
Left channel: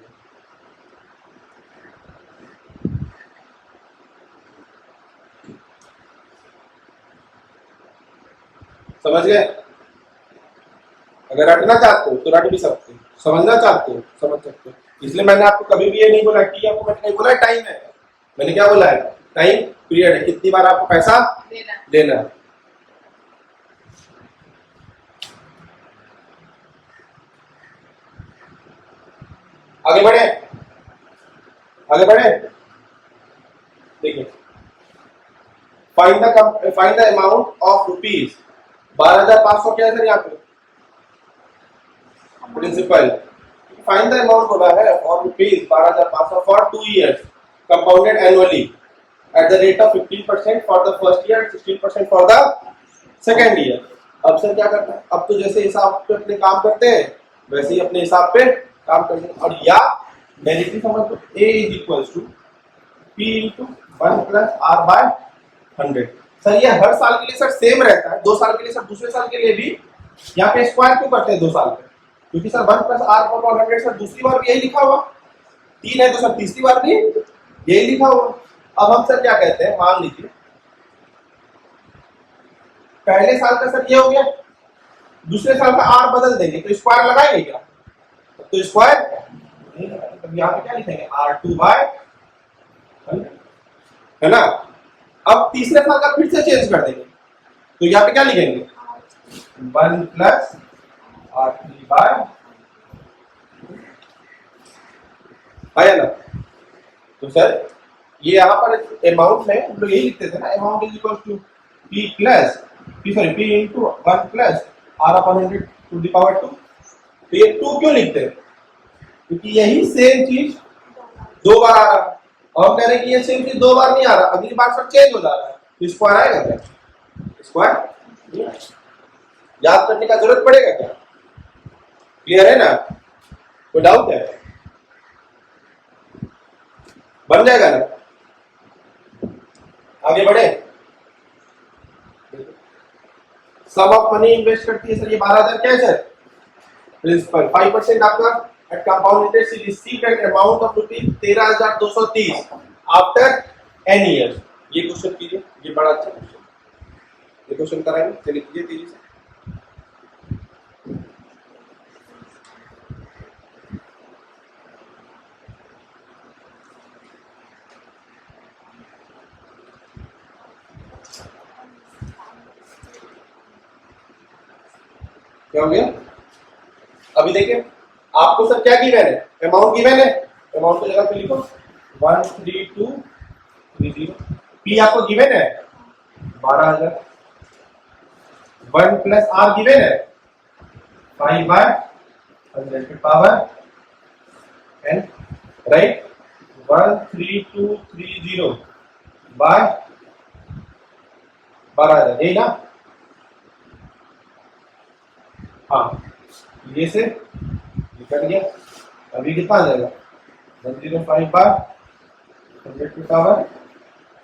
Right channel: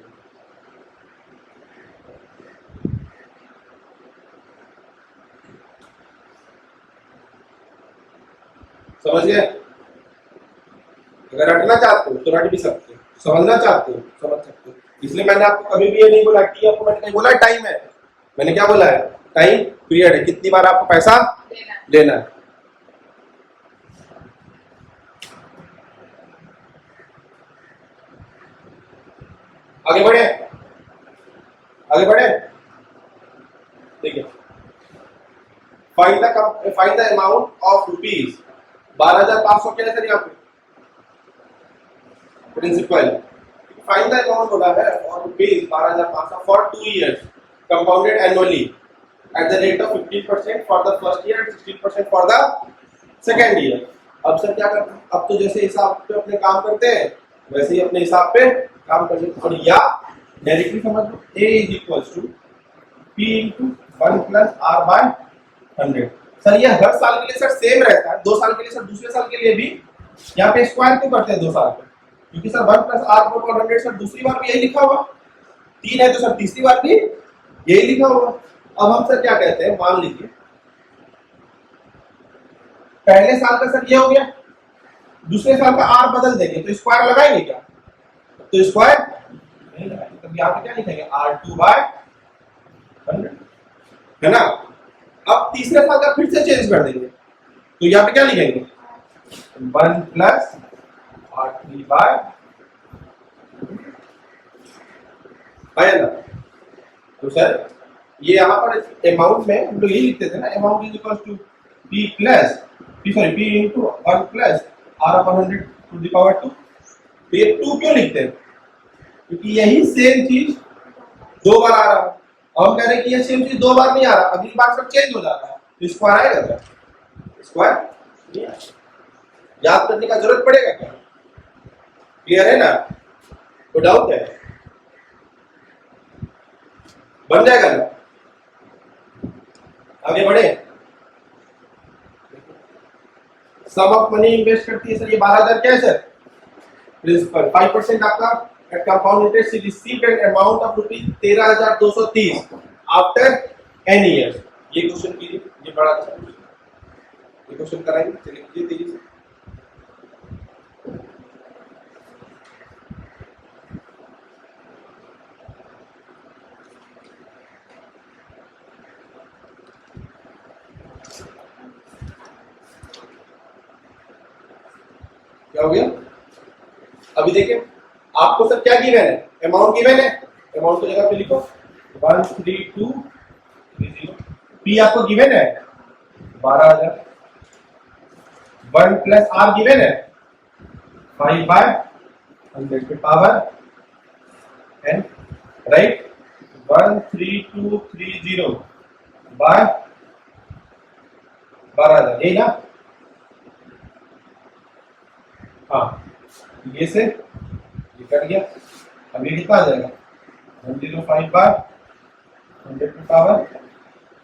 समझ गए? अगर रटना चाहते हो तो रट भी सकते हो, समझना चाहते हो समझ सकते हो। इसलिए मैंने आपको कभी भी ये नहीं बोला कि आपको, मैंने नहीं बोला टाइम है, मैंने क्या बोला है? टाइम पीरियड है, कितनी बार आपको पैसा लेना है। आगे बढ़े, आगे बढ़े। देखिए, find the amount of rupees 12,500 क्या है सर यहाँ पे? प्रिंसिपल। फाइंड द अमाउंट बोला है और rupees 12,500 for 2 years compounded annually at the rate of 15% for the first year, 16% for the second year. अब सर क्या करना है? अब तो जैसे हिसाब पे अपने काम करते हैं वैसे ही अपने हिसाब पे काम करते हैं। और या डायरेक्टली समझ लो, A is equal to P into 1 plus R/100। सर ये हर साल के लिए सर सेम रहता है, 2 साल के लिए सर दूसरे साल के लिए भी यहाँ पे स्क्वायर क्यों करते हैं 2 साल पे? क्योंकि सर 1 प्लस R/100 सर दूसरी बार भी यही लिखा हुआ, 3 है तो सर तीसरी बार भी यही लिखा हुआ। अब हम सर क्या कहते हैं, मान लीजिए पहले साल का सर ये हो गया, दूसरे साल का R बदल देंगे तो स्क्वायर लगाएंगे क्या? तो स्क्वायर नहीं लगाएंगे। तब यहाँ पे क्या लिखेंगे? R/2/100, है ना? अब तीसरे साल का फिर से चेंज कर देंगे तो यहाँ पे क्या लिखेंगे? 1 प्लस R3/, है ना? तो सर ये यहाँ पर अमाउंट में हम लोग यही लिखते थे ना, amount is equal to p plus p into 1 plus r upon 100 to the power 2। तो ये 2 क्यों लिखते हैं? क्योंकि यही सेम चीज दो बार आ रहा है और हम कह रहे हैं कि ये सेम चीज दो बार नहीं आ रहा, अगली बार सब चेंज हो जाता है, तो स्क्वायर आएगा क्या? स्क्वायर नहीं आएगा। याद करने का जरूरत पड़ेगा क्या? क्लियर है ना? तो डाउट है? बन जाएगा ना? आगे बढ़े। सम ऑफ मनी इन्वेस्ट करती है सर, ये 12,000 क्या है सर? प्रिंसिपल 5% आपका at compound interest is received an amount of rupees 13,230 after an years. ये क्वेश्चन कीजिए, ये बड़ा अच्छा क्वेश्चन, ये क्वेश्चन कराएंगे, चलिए कीजिए तेजी से। क्या हो गया? अभी देखिए आपको सर क्या गिवन है? अमाउंट गिवन है, अमाउंट को जगह पे लिखो 13230। पी आपको गिवन है 12,000, 1 प्लस आर गिवन है 5/100 के पावर n, राइट? 13230 बाय 12,000, यही ना? हाँ, ये से ये कट गया, अब ये कितना आ जाएगा? 105/100 की पावर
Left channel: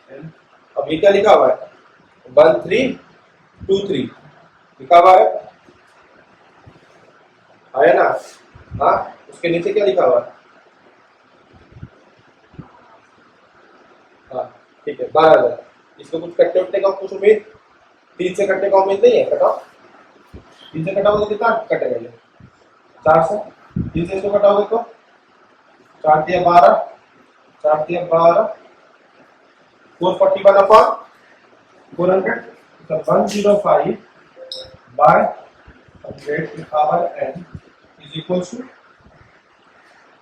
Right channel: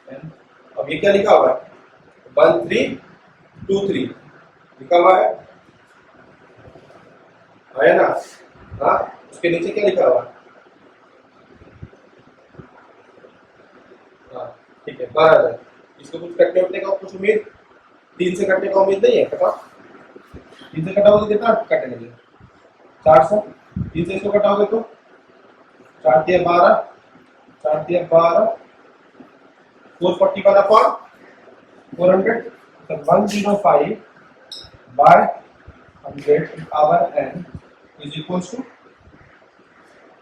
n। अब ये क्या लिखा हुआ है? 1323 लिखा हुआ है, आया ना? हाँ, उसके नीचे क्या लिखा हुआ है? हाँ ठीक है, 12,000। इसको कुछ कटने उठने का कुछ उम्मीद? 3 से कटने का उम्मीद नहीं है? कटाओ, 3 से कटाओगे तो कितना कटेगा? ये 400। 3 से इसको कटाओगे तो 4 × 12, 4 × 12 441 अपॉन 400, तो 105/100 की power n is equal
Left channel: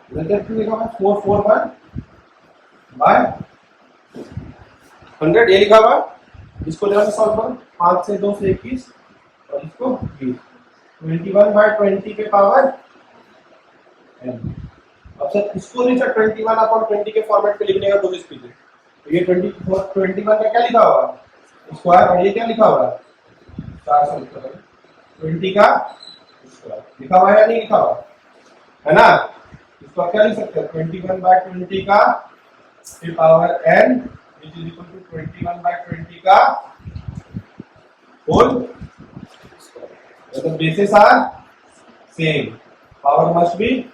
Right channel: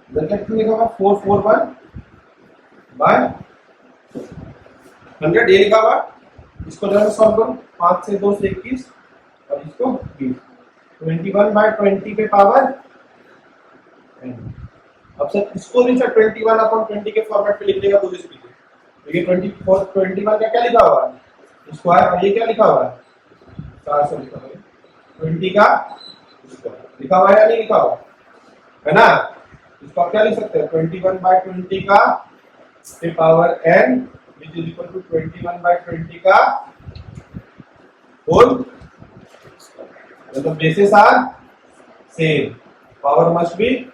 to लिखा हुआ 441/100, ये लिखा हुआ। इसको जरा सॉल्व करो, 5 से 2 से 21 और इसको 20, 21/20 पे पावर n। अब सर इसको भी सर 21/20 के फॉर्मेट पे लिखने का कोशिश कीजिए। तो ये 21 का क्या लिखा हुआ है? स्क्वायर, और ये क्या लिखा हुआ है? 400 लिखा हुआ है। 20 का स्क्वायर लिखा हुआ है या नहीं लिखा हुआ है ना? इसको आप क्या लिख सकते हैं? 21/20 का पे power n which is equal to 21/20 का होल स्क्वायर। तो basis are same, power must be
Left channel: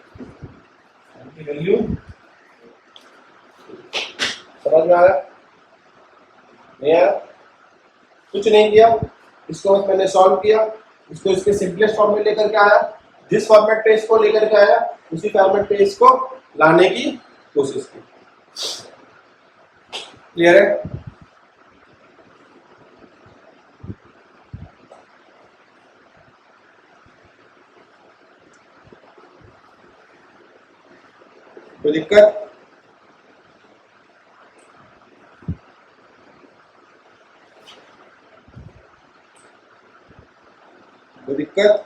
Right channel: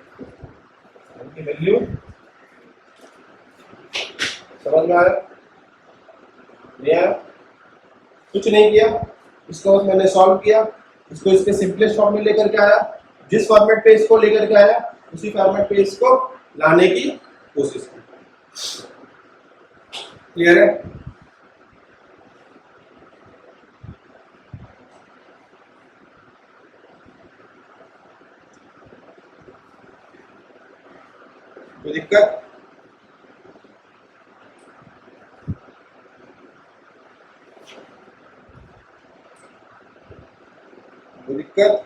की वैल्यू। समझ में आया? नहीं आया? कुछ नहीं किया, इसको बस मैंने सॉल्व किया, इसको इसके सिंपलेस्ट फॉर्म में लेकर के आया, जिस फॉर्मेट पे इसको लेकर के आया उसी फॉर्मेट पे इसको लाने की कोशिश की। क्लियर है? कोई दिक्कत? कोई दिक्कत?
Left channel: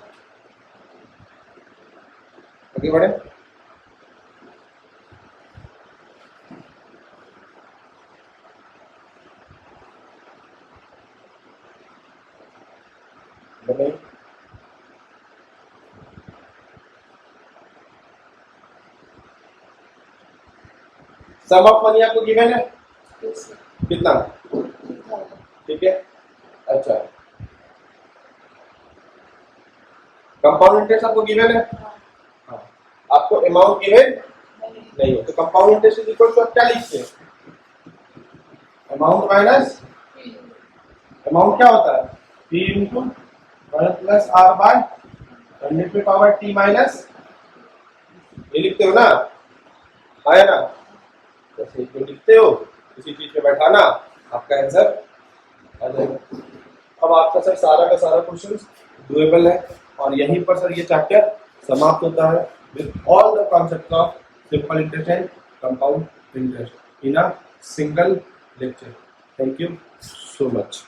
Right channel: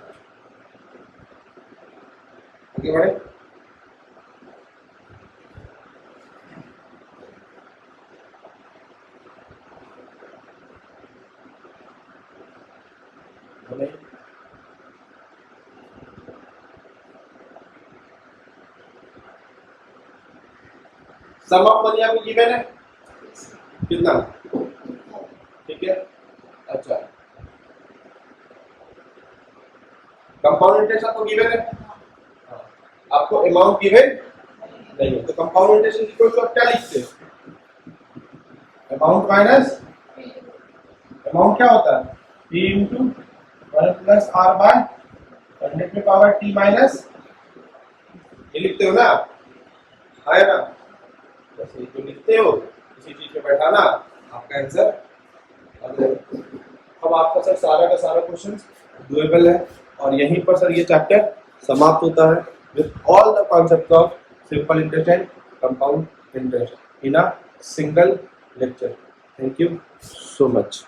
आगे बढ़े। नहीं, सम ऑफ मनी आपको गिवन है कितना? ठीक है, अच्छा। कंपाउंड इंटरेस्ट आपको गिवन है, हाँ। आपको अमाउंट गिवन नहीं है, तो compound interest is equal to आप क्या लिखते हैं? अमाउंट माइनस अमाउंट क्या होता है? p into 1 plus r by 100 पे पावर t माइनस, ये लिखते हो ना? आया ना? जैसे इसको लिखते हो इसी चीज पे बैठाना, आपका आंसर आ जाएगा। अब आपका सर सारा का सारा क्वेश्चन डुएबल है और यहीं पर सर ये चैप्टर समाप्त होता है with all the concepts of simple interest and compound interest in a single lecture. Thank you so much.